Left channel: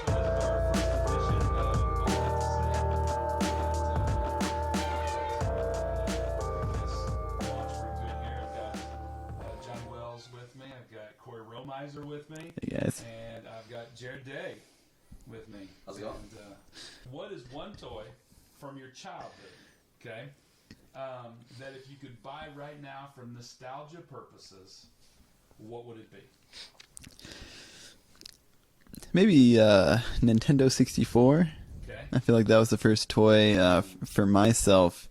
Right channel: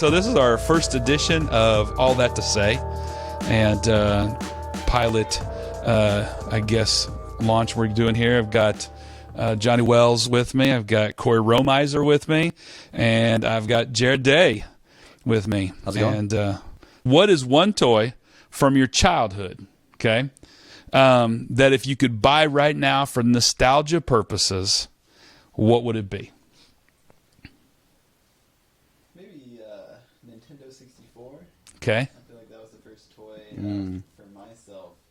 so this is our first edition of All That to Say, and pilot, I guess, launch we're doing here. I've got Johnny Wells with me. I've got Cory Romeiser with me, and I've got Jared Day with me. How's it going? And what is one toy from your childhood, okay, that if you could buy right now for nostalgia purposes, what would it be? Maybe Nintendo 64. Okay. I feel like that was the first toy for myself.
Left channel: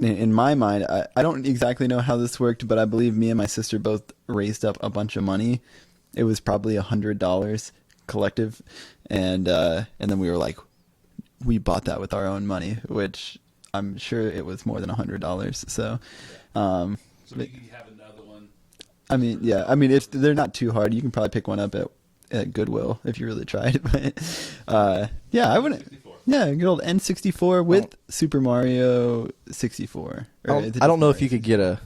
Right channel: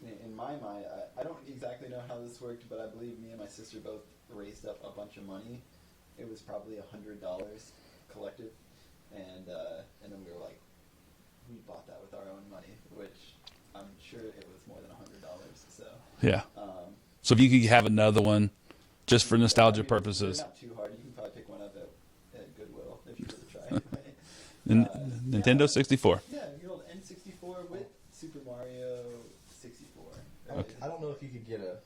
In my mind, I don't exactly know how this worked, but I believe me and my sister both raised up a bunch of money. It was probably $100 collective, and then we were like, we bought that with our own money, which I'm sure it was more than $100. So yeah. So if you could have another one, just for nostalgia purposes, they're not too hard. You can probably pick one up at Goodwill if you really tried. But Nintendo 64. Yeah, good old N64 with Super Mario 64. I don't know if you could get a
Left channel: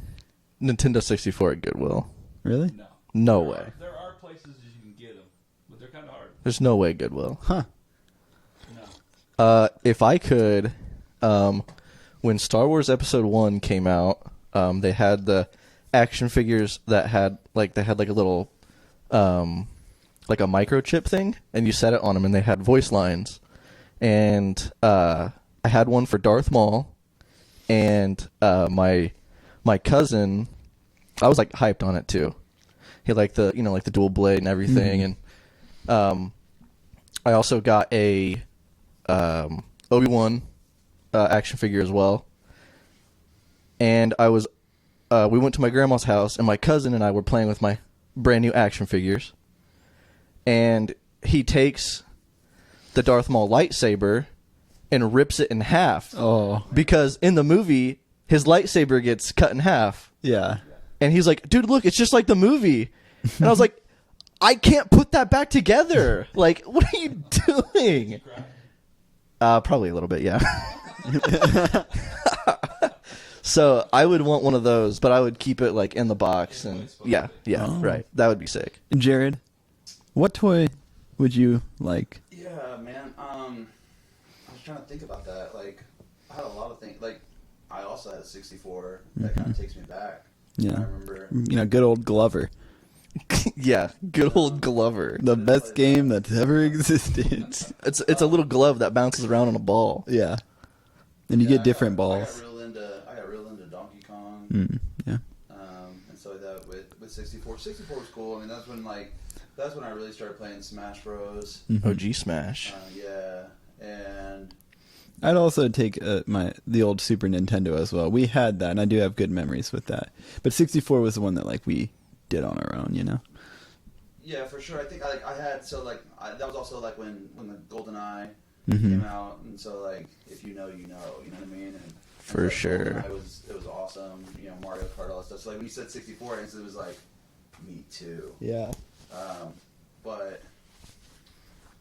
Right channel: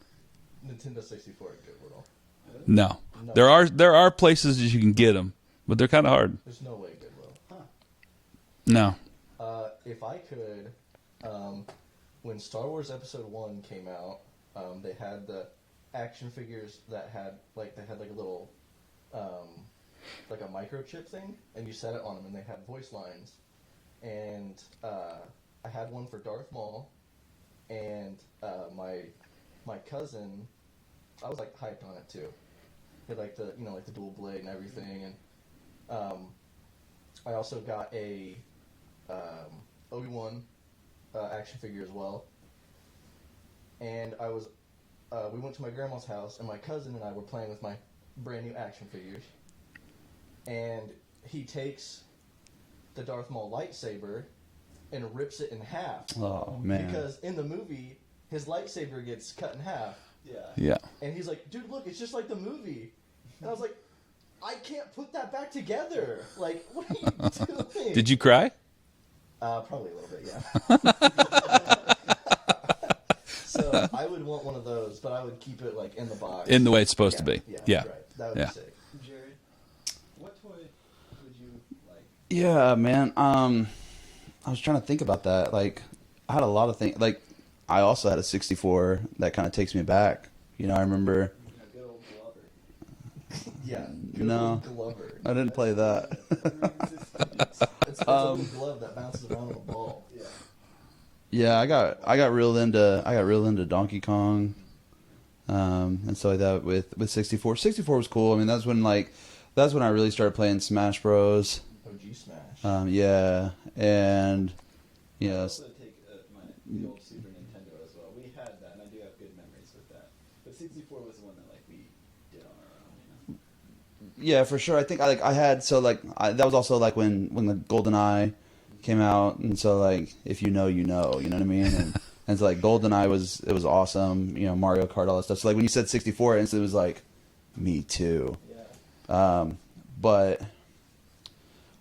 Nintendo 64 at Goodwill. Really? No. No. There are places that you can get them, but they're kind of hard. There's no way Goodwill. Huh. No. If I could, when Star Wars Episode 1 came out, they had the action figures that had like a little like a microchip thing, and you set it on them, and they had voice lines. And I had one for Darth Maul, and my cousin, I was like hyped on it too. He liked the the dual blade and everything, and I also got a Obi-Wan action figure as well. And I was we went to my grandma's house, and my cousin and I were playing with my brand new action figures. And he takes the Darth Maul lightsaber and rips it in half. Oh, man. Because in the movie, his lightsaber gets cut in half. Yeah. Yeah. And he's like, dude, look, it's just like the movie. And I was like, I can't put that back together. Like, what are you doing? Did you cry? Probably a little bit, yeah. So I would want one of those, but I would keep it like in the box. In the way it's supposed to be. Yeah, right. That would be sick. Jared, what toy would you like? Yeah, man. I was trying to think about that. Like, I had a lot of things. Like, I also had a 64 that kind of takes me back. You know, I remember. Good old Glover. Yeah, good old Glover. The best game that's ever existed. It's a little glove that bounces around on a ball. Yeah. And you get different balls. I got real into Donkey Kong. Yeah. And so like that with 64. 64 was cool. I mean, that's when I really started playing Smash Bros. OG Smash. Yeah, and I'd also take the old Super Nintendo as well. We had that, and I do have good memories with that. But 64 was the one that we did on our own, you know. Yeah, for sure. I think that was also like when the GoldenEye came out, and so like if you know, you know what I mean. And so like sure. GoldenEye was awesome. You know, Mario Kart, all that stuff. So like when you said 64, it was like, me too. Yeah. But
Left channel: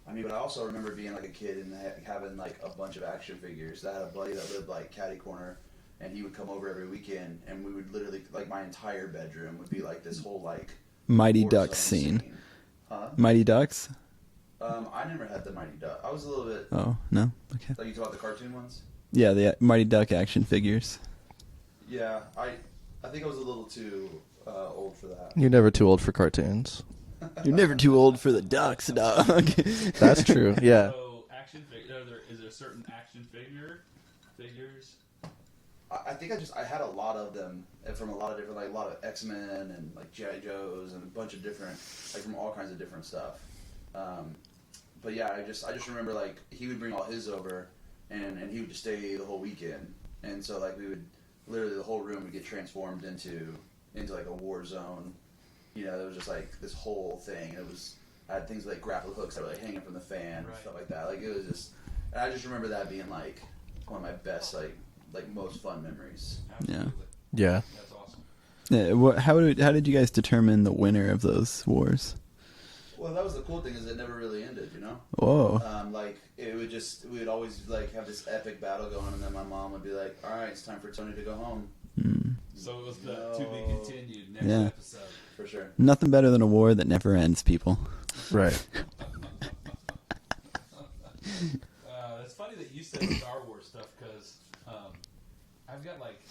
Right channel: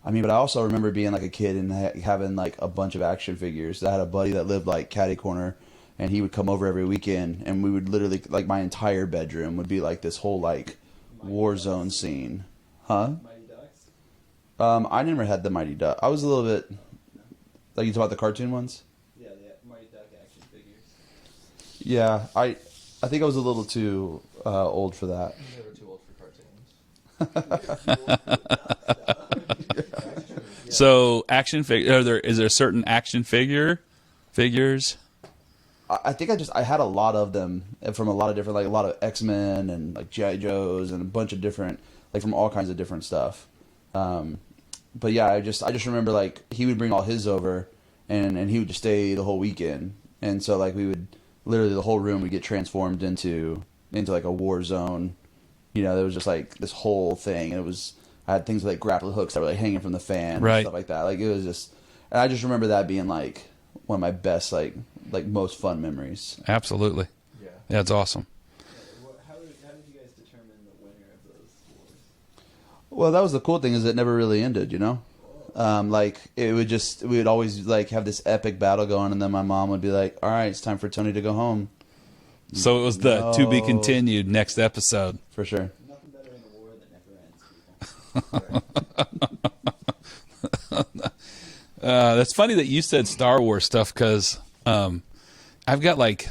I mean, but I also remember being like a kid and having like a bunch of action figures. I had a buddy that lived like catty corner, and he would come over every weekend, and we would literally like my entire bedroom would be like this whole like Mighty Warzone Ducks scene. Huh? Mighty Ducks? I never had the Mighty Duck. I was a little bit. Oh, no? Okay. Like you talk about the cartoon ones. Yeah, the Mighty Duck action figures. Yeah, I think I was a little too old for that. You're never too old for cartoons. You're never too old for the ducks, dog. That's true. Yeah. So action figure. Is there certain action figures? I think I had a lot of them from a lot of different, like a lot of X-Men and like G.I. Joes and a bunch of different, like from all kinds of different stuff. But yeah, I just remember like he would bring all his over, and he would just stay the whole weekend, and so like we would literally the whole room would get transformed into like a war zone. You know, there was just like this whole thing, and I had things like grappling hooks that were like hanging from the fan, and stuff like that. Like it was just, and I just remember that being like one of my best like most fun memories. Absolutely. Yeah. That's awesome. Yeah, how did you guys determine the winner of those wars? Well, that was the cool thing is it never really ended, you know? Whoa. Like we would always like have this epic battle going, and then my mom would be like, all right, it's time for Tony to go home. So it was the to be continued next Yeah. episode. For sure. Nothing better than a war that never ends, people. Right. That's funny that you said Star Wars stuff because I've got like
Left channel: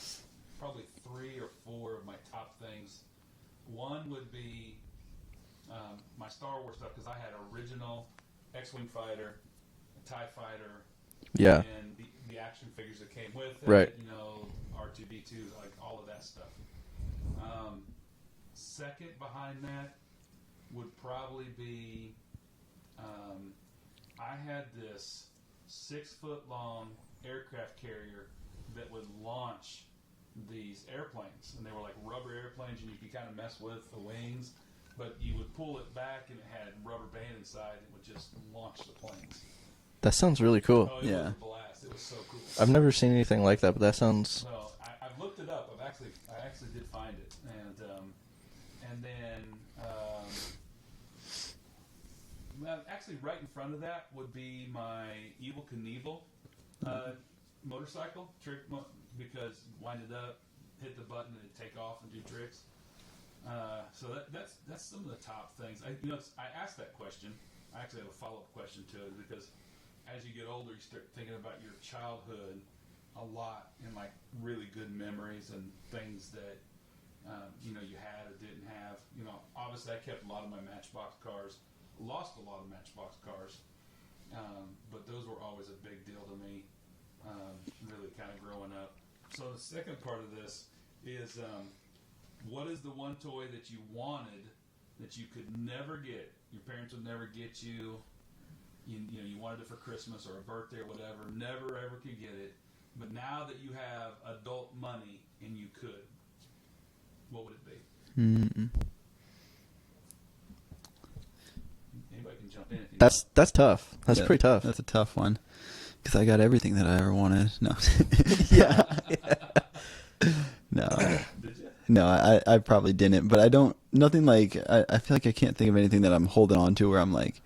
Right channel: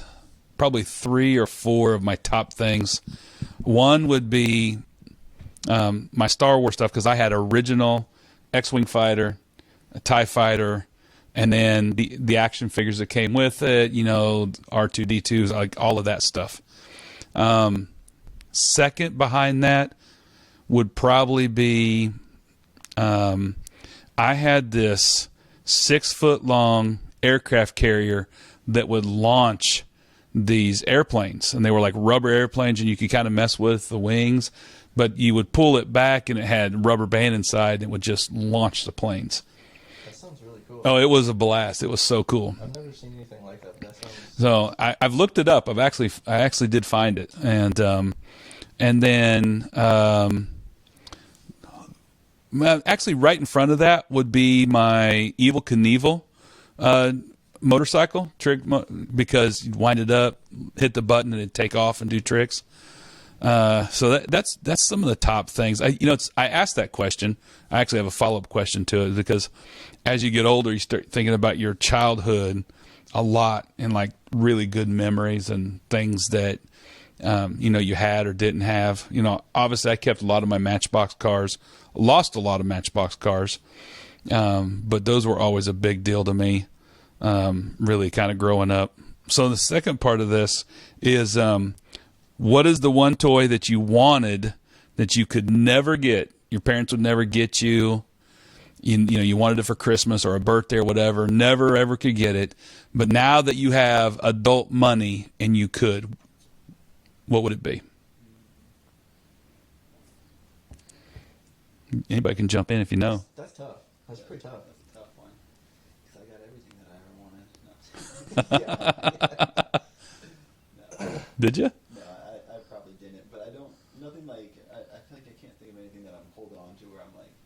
probably 3 or 4 of my top things. One would be my Star Wars stuff because I had original X-Wing fighter, a TIE fighter, and Yeah. then the action figures that came with it, Right. you know, R2-D2s, like all of that stuff. Second behind that would probably be I had this 6-foot-long aircraft carrier that would launch these airplanes, and they were like rubber airplanes, and you could kind of mess with the wings, but you would pull it back, and it had rubber band inside, and it would just launch the planes. That sounds really cool. Oh, it was a blast. It was so cool. I've never seen anything like that, but that sounds. So I've looked it up. I actually did find it, and then actually right in front of that would be my Evel Knievel motorcycle trick, because you'd wind it up, hit the button, and it'd take off and do tricks. So that's some of the top things. I asked that question. I actually have a follow-up question to it, because as you get older, you start thinking about your childhood a lot, and like really good memories and things that you had or didn't have. Obviously I kept a lot of my Matchbox cars, lost a lot of Matchbox cars, but those were always a big deal to me, really kind of growing up. So the second part of this is, what is the one toy that you wanted that you could never get? Your parents would never get you. You wanted it for Christmas or a birthday or whatever, never ever could get it. But now that you have adult money and you could, what would it be? Anybody can jump in if you know. That's tough. That's Yeah, pretty tough. That's a tough one. Because I got everything that I ever wanted. No. No. Did you? No, I probably didn't. But I don't, nothing like, I feel like I can't think of anything that I'm holding on to where I'm like,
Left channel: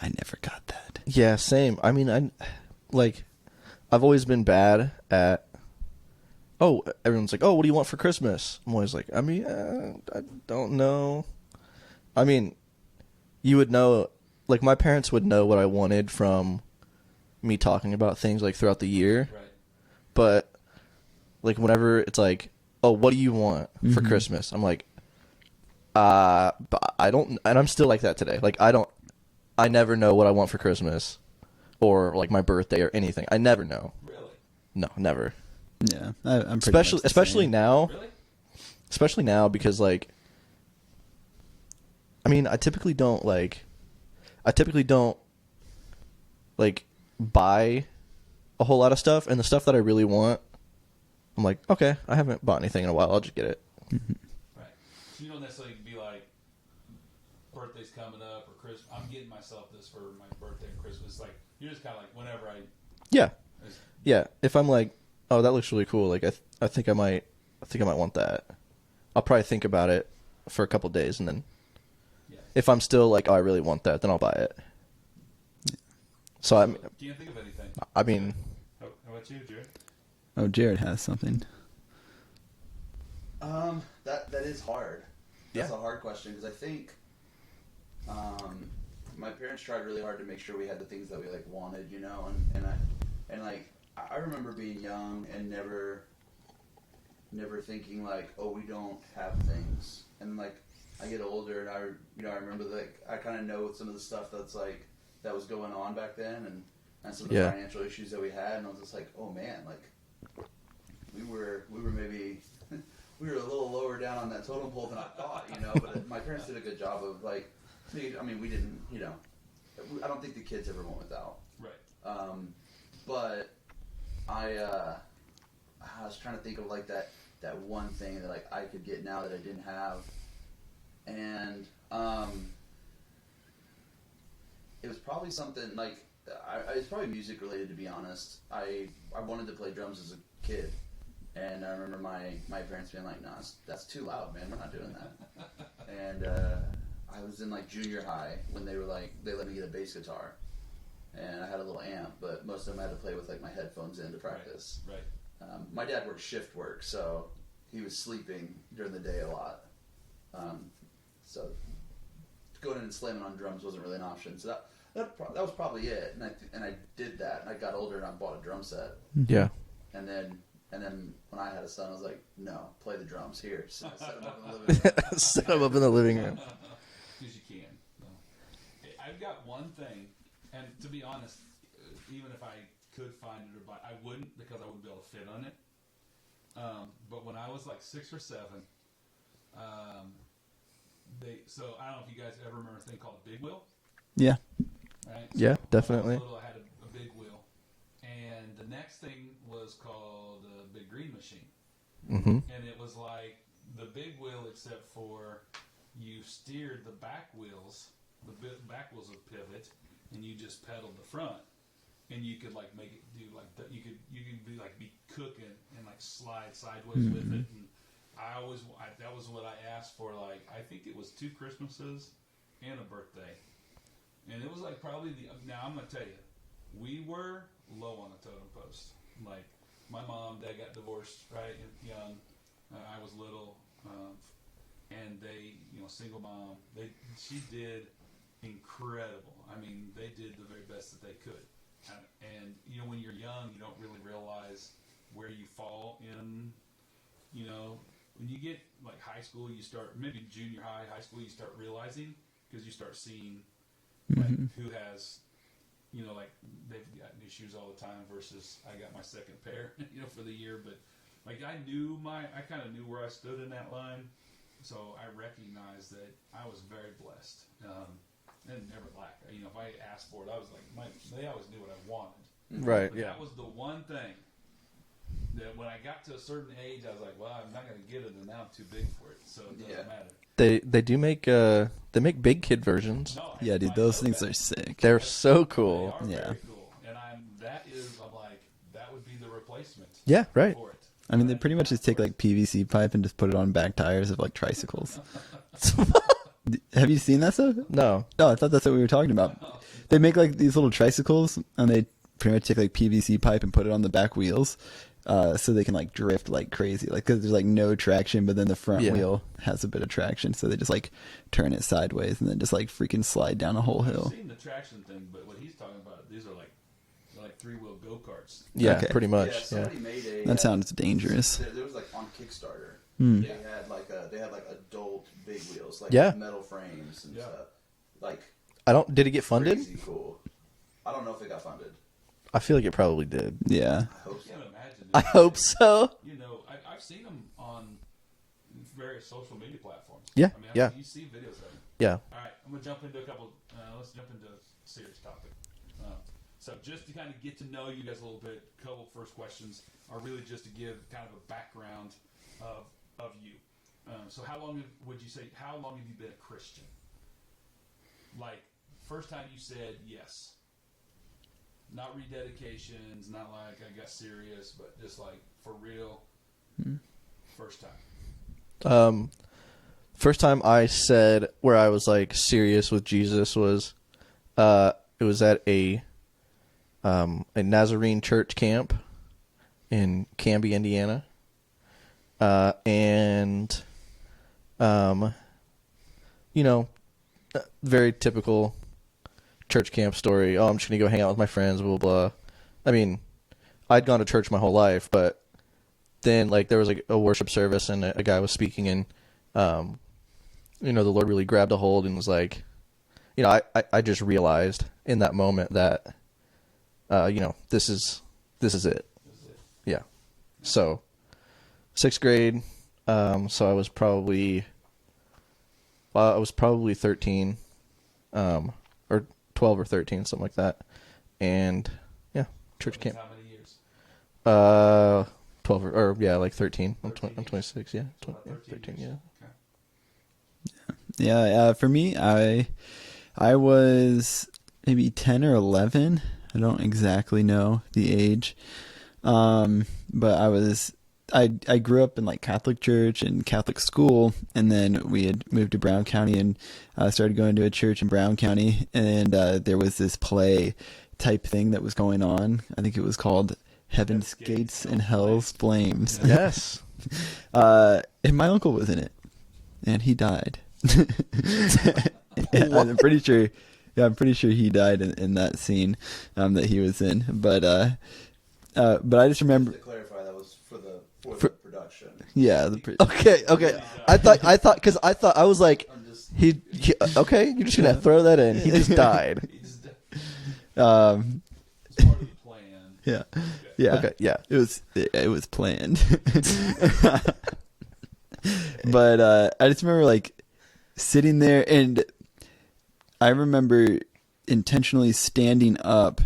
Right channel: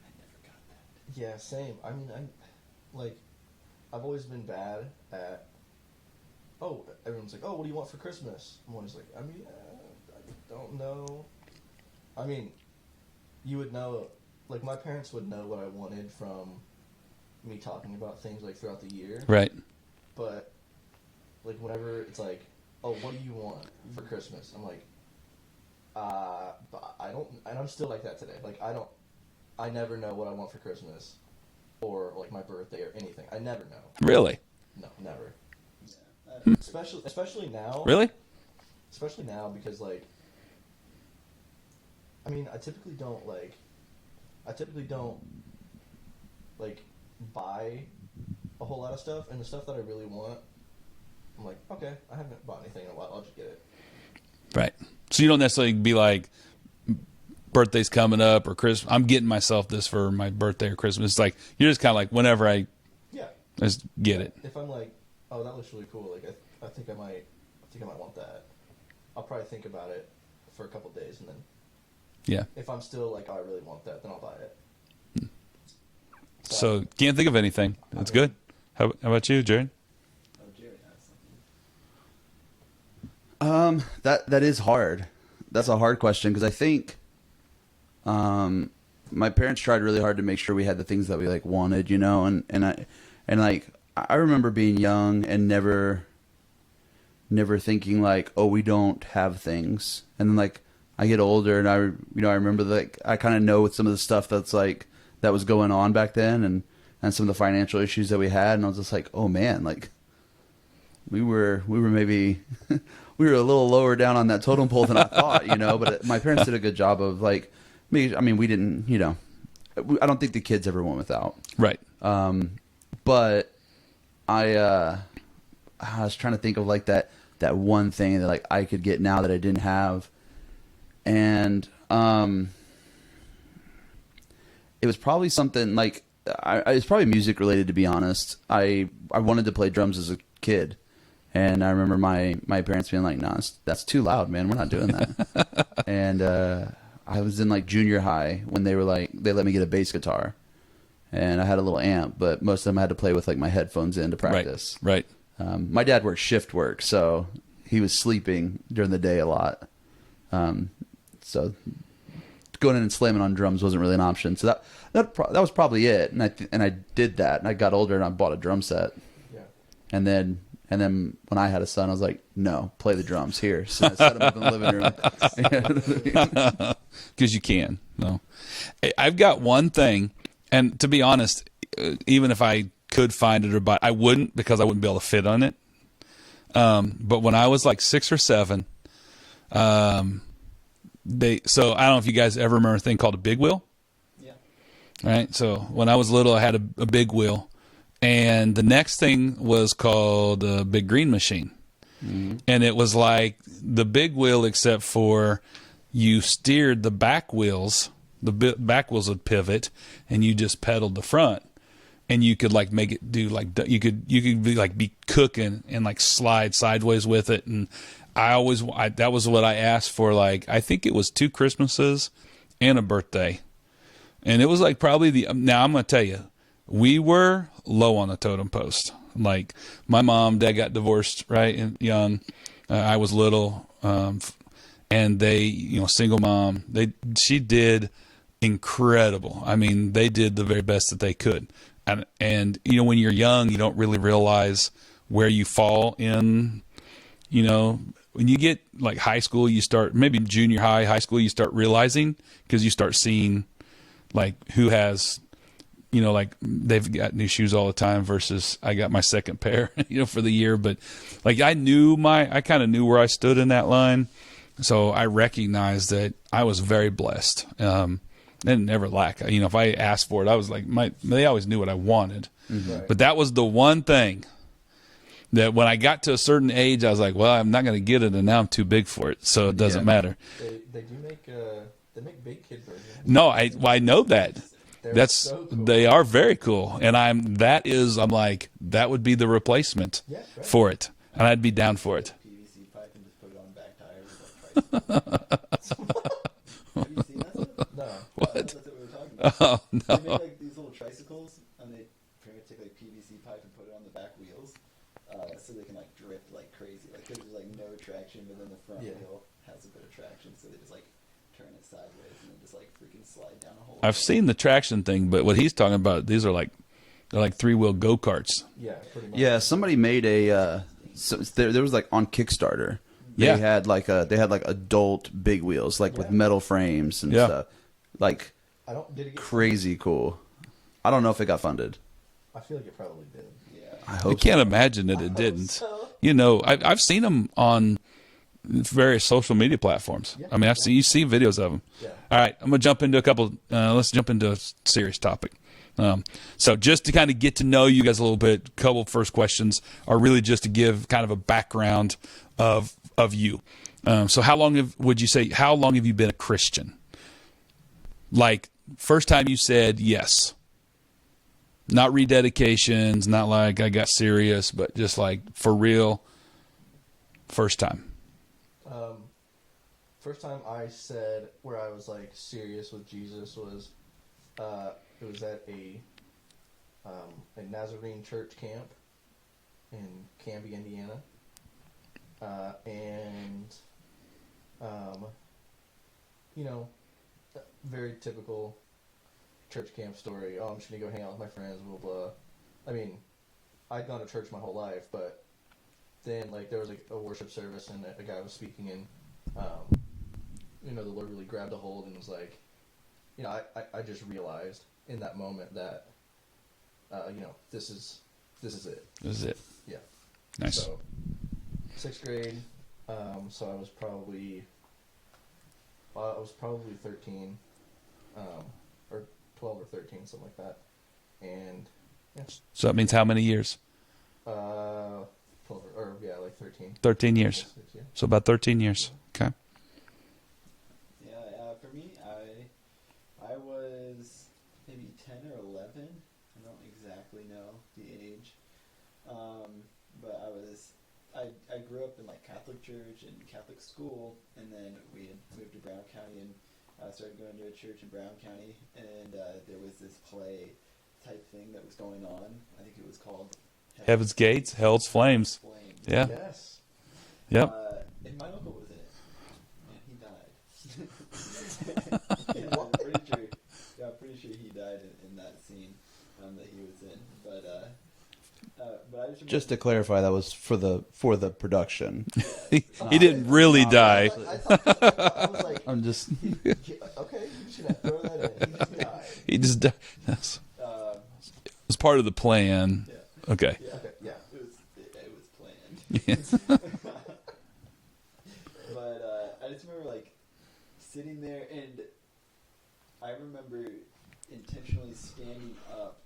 I never got that. Yeah, same. I mean, I've always been bad at. Oh, everyone's like, oh, what do you want for Christmas? I'm always like, I mean, I don't know. I mean, you would know, like my parents would know what I wanted from me talking about things like throughout the year. Right. But like whenever it's like, oh, what do you want for Christmas? I'm like, but I don't, and I'm still like that today. Like I never know what I want for Christmas or like my birthday or anything. I never know. Really? No, never. Yeah. I'm pretty much the Especially same. now. Really? Especially now because like, I mean, I typically don't buy a whole lot of stuff, and the stuff that I really want, I'm like, okay, I haven't bought anything in a while, I'll just get it. Right. So you don't necessarily be like, birthday's coming up or Christmas, I'm getting myself this for my birthday or Christmas. It's like, you're just kind of like, whenever I Yeah. just get it. If I'm like, oh, that looks really cool, like I think I might want that. I'll probably think about it for a couple days, and then Yeah. if I'm still like, oh, I really want that, then I'll buy it. So can't think of anything. That's good. How about you, Jared? Oh, Jared has something. That is hard. That's a hard question, because I think my parents tried really hard to make sure we had the things that we like wanted, and I remember being young and never thinking like, oh, we don't have things. And then like I get older and I remember like I kind of know some of the stuff that's like that was going on back then, and some of the financial issues that we had, and I was just like, oh man, like we were maybe we were a little lower down on that totem pole than I thought, but my parents did a good job of like, I mean, we didn't, I don't think the kids ever went without. Right. But I was trying to think of like that one thing that like I could get now that I didn't have. And, it was probably something like, it's probably music related, to be honest. I wanted to play drums as a kid. And I remember my parents being like, "No, that's too loud, man. We're not doing that." And I was in like junior high when they let me get a bass guitar, and I had a little amp, but most of them I had to play with like my headphones in to practice. Right. My dad worked shift work, so he was sleeping during the day a lot. So going in and slamming on drums wasn't really an option. So that was probably it. And I did that, and I got older and I bought a drum set. Yeah. And then when I had a son, I was like, no, play the drums here. So I set him up in the living room. Set him up in the living room. Because you can. No, I've got one thing, and to be honest, even if I could find it or buy, I wouldn't, because I wouldn't be able to fit on it. But when I was like 6 or 7, so I don't know if you guys ever remember a thing called a big wheel. Yeah. Right. So Yeah, when I was definitely. little, I had a big wheel, and the next thing was called a big green machine. Mm-hmm. And it was like the big wheel, except for you steered the back wheels. The back wheels would pivot, and you just pedaled the front, and you could like make it do like you could be like be cooking and like slide sideways with it. And that was what I asked for. Like, I think it was 2 Christmases and a birthday, and it was like probably now I'm gonna tell you, we were low on the totem post. Like, my mom, dad got divorced right and young. I was little, and they, single mom. She did incredible. I mean, they did the very best that they could. And when you're young, you don't really realize where you fall in. When you get like high school, you start, maybe junior high school, you start realizing, because you start seeing like who has. Like they've got new shoes all the time versus I got my second pair, for the year. But like I kind of knew where I stood in that line. So I recognized that I was very blessed. And never lack. If I asked for it, I was like, they always knew what I wanted. Right. But that was the one thing that when I got to a certain age, I was like, well, I'm not going to get it. And now I'm too big for it. So it doesn't matter. They do make, they make big kid versions. No, Yeah, dude, I those know things that. are sick. That's so cool. They are very cool, and I'm like, that would be the replacement. Yeah, right. For it, I mean, and I'd be pretty much down just for take, it. like PVC pipe and just put it on back tires of like tricycles. Have you seen that stuff? No. No, I thought that's what we were talking about. Oh, no. They make like these little tricycles, and they pretty much take like PVC pipe and put it on the back wheels, so they can like drift like crazy. Like, because there's like no traction, but then the front wheel has a bit of traction, so they just like turn it sideways and then just like freaking slide down a whole hill. I've seen the traction thing, but what he's talking about, they're like 3-wheel go-karts. Yeah, Okay. pretty much. Yeah, somebody made a. That sounds dangerous. There was like on Kickstarter. Yeah. They had like adult big wheels, like Yeah. with metal frames and Yeah. stuff. Like Did it get funded? crazy cool. I don't know if it got funded. I feel like it probably did. Yeah. I can't imagine that I it hope didn't. so. I've seen them on various social media platforms. Yeah, I mean, yeah. you see videos of them. Yeah. All right, I'm gonna jump into a couple. Let's jump into a serious topic. So just to kind of get to know you guys a little bit, a couple first questions are really just to give kind of a background of you. So how long have you been a Christian? Like, first time you said yes. Not rededications, not like I got serious, but just like for real, first time. First time I said where I was like serious with Jesus was, it was at a Nazarene church camp in Canby, Indiana, and very typical church camp story. Oh, I'm just gonna go hang out with my friends, blah blah blah. I mean, I'd gone to church my whole life, but then like there was like a worship service and a guy was speaking, and the Lord really grabbed a hold and was like, I just realized in that moment that this is it. This is it. Yeah. Nice. So 6th grade, so I was probably 13, or 12 or 13, something like that. And yeah. So that means how many years? 12 or like 13. 13 years. 26, yeah. So about 13 years. Okay. Yeah, for me, I was maybe 10 or 11. I don't exactly know the age. But I grew up in like Catholic church and Catholic school, and then we had moved to Brown County and started going to a church in Brown County, and there was this play type thing that was going on. I think it was called Heaven's Gates, Hell's and Flames. Flames. Yeah. Yes. And my uncle was in it, and he died. I'm pretty sure. Yeah, I'm pretty sure he died in that scene that he was in. But I just remember. Just to clarify, that was for the production. Yeah, He didn't really die. I was like, I'm just. okay, you're just gonna throw that in. He just died. He just died. It was part of the plan. Yeah. Okay. Yeah. Okay, yeah. It was planned. But I just remember like sitting there, and I remember intentionally standing up.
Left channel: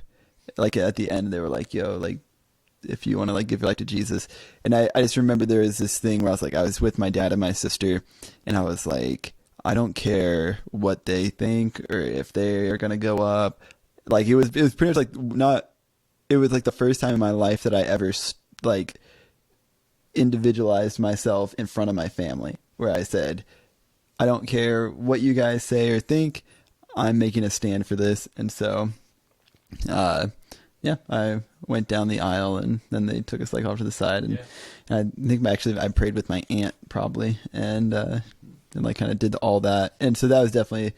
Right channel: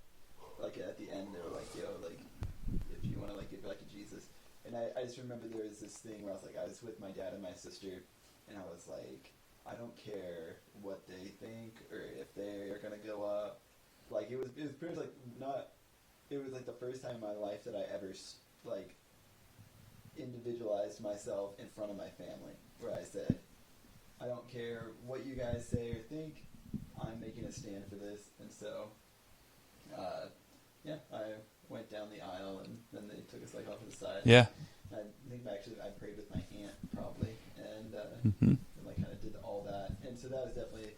Like at the end, they were like, "Yo, like, if you want to like give your life to Jesus," and I just remember there was this thing where I was like, I was with my dad and my sister, and I was like, I don't care what they think or if they are gonna go up. Like it was pretty much like not. It was like the first time in my life that I ever like individualized myself in front of my family, where I said, I don't care what you guys say or think. I'm making a stand for this, and so. Yeah, I went down the aisle, and then they took us like off to the side. And, Yeah, and I think I prayed with my aunt probably, and and like kind of did all that, and so that was definitely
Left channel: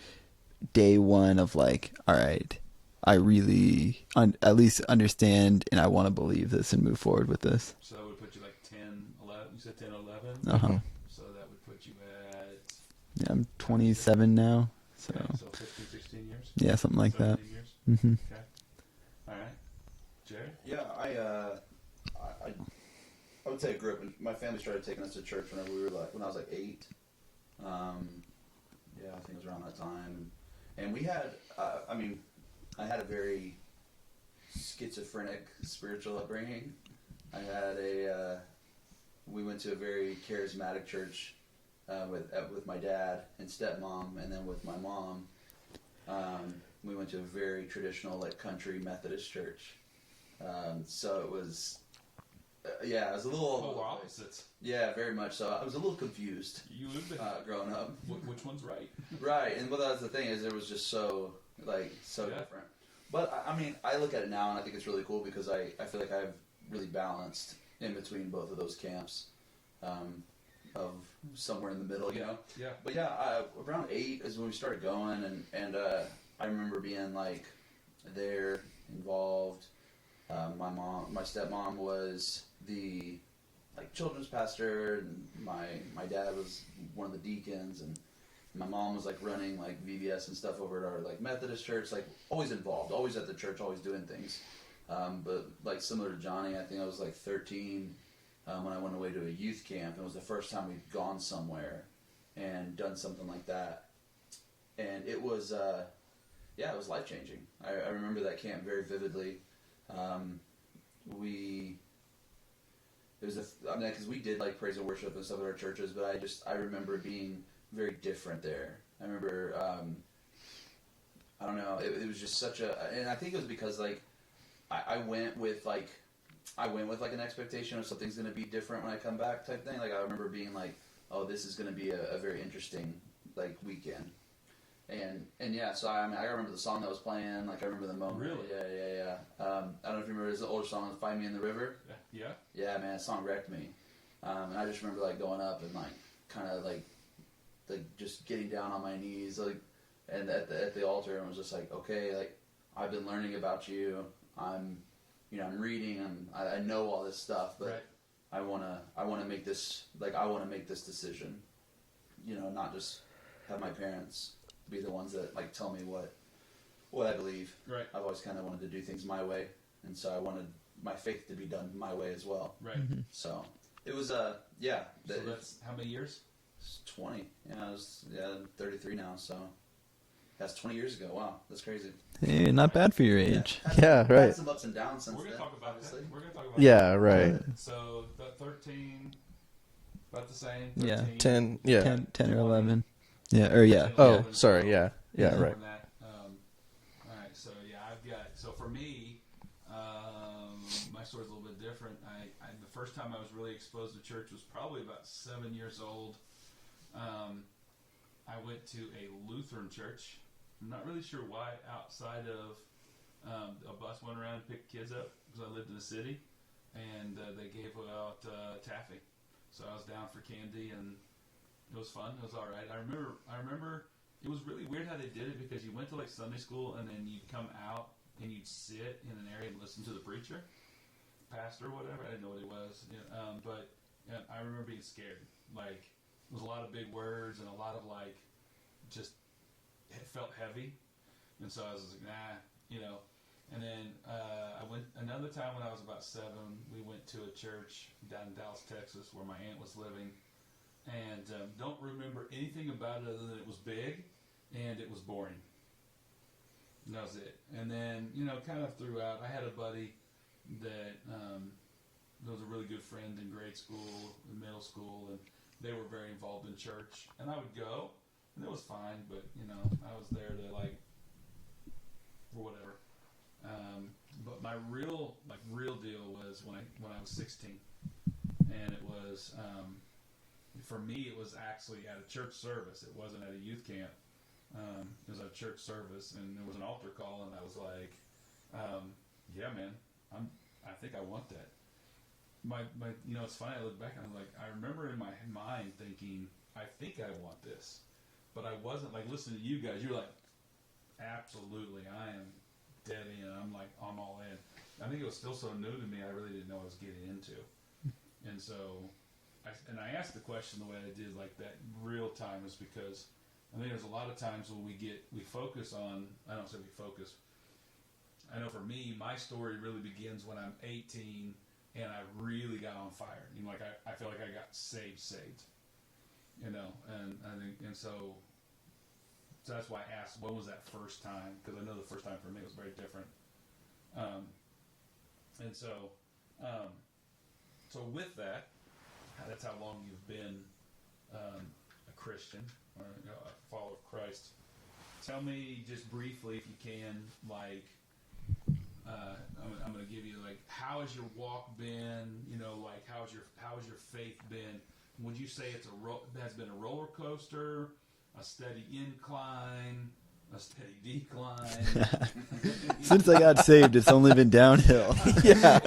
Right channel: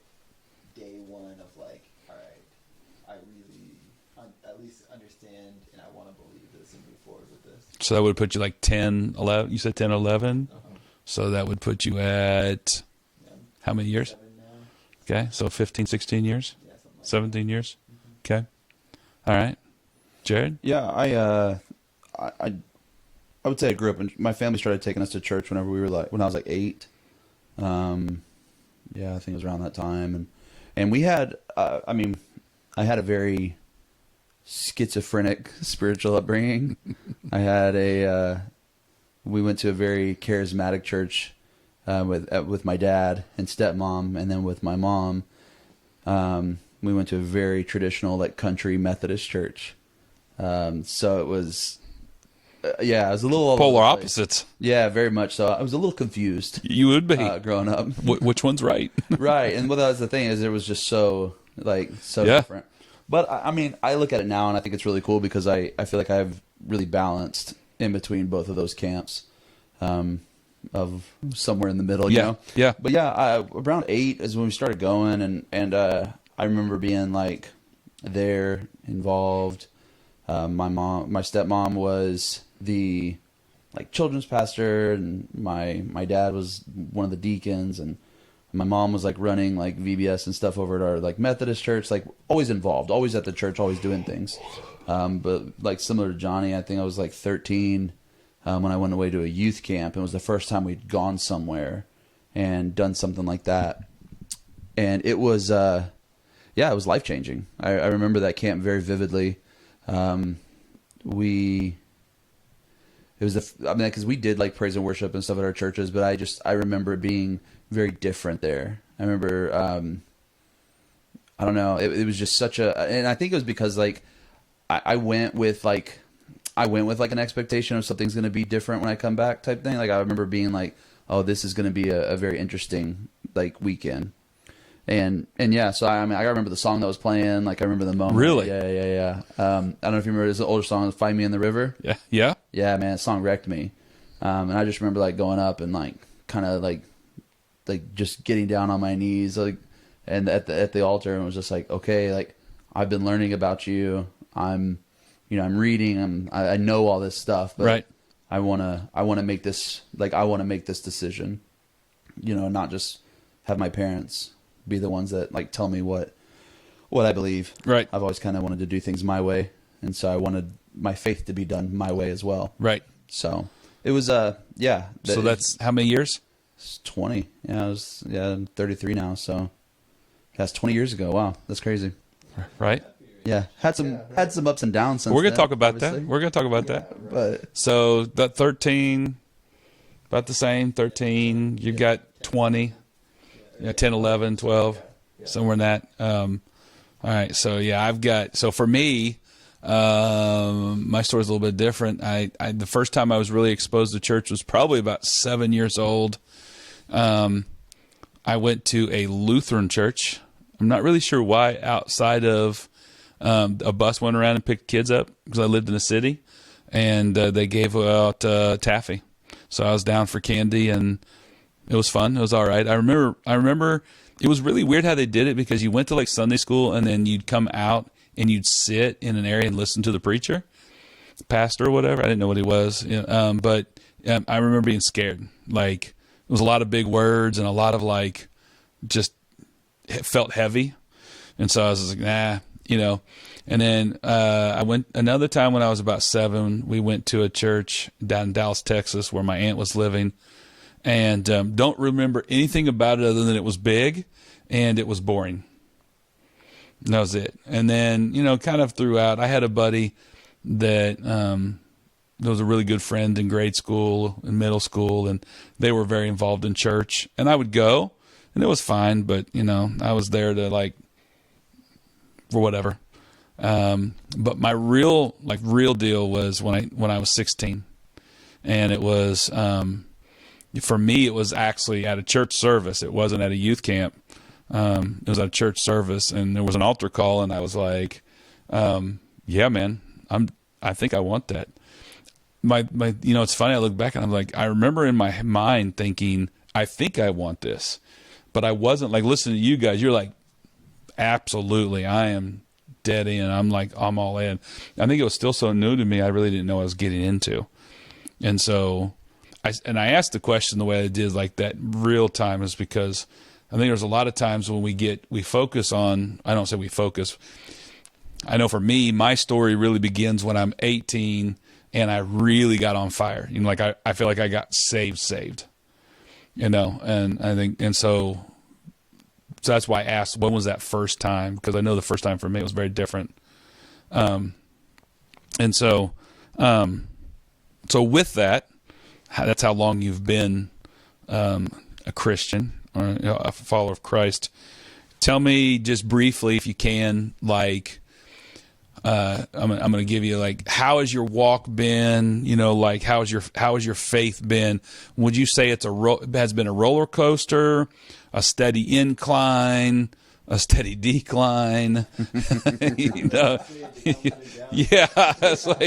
day one of like, all right, I really at least understand, and I want to believe this and move forward with this. so that would put you like 10, 11. You said 10, 11? Uh-huh. So that would put you at, Yeah, I'm How many years? 27 now. okay, so 15, 16 years? Yeah, something like 17 years? that. Mm-hmm. Okay. All right. Jared? Yeah, I would say I grew up, and my family started taking us to church whenever we were when I was like 8. Yeah, I think it was around that time, and we had, I had a very schizophrenic spiritual upbringing. I had we went to a very charismatic church with my dad and stepmom, and then with my mom, we went to a very traditional like country Methodist church. So it was, it was a little all Polar over the place. opposites. Yeah, very much so. I was a little confused You would be. growing up. Which one's right? Right, and that was the thing, is it was just so Yeah. different. But I mean, I look at it now and I think it's really cool because I feel like I've really balanced in between both of those camps, of somewhere in the middle. You know? Yeah. But yeah, around 8 is when we started going, and I remember being like there, involved. My stepmom was the like children's pastor, and my dad was one of the deacons, and my mom was like running like VBS and stuff over at our like Methodist church, like always involved, always at the church, always doing things. But like similar to Johnny, I think I was like 13 when I went away to a youth camp, and it was the first time we'd gone somewhere and done something like that, and it was it was life changing. I remember that camp very vividly. Because we did like praise and worship and stuff at our churches, but I remember it being very different there. I remember, I don't know, it was just and I think it was because like I went with like an expectation of something's going to be different when I come back type thing. Like I remember being like, oh, this is going to be a very interesting like weekend. And yeah, so I remember the song that was playing. Like I remember the moment. Really? Yeah. I don't know if you remember, it's an older song, "Find Me in the River." Yeah. Yeah, man, that song wrecked me. And I just remember like going up and like kind of like just getting down on my knees, like, and at the altar, and was just like, okay, like I've been learning about you. I'm reading. I know all this stuff, but Right. I wanna make this decision. Not just have my parents be the ones that like tell me what I believe. Right. I've always kind of wanted to do things my way, and so I wanted my faith to be done my way as well. Right. So it was So that's how many years? it's 20. I'm 33 now, so that's 20 years ago. Wow, that's crazy. Hey, not Right? bad for your age. Yeah, right. had some ups and downs. Since We're gonna then, talk about obviously. that. We're gonna talk about Yeah, that. right. So that 13, about the same. 13. 10, you yeah, got 10 or 20. 11. Yeah, or yeah. 10, Oh, 11, sorry, 12. yeah, somewhere in that. All right. So yeah, so for me, my story's a little bit different. The first time I was really exposed to church was probably about 7 years old. I went to a Lutheran church. I'm not really sure why. Outside of a bus went around and picked kids up because I lived in the city, and they gave out taffy. So I was down for candy, and it was fun. It was all right. I remember it was really weird how they did it, because you went to like Sunday school and then you'd come out and you'd sit in an area and listen to the preacher, pastor or whatever. I didn't know what he was. But I remember being scared. Like, it was a lot of big words and a lot of like, just it felt heavy. And so I was like, nah, and then I went another time when I was about 7. We went to a church down in Dallas, Texas, where my aunt was living, and don't remember anything about it other than it was big and it was boring. And that was it. And then, kind of throughout, I had a buddy that was a really good friend in grade school and middle school, and they were very involved in church. And I would go, and it was fine, but, I was there to, like, for whatever. But my real deal was when I was 16, and it was, for me, it was actually at a church service. It wasn't at a youth camp. It was at a church service, and there was an altar call, and I was like, yeah, man, I think I want that. It's funny. I look back and I'm like, I remember in my mind thinking, I think I want this, but I wasn't like listening to you guys. You're like, absolutely, I am dead in. I'm like, I'm all in. I think it was still so new to me. I really didn't know what I was getting into. And so I asked the question the way I did, like that real time, is because I think there's a lot of times when we focus on, I don't say we focus. I know for me, my story really begins when I'm 18 and I really got on fire. Like I feel like I got saved, and I think, and so that's why I asked, when was that first time? Because I know the first time for me was very different. And so with that, that's how long you've been a Christian or a follower of Christ. Tell me just briefly, if you can, like, I'm going to give you, like, how has your walk been? Like, how has your faith been? Would you say it has been a roller coaster, a steady incline, a steady decline? Since I got saved, it's only been downhill. Yeah, it's like,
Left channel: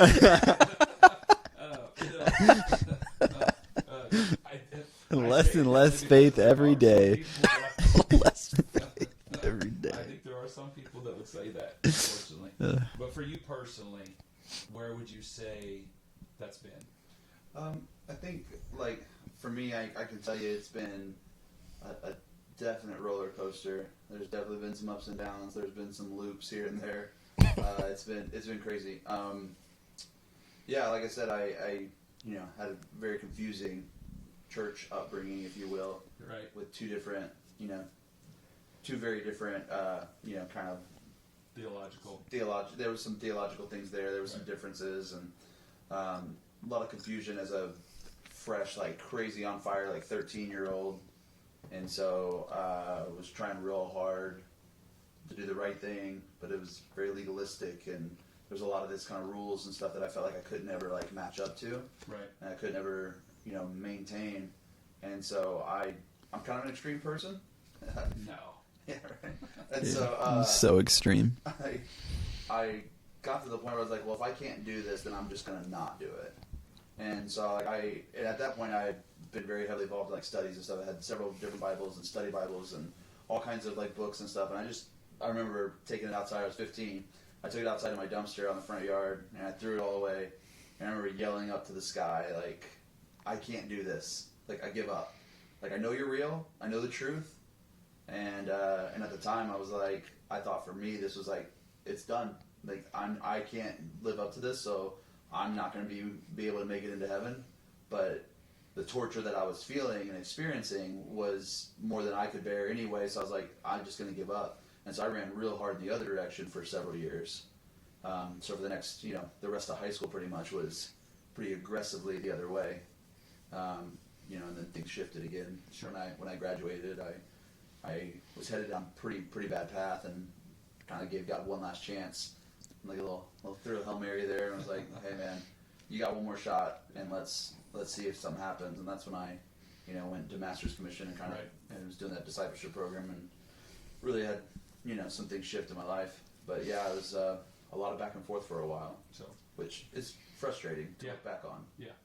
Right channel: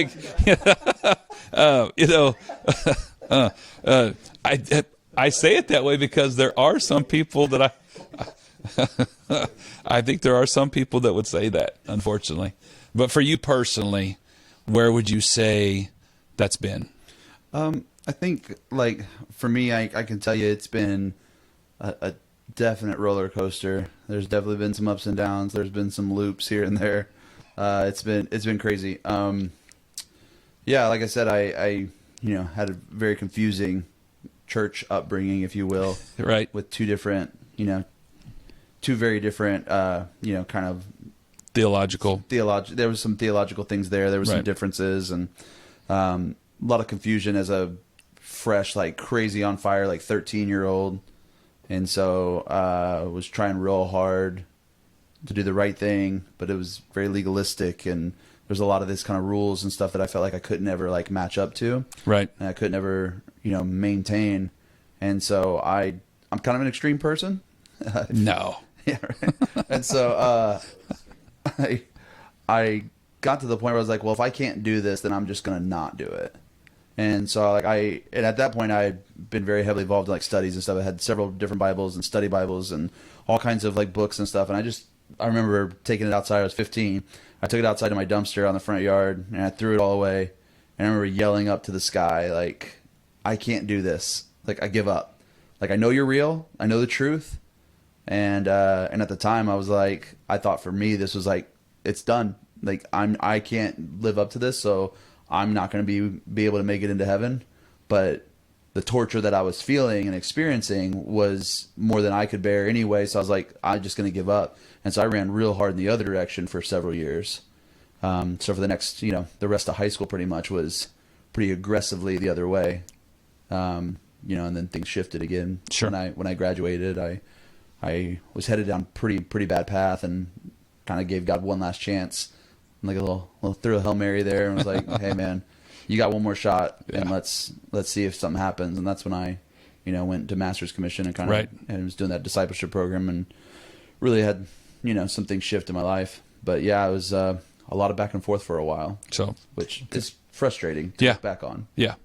I say it that way because there are some people that I think there are some people that would say that, unfortunately. But for you personally, where would you say that's been? I think, like, for me, I can tell you it's been a definite roller coaster. There's definitely been some ups and downs. There's been some loops here and there. It's been crazy. Yeah, like I said, I had a very confusing church upbringing, if you will, right? With two very different, kind of theological. There was some theological things there. There was some differences, and a lot of confusion as a fresh, like, crazy on fire, like 13-year-old. And so I was trying real hard to do the right thing, but it was very legalistic, and there's a lot of this kind of rules and stuff that I felt like I couldn't ever, like, match up to. Right. And I couldn't ever, maintain. And so I'm kind of an extreme person. No. Yeah. Right. And so so extreme. I got to the point where I was like, well, if I can't do this, then I'm just going to not do it. And so, like, and at that point I had been very heavily involved in, like, studies and stuff. I had several different Bibles and study Bibles and all kinds of, like, books and stuff. And I remember taking it outside. I was 15. I took it outside to my dumpster on the front yard, and I threw it all away. And I remember yelling up to the sky, like, I can't do this. Like, I give up. Like, I know you're real. I know the truth. And at the time I was like, I thought for me, this was like, it's done. Like, I can't live up to this. So I'm not going to be able to make it into heaven. But the torture that I was feeling and experiencing was more than I could bear anyway. So I was like, I'm just going to give up. And so I ran real hard in the other direction for several years. So for the next, the rest of high school pretty much was pretty aggressively the other way. And then things shifted again. Sure. When I graduated, I was headed down pretty bad path, and kind of gave God one last chance, like a little threw a Hail Mary there, and was like, hey man, you got one more shot, and let's see if something happens. And that's when I, went to Master's Commission and kind of and was doing that discipleship program, and really had, some things shift in my life. But yeah, it was a lot of back and forth for a while. So, which is frustrating to look back on. Yeah.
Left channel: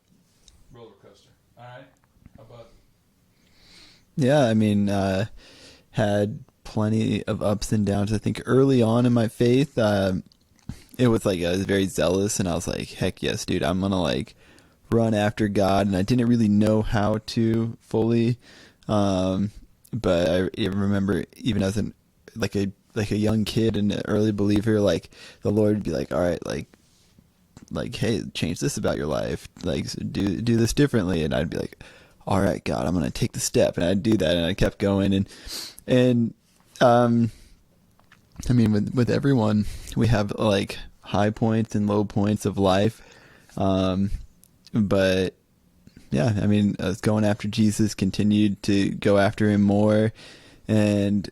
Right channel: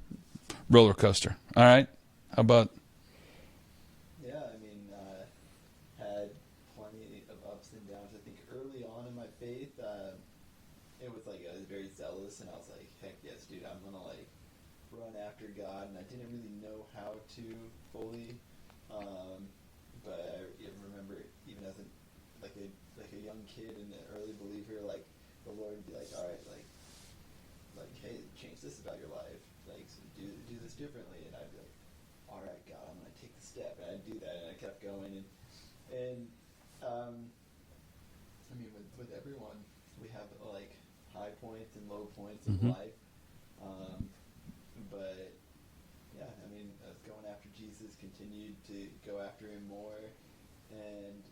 Roller coaster. All right. How about? Yeah, I mean, had plenty of ups and downs. I think early on in my faith, it was like I was very zealous, and I was like, heck yes, dude, I'm gonna like run after God, and I didn't really know how to fully, but I remember even as a young kid and an early believer, like the Lord would be like, all right, like hey, change this about your life, like do this differently, and I'd be like, all right, God, I'm gonna take the step, and I'd do that, and I kept going, and I mean, with everyone, we have like high points and low points of life, but yeah, I mean, I was going after Jesus, continued to go after him more, and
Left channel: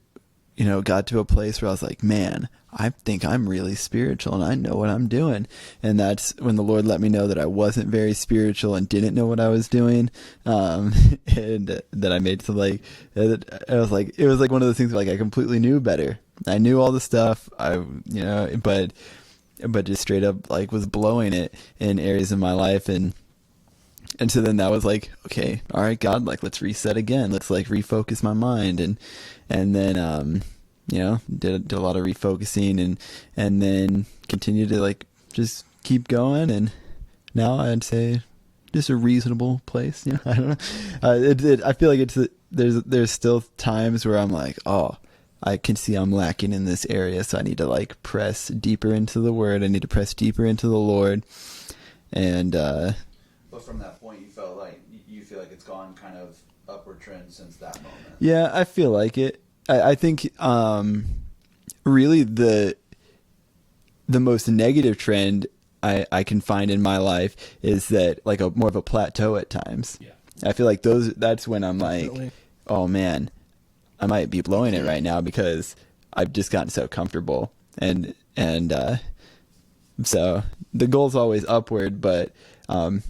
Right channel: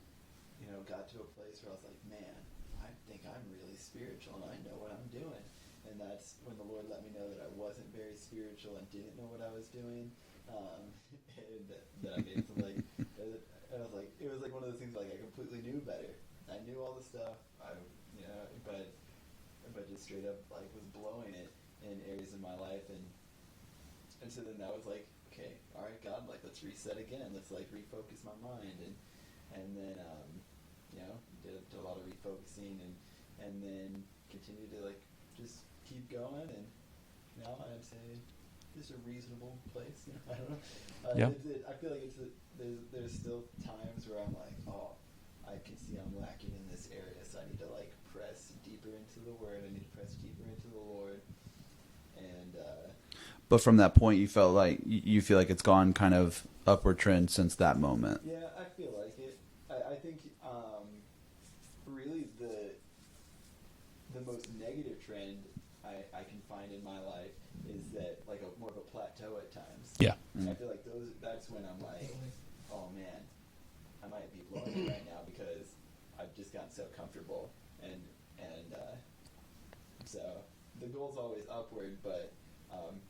got to a place where I was like, man, I think I'm really spiritual and I know what I'm doing. And that's when the Lord let me know that I wasn't very spiritual and didn't know what I was doing. And that I made to like, I was like, it was like one of those things where like I completely knew better. I knew all the stuff, but just straight up like was blowing it in areas of my life. And so then that was like, okay, all right, God, like let's reset again. Let's like refocus my mind. And then, did a lot of refocusing and then continued to like just keep going. And now I'd say just a reasonable place. I don't know. I feel like there's still times where I'm like, oh, I can see I'm lacking in this area. So I need to like press deeper into the word. I need to press deeper into the Lord. And, but from that point, you feel like it's gone kind of upward trend since that moment. Yeah, I feel like it. I think really the most negative trend I can find in my life is that like more of a plateau at times. Yeah. I feel like that's when I'm Definitely. like, oh man, I might be blowing it right now because I've just gotten so comfortable. And so the goal's always upward, but I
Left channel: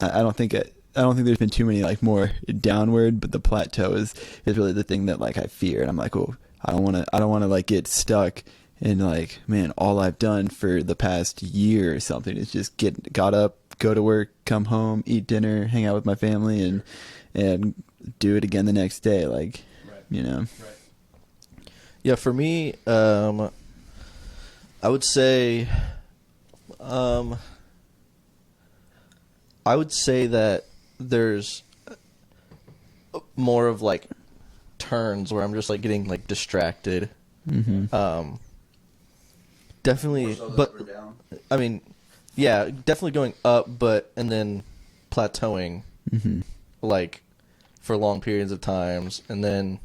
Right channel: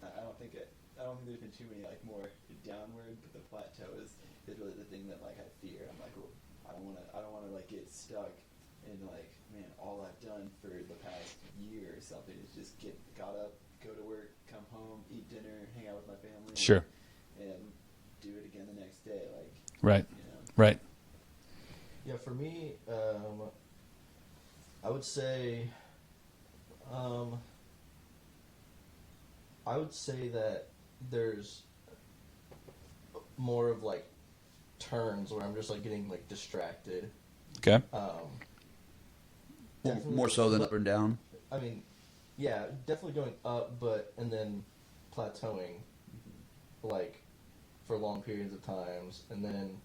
don't think there's been too many like more downward, but the plateau is really the thing that like I fear. And I'm like, oh, I don't want to like get stuck in like, man, all I've done for the past year or something is just got up, go to work, come home, eat dinner, hang out with my family, and, Sure. and do it again the next day. Like, Right. Right. Yeah, for me, I would say, that there's more of like turns where I'm just like getting like distracted. Okay. Definitely, More so than but up and down. I mean, yeah, definitely going up, and then plateauing, like for long periods of times, and then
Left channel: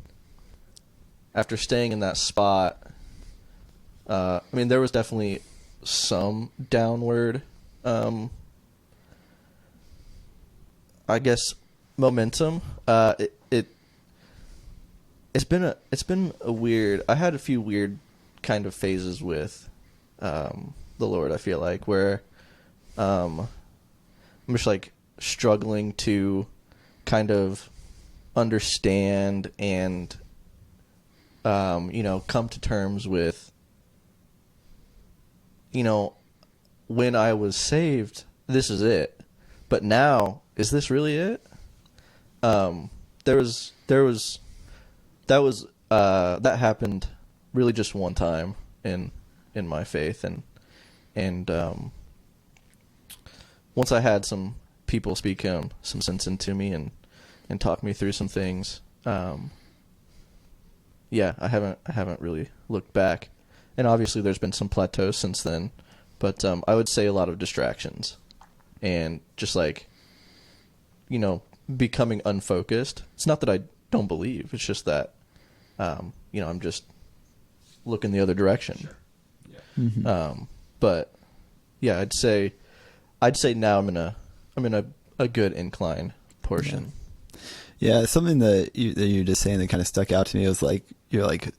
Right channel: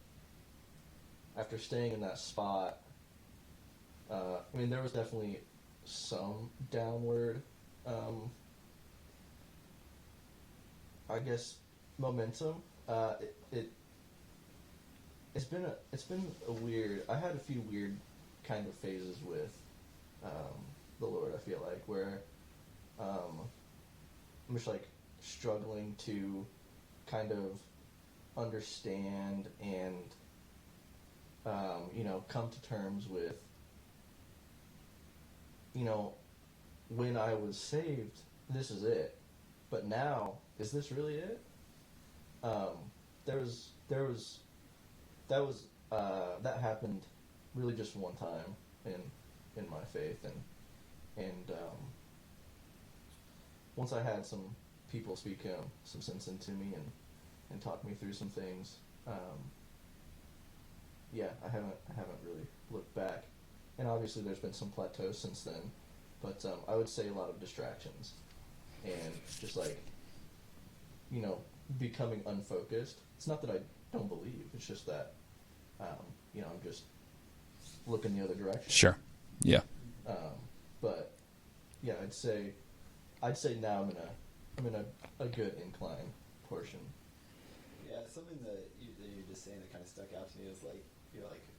after staying in that spot, I mean, there was definitely some downward, I guess, momentum. It's been a weird. I had a few weird kind of phases with the Lord. I feel like where I'm just like struggling to kind of understand and come to terms with when I was saved, this is it. But now, is this really it? That happened really just one time in my faith, and once I had some people speak some sense into me and talk me through some things, yeah, I haven't really looked back, and obviously there's been some plateaus since then, but I would say a lot of distractions, and just like becoming unfocused. It's not that I don't believe. It's just that, I'm just looking the other direction. Sure. Yeah. But yeah, I'd say now I'm in a good incline portion. Yeah, something that you were just saying that kind of stuck out to me was like,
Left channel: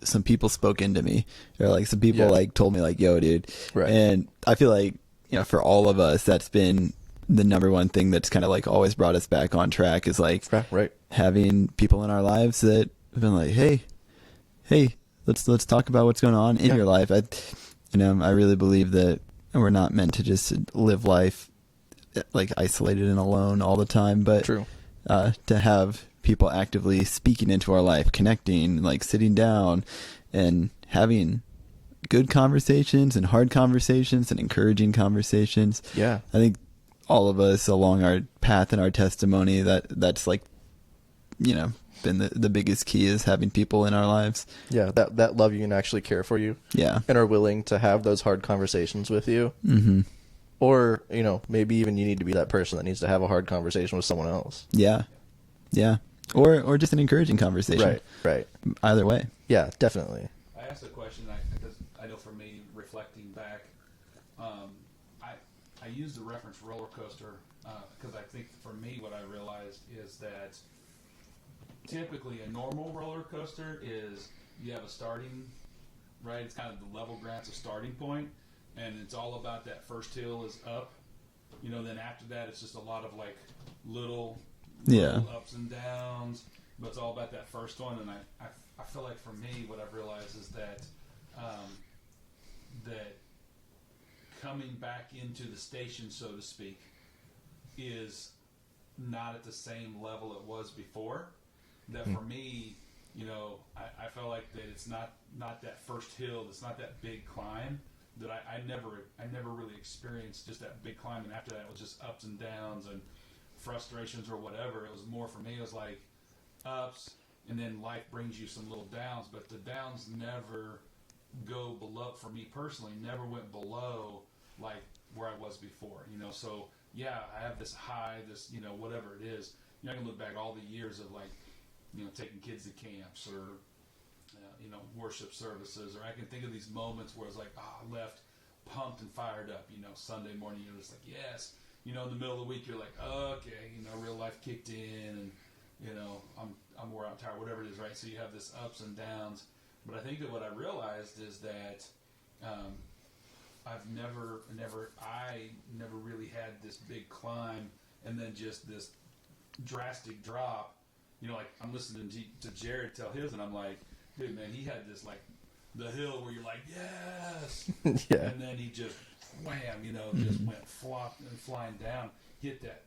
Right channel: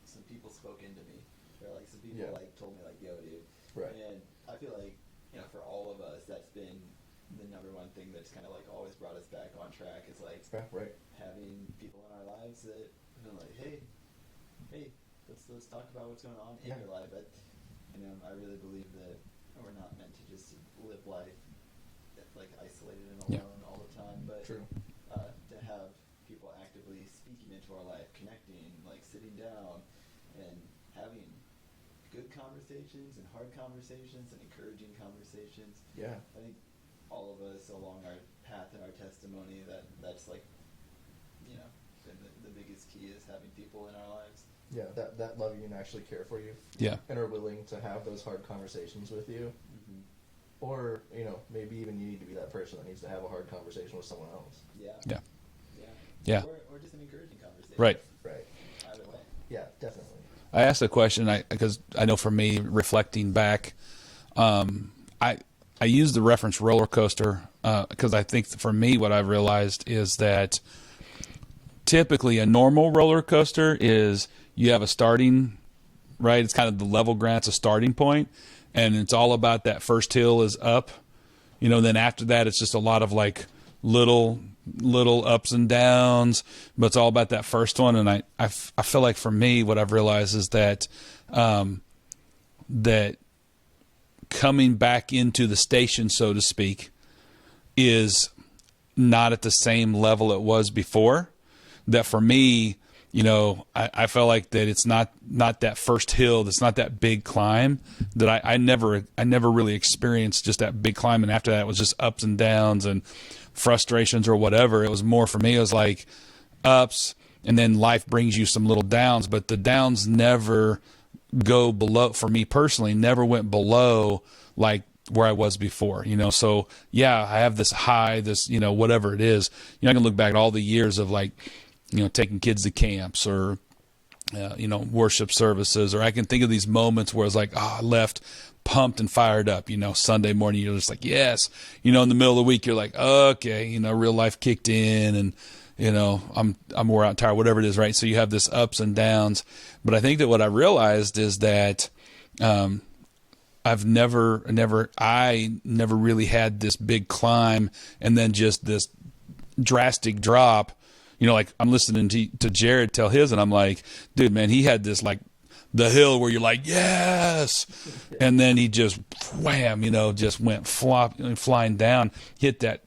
some people spoke into me. Or like some people like told me like, yo, dude. Right. And I feel like, for all of us, that's been the number one thing that's kind of like always brought us back on track is like Right. having people in our lives that have been like, hey, let's talk about what's going on in your life. I really believe that we're not meant to just live life like isolated and alone all the time, but True. To have people actively speaking into our life, connecting, like sitting down and having good conversations and hard conversations and encouraging conversations. Yeah. I think all of us along our path and our testimony, that's like, been the biggest key is having people in our lives. Yeah, that love you and actually care for you. Yeah. And are willing to have those hard conversations with you. Mm-hmm. Or, maybe even you need to be that person that needs to have a hard conversation with someone else. Yeah. Yeah. Yeah. Yeah. Or just an encouraging conversation. Right. Either way. Yeah, definitely. I asked a question because I know for me, reflecting back, I use the reference roller coaster because I think for me what I've realized is that typically a normal roller coaster is you have a starting, right? It's kind of the level ground, it's a starting point, and it's all about that first hill is up. Then after that it's just a lot of like little ups and downs, but it's all about that first one. And I feel like for me, what I've realized is that that coming back into the station, so to speak, is not at the same level it was before. That for me, I felt like that it's not that first hill, that's not that big climb, that I never really experienced just that big climb. And after that, it was just ups and downs and frustrations or whatever. It was more for me, it was like ups, and then life brings you some little downs, but the downs never go below, for me personally, never went below like where I was before, so yeah, I have this high, this, whatever it is, I can look back at all the years of like, taking kids to camps or, worship services, or I can think of these moments where it's like, I left pumped and fired up, Sunday morning, you're just like, yes, in the middle of the week, you're like, okay, real life kicked in and, I'm wore out and tired, whatever it is. Right. So you have this ups and downs, but I think that what I realized is that, I never really had this big climb and then just this drastic drop. Like I'm listening to Jared tell his, and I'm like, dude, man, he had this like the hill where you're like, yes, yeah. And then he just wham, just went flying down, hit that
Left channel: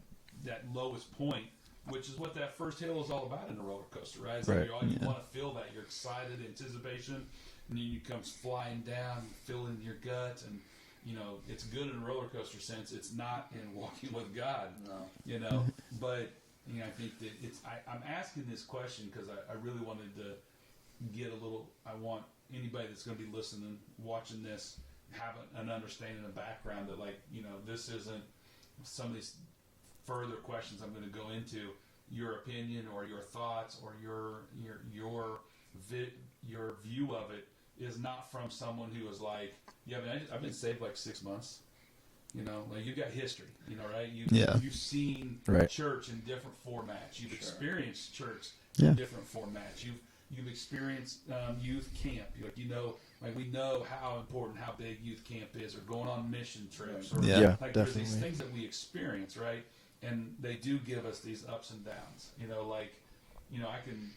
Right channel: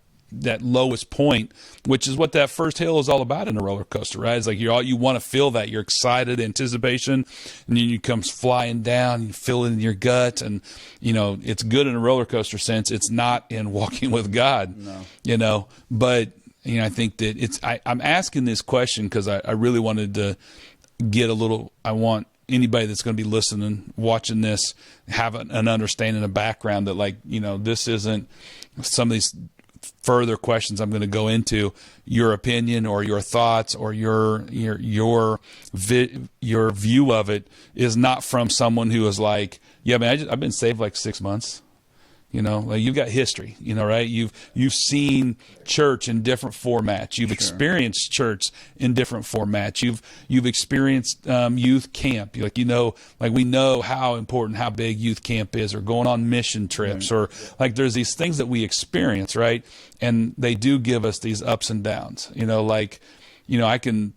lowest point, which is what that first hill is all about in a roller coaster, right? It's like you want to feel that, you're excited, anticipation, and then you comes flying down, you feel it in your gut, and it's good in a roller coaster sense. It's not in walking with God, but. I think that I'm asking this question because I really wanted to get I want anybody that's going to be listening, watching this, have an understanding, a background that like, this isn't some of these further questions I'm going to go into, your opinion or your thoughts or your view of it is not from someone who is like, yeah, man, I've been saved like 6 months. Like you've got history, right? You've seen church in different formats. You've experienced church in different formats. You've experienced youth camp. Like we know how important, how big youth camp is, or going on mission trips, or there's these things that we experience, right? And they do give us these ups and downs. I can,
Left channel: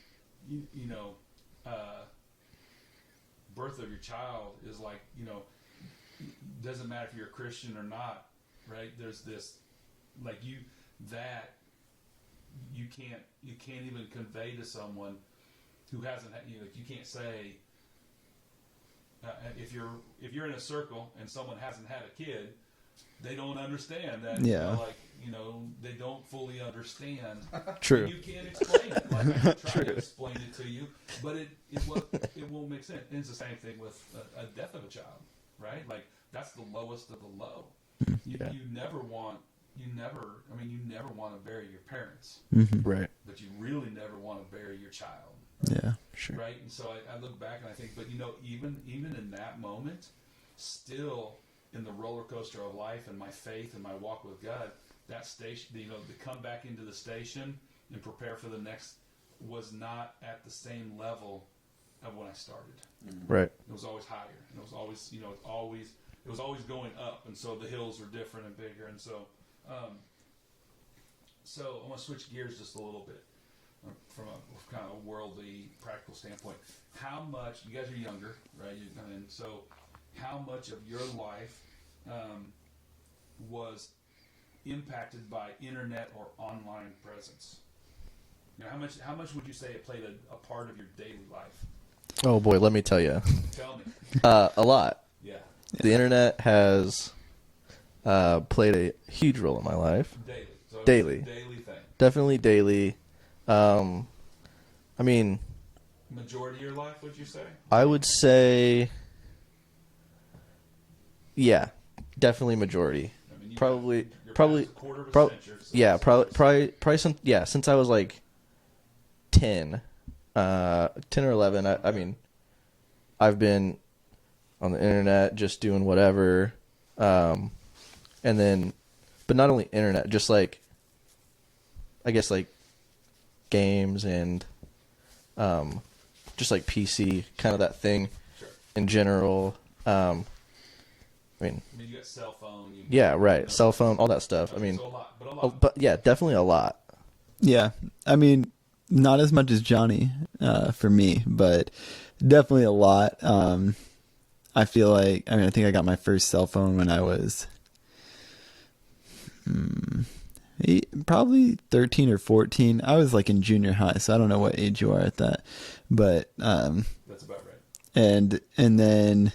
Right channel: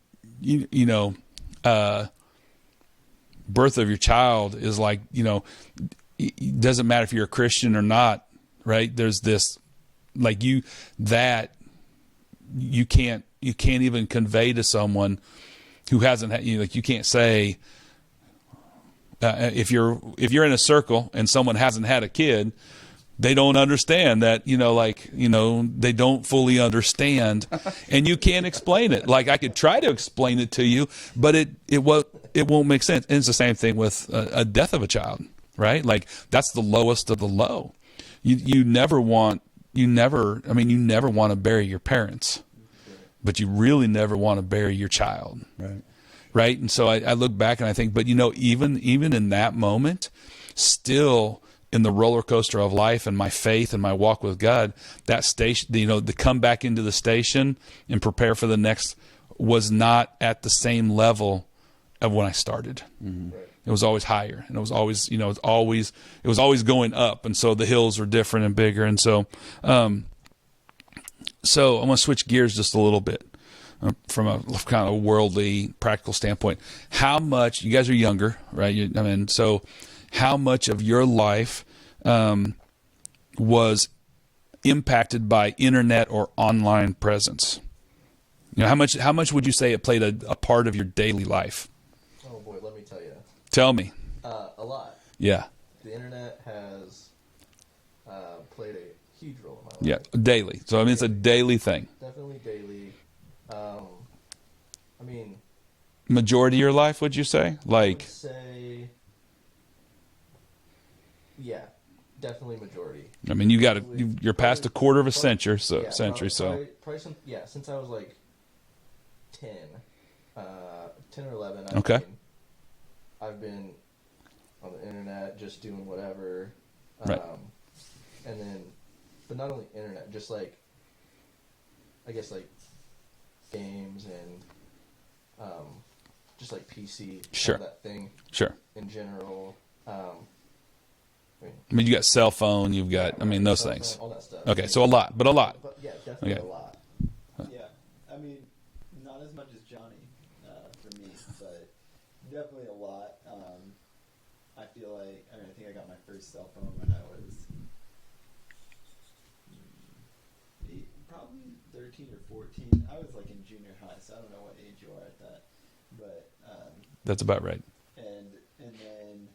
birth of your child is like, it doesn't matter if you're a Christian or not, right? There's this, like you can't even convey to someone who hasn't had, like you can't say, if you're in a circle and someone hasn't had a kid, they don't understand that, they don't fully understand and you can't explain it. Like I could try to explain it to you, but it won't make sense. And it's the same thing with a death of a child. Right? Like that's the lowest of the low. You never want to bury your parents. Mm-hmm. Right. But you really never want to bury your child. Right. Yeah. Sure. Right. And so I look back and I think, but even in that moment, still in the roller coaster of life and my faith and my walk with God, that station, to come back into the station and prepare for the next was not at the same level of when I started. Right. It was always higher, and it was always, it was always going up. And so the hills are different and bigger. And so, so I'm going to switch gears just a little bit from a kind of worldly, practical standpoint. How much, you guys are younger, right? So how much of your life was impacted by internet or online presence? You know, how much would you say it played a part of your daily life? Oh boy, let me tell you. Tell me. A lot. Yeah. The internet has played a huge role in my life. Yeah. Daily. So I mean, it's a Daily. daily thing. Definitely daily. I mean, Majority of your life, would you say? I would say, yeah, definitely majority. I mean, you're past a quarter of a century. So, yeah, century, probably since I was like 10 or 11. Okay. I mean, I've been on the internet just doing whatever, and then, but not only internet, just like, I guess like games and just like PC, kind of that thing. Sure. In general, I mean, you got cell phone. You've got yeah, right, I mean, those cell things. phone, all that stuff. Okay, I mean, so a lot, but yeah, definitely a lot. Yeah, I mean, not as much as Johnny for me, but definitely a lot. I feel like, I think I got my first cell phone when I was probably 13 or 14. I was like in junior high, so I don't know what age you are at that, but that's about right. And then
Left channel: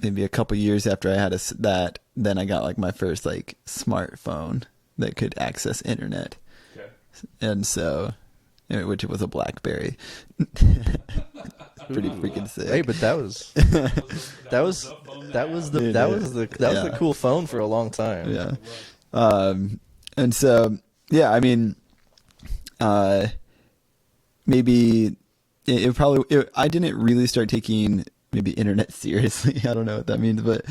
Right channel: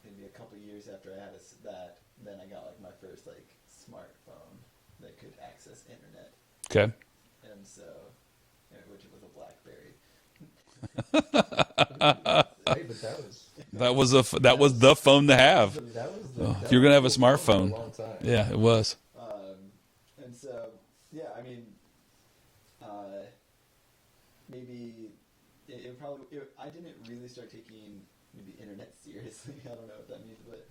maybe a couple years after I had that, then I got like my first like smartphone that could access internet. Okay. And so, which was a BlackBerry. Pretty freaking sick. Hey, but that was the phone to have. You're gonna have a smartphone for a long time. Yeah, it was. And so, yeah, I mean, maybe I didn't really start taking maybe internet seriously. I don't know what that means, but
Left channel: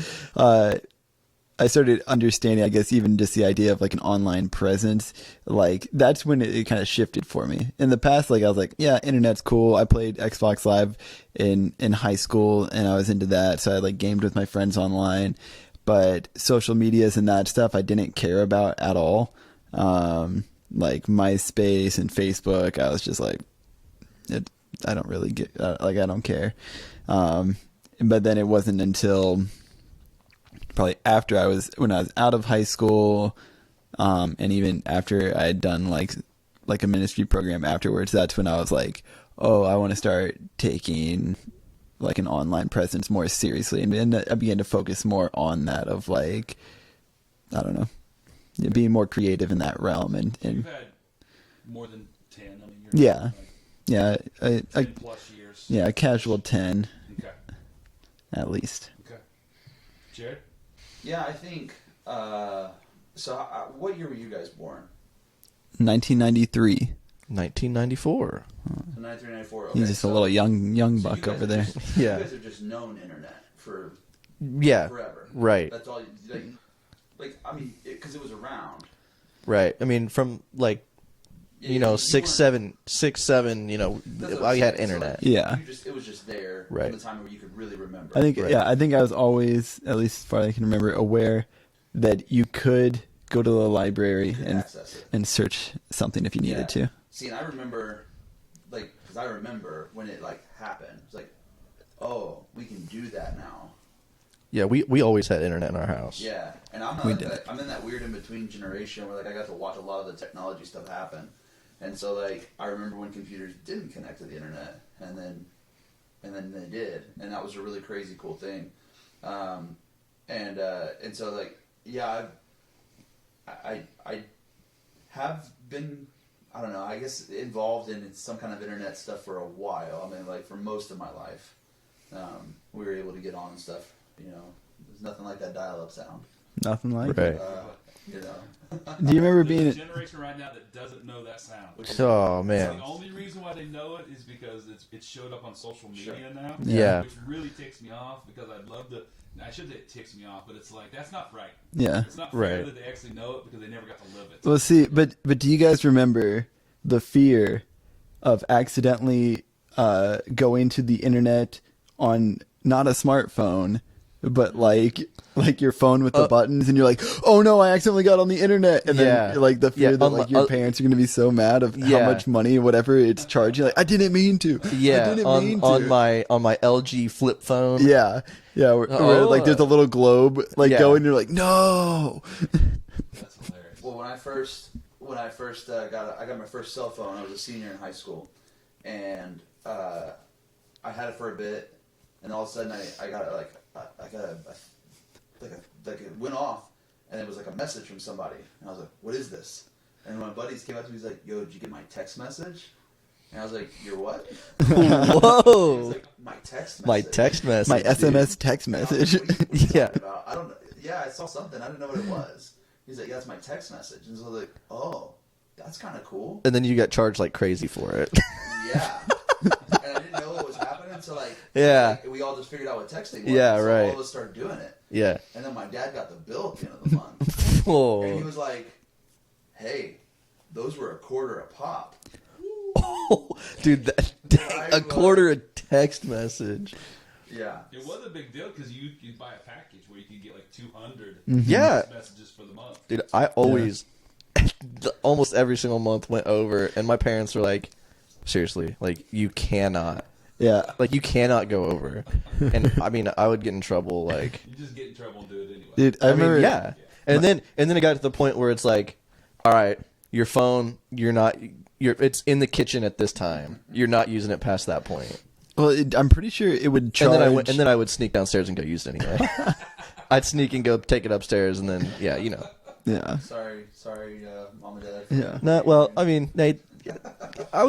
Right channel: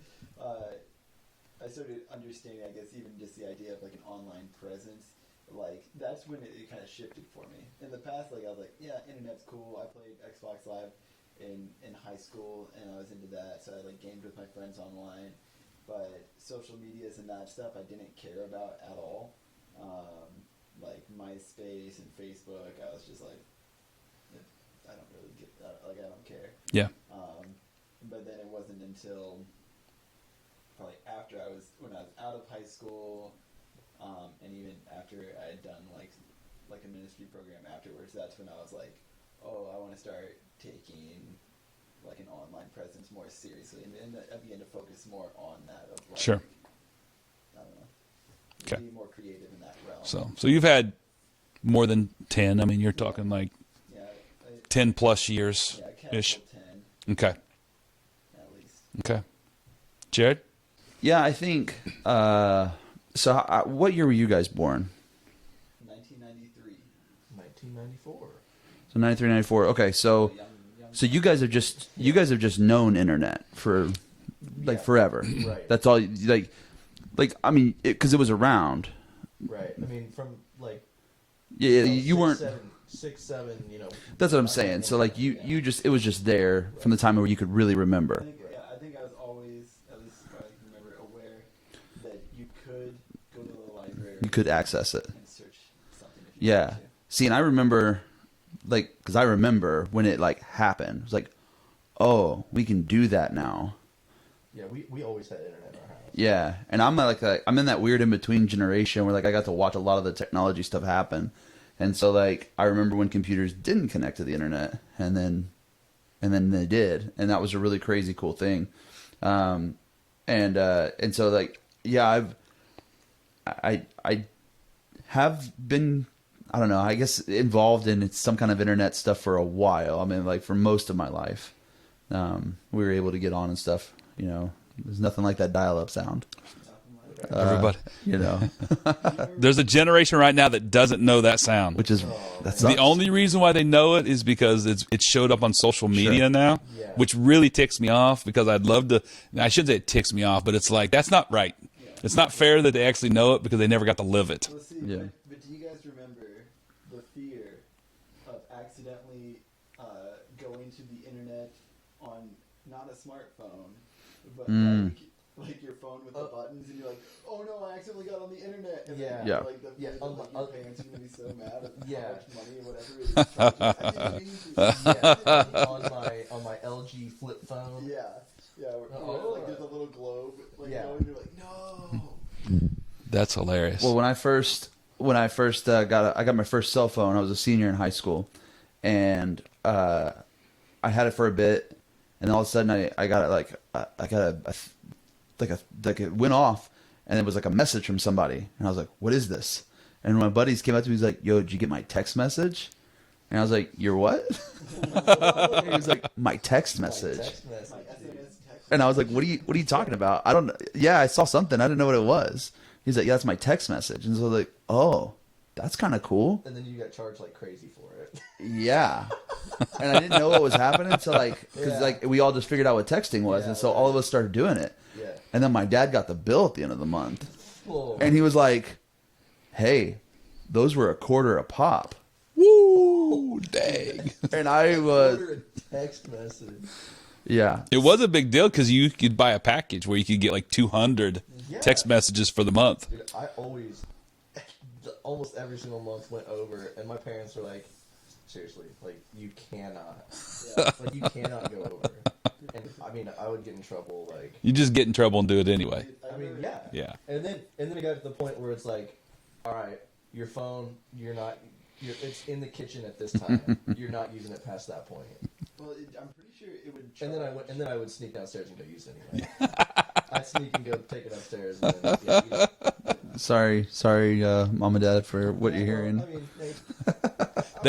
I started understanding, I guess, even just the idea of like an online presence. Like that's when it kind of shifted for me. In the past, like I was like, yeah, internet's cool. I played Xbox Live in high school, and I was into that. So I like gamed with my friends online. But social medias and that stuff, I didn't care about at all. Like MySpace and Facebook, I was just like, I don't really get, like I don't care. Yeah. But then it wasn't until probably after when I was out of high school, and even after I had done like a ministry program afterwards, that's when I was like, oh, I want to start taking like an online presence more seriously, and I began to focus more on that of like, Sure. I don't know, Okay. being more creative in that realm. So you've had more than 10. I mean, you're talking like 10 plus years. Yeah, a casual 10 Okay. at least. Okay. Jared? Yeah, I think. What year were you guys born? 1993. 1994. So 93, 94. Okay, Just a little young. So buck you guys over have there. you guys have just known internet for forever, right. That's all. Like I mean, because it was around, Right. I mean, from like, you six, weren't- seven, That's what I'm I had saying. So like, internet. it was just there Right. from the time where you could really remember. I think Right. I think I was always, at least as far as I can remember, aware that you could go to the library, you could and, access it. and search something if you Yeah. needed to. See, and I remember, because I remember when it like happened. It was like, oh, we can do that now. Yeah, we always had internet in our house. Yeah, and I'm like I'm in that weird in between generation where like I got to watch a lot of the technology stuff happen, and so like I remember when computers didn't connect to the internet, and then they did, and that was a really crazy cool thing, and so like yeah, I have been, I don't know, I guess involved in some kind of internet stuff for a while. I mean, like for most of my life, we were able to get on and stuff. There's nothing like that dial-up sound. Nothing like Right. that. Everybody. Do you remember? There's a being generation right now that doesn't know that sound. Which is Oh, man. The only reason why they know it is because it showed up on social media now, Yeah. which really ticks me off because I'd love to. I shouldn't say it ticks me off, but it's like that's not right. Yeah. It's not fair Right. that they actually know it because they never got to live it. Well, see, but do you guys remember the fear of accidentally going to the internet on not a smartphone, but like your phone with the buttons, and you're like, oh no, I accidentally got on the internet, and then Yeah. like the fear Yeah, that like your parents are gonna be so mad of how much money, whatever it's charging. Like, I didn't mean to. Yeah, I didn't mean to. on my LG flip phone. Yeah. Where like there's a little globe like Yeah. going, you're like, no. That's hilarious. Well, when I first I got my first cell phone, I was a senior in high school, and I had it for a bit, and all of a sudden I got it like it went off, and it was like a message from somebody, and I was like, what is this? And my buddies came up to me, he's like, yo, did you get my text message? And I was like, your what? Whoa. He was like, my text message. My text message. My SMS text message. And I was like, what are you talking about? I saw something. I didn't know what it was. He's like, yeah, that's my text message. And so I was like, oh, that's kind of cool. And then you got charged like crazy for it. Yeah. And I didn't know what was happening. So we all just figured out what texting was. Yeah, and so right. all of us started doing it. Yeah. And then my dad got the bill at the end of the month. Whoa. And he was like, hey, those were $0.25 a pop. Woo. Dude, And I quarter a text message. Yeah. It was a big deal because you could buy a package where you could get like 200 Yeah. text messages for the month. Dude, I always, almost every single month went over, and my parents were like, seriously, like, you cannot. Yeah. Like, you cannot go over. And, I mean, I would get in trouble, like. You just get in trouble and do it anyway. Dude, I remember. yeah. Yeah. And then it got to the point where it's like, all right, your phone, it's in the kitchen at this time. You're not using it past that point. Well, I'm pretty sure it would charge. And then I would sneak downstairs and go use it anyway. I'd sneak and go take it upstairs, and then Yeah. Sorry, mom and dad for what you're well, hearing. I mean, they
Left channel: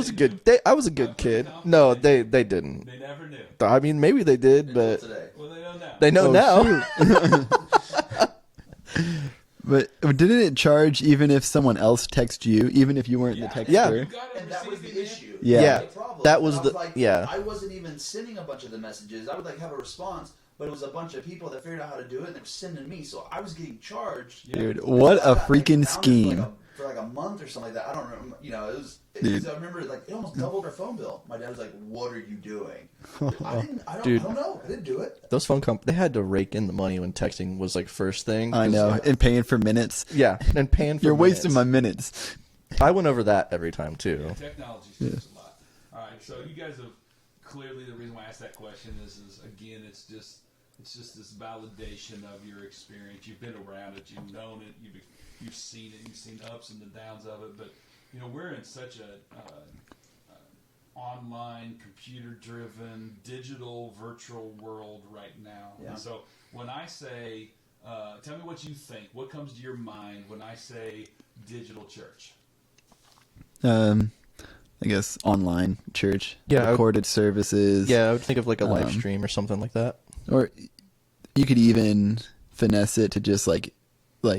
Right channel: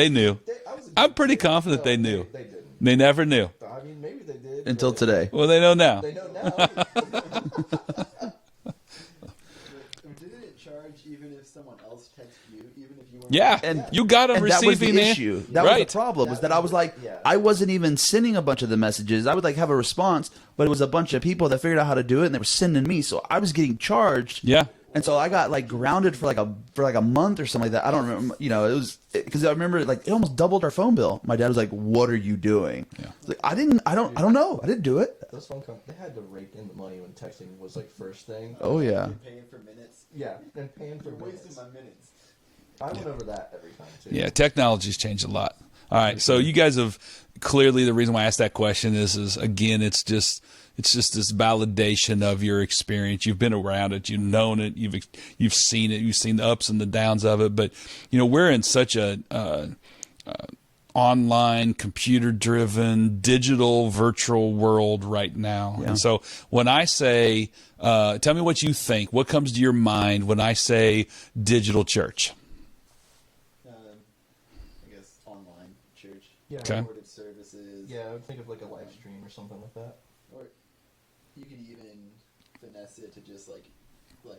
knew. I was a good I'm pretty kid. confident No, they knew. they didn't. They never knew. I mean, maybe they did until but today. Well, they know now. They know now. But didn't it charge even if someone else texts you, even if you weren't? Yeah. texting Yeah. her? You got them And that was receiving the it. issue. Yeah. That was Right. the problem. That And was I was the- like, yeah. I wasn't even sending a bunch of the messages. I would like have a response, but it was a bunch of people that figured out how to do it, and they were sending me. So I was getting charged. Yeah. Dude, And what so I got freaking grounded scheme. for like a month or something like that. I don't remember. You know, it was because I remember like it almost doubled our phone bill. My dad was like, "What are you doing?" Like, I don't know. I didn't do it. Those phone companies, they had to rake in the money when texting was like first thing. I Oh, know. yeah. And paying for minutes. Yeah, and paying for You're wasting minutes. my minutes. I went over that every time too. Yeah, technology's changed a lot. All right, so you guys have clearly, the reason why I asked that question is again, it's just this validation of your experience. You've been around it, you've known it, you've seen it, you've seen the ups and the downs of it. But you know, we're in such a online, computer-driven, digital, virtual world right now. Yeah. And so when I say, tell me what you think. What comes to your mind when I say digital church? I guess online church. Yeah. Recorded services. Yeah, I would think of like a live stream or something like that. Or you could even finesse it to just like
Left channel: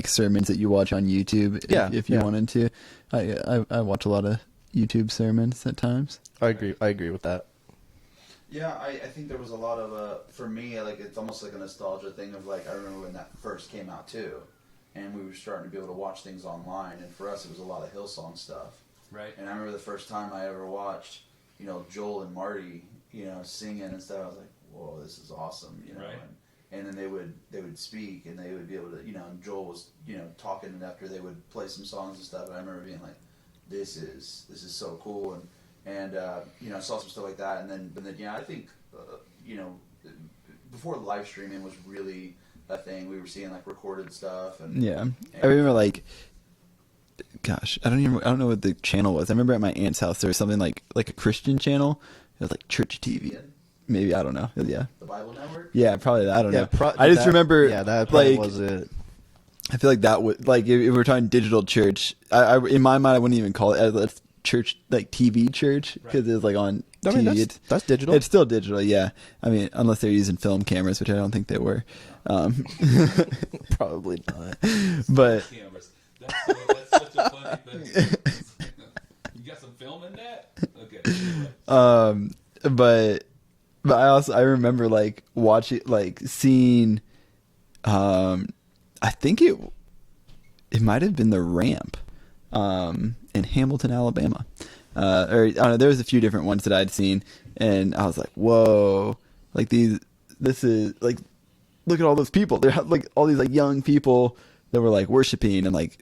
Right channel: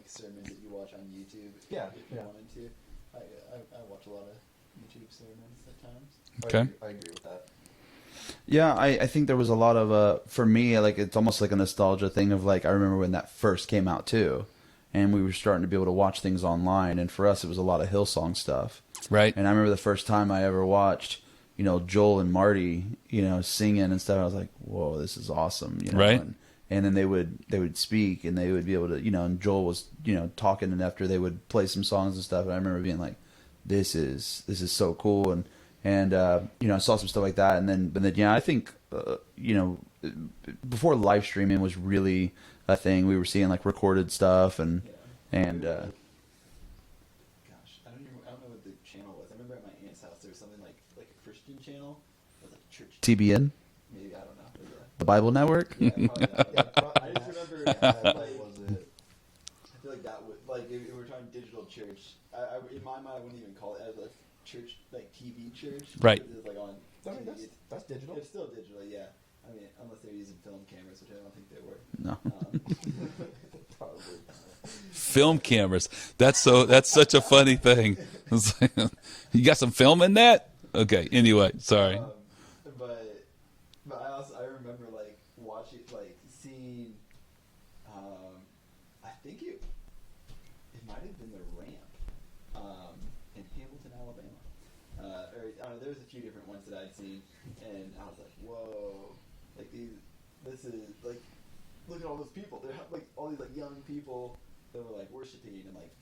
sermons that you watch on YouTube. Yeah, If you yeah. wanted to. I watch a lot of YouTube sermons at times. Okay. I agree with that. Yeah, I think there was a lot of for me, like it's almost like a nostalgia thing of like I remember when that first came out too, and we were starting to be able to watch things online, and for us it was a lot of Hillsong stuff. Right. And I remember the first time I ever watched, you know, Joel and Marty, you know, singing and stuff. I was like, whoa, this is awesome, you know. Right. And then they would speak, and they would be able to, you know, and Joel was, you know, talking, and after they would play some songs and stuff, and I remember being like, this is so cool, and you know, I saw some stuff like that, but then yeah, I think you know, before live streaming was really a thing, we were seeing like recorded stuff, and Yeah. and, I remember like, gosh, I don't know what the channel was. I remember at my aunt's house there was something like a Christian channel. It was like Church TBN, Maybe, I don't know. Yeah. the Bible Network. Yeah, probably that. I don't know. Yeah, I just remember that like was it. I feel like that would like if we're talking digital church. I in my mind I wouldn't even call it a church, like TV church, Right. because it's like on I mean, TV. that's digital. It's still digital, yeah. I mean, unless they're using film cameras, which I don't think they were. No. Probably not. Film But- cameras. That's such a funny thing. It's like, you got some film in that? Okay. Anyway, sorry. But I remember like watching, like seeing, I think it might have been the Ramp, in Hamilton, Alabama, or I don't know. There was a few different ones that I'd seen, and I was like, whoa, like this is like, look at all those people. They're like all these like young people that were like worshiping and like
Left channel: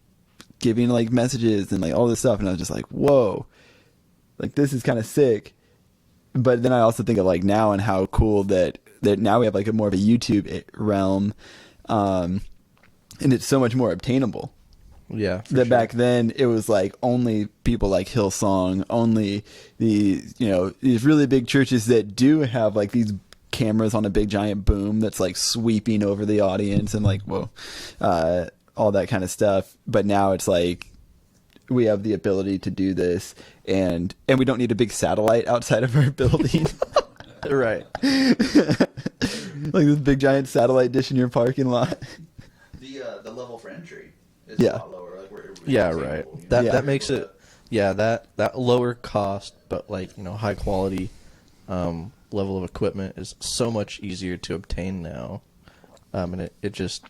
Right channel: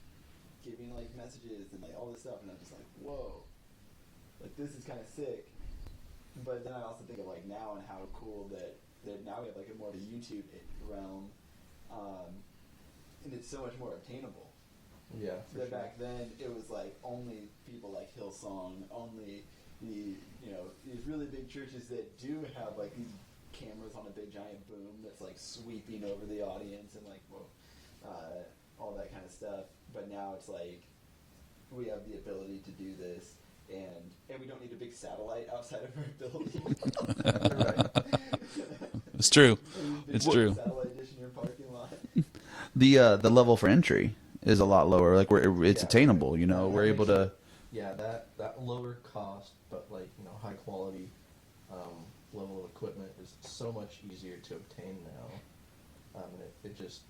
giving like messages and like all this stuff, and I was just like, whoa, like this is kind of sick. But then I also think of like now and how cool that now we have like a more of a YouTube realm, and it's so much more obtainable. Yeah, for that sure. back then it was like only people like Hillsong, only the these really big churches that do have like these cameras on a big giant boom that's like sweeping over the audience and like whoa, all that kind of stuff. But now it's like we have the ability to do this, and we don't need a big satellite outside of our building. Right. It's true. Like this big It's giant true. satellite dish in your parking lot. The level for entry is a Yeah. lot lower. Like it's Yeah, attainable. right. You know, That We're makes able it. Yeah, that lower cost, but like high quality level of equipment is so much easier to obtain now, and it just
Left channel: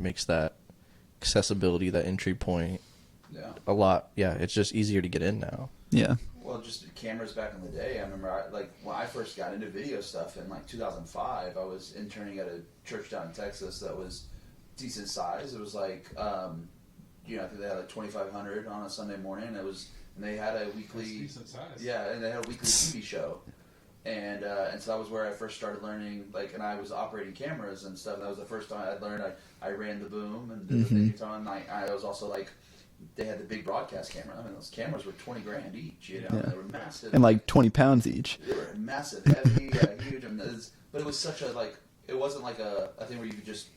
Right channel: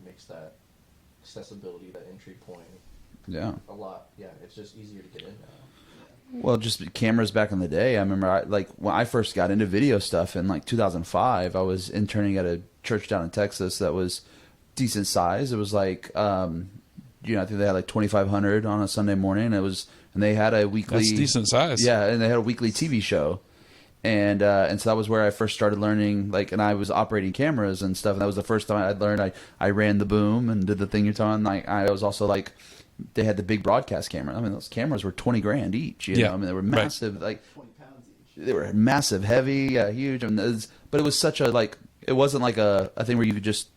makes that accessibility, that entry point, Yeah. a lot. Yeah, it's just easier to get in now. Yeah. Well, just cameras back in the day. I remember, when I first got into video stuff in like 2005, I was interning at a church down in Texas that was decent size. It was like, I think they had like 2,500 on a Sunday morning. And they had a weekly. That's decent size. Yeah, and they had a weekly TV show, and so that was where I first started learning. And I was operating cameras and stuff. And that was the first time I'd learned. I ran the boom and did the thing you're talking. I was also like. They had the big broadcast camera. I mean, those cameras were $20,000 each. You know? Yeah. I mean, they were Right. massive, And like 20 pounds each. they were massive, heavy, huge. I mean, but it was such a it wasn't like a thing where you could just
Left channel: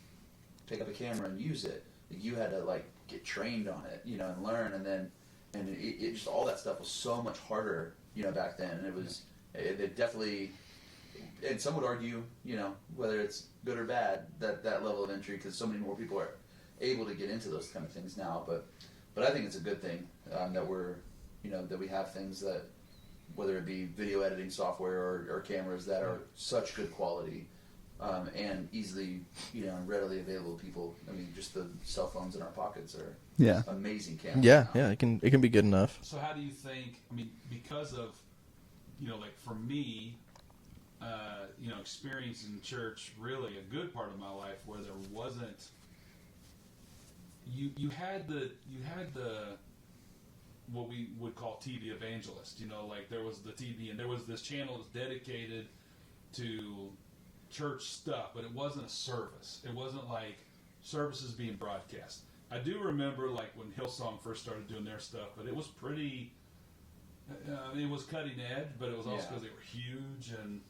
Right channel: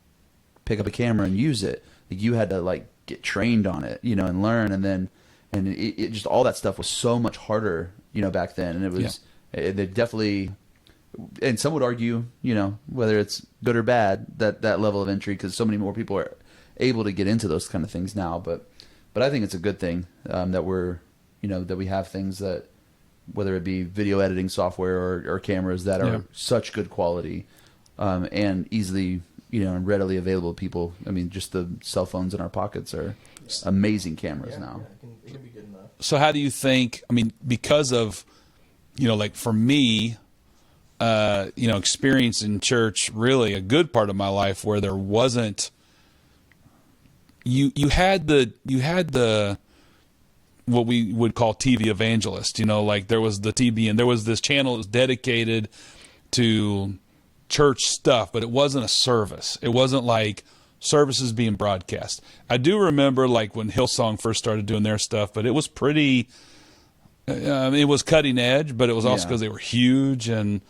pick up a camera and use it. Like you had to get trained on it, and learn, and it just all that stuff was so much harder, back then. And it was they definitely, and some would argue, whether it's good or bad that level of entry because so many more people are able to get into those kind of things now, But I think it's a good thing that we're, that we have things that, whether it be video editing software or cameras that are such good quality and easily, and readily available to people. I mean, just the cell phones in our pockets are just amazing cameras now. Yeah, it can be good enough. So how do you think, because of, for me, experience in church, really a good part of my life where there wasn't, you had the what we would call TV evangelist, there was the TV and there was this channel that was dedicated to church stuff, but it wasn't a service. It wasn't like services being broadcast. I do remember when Hillsong first started doing their stuff, but it was pretty, it was cutting edge, but it was also because they were huge. And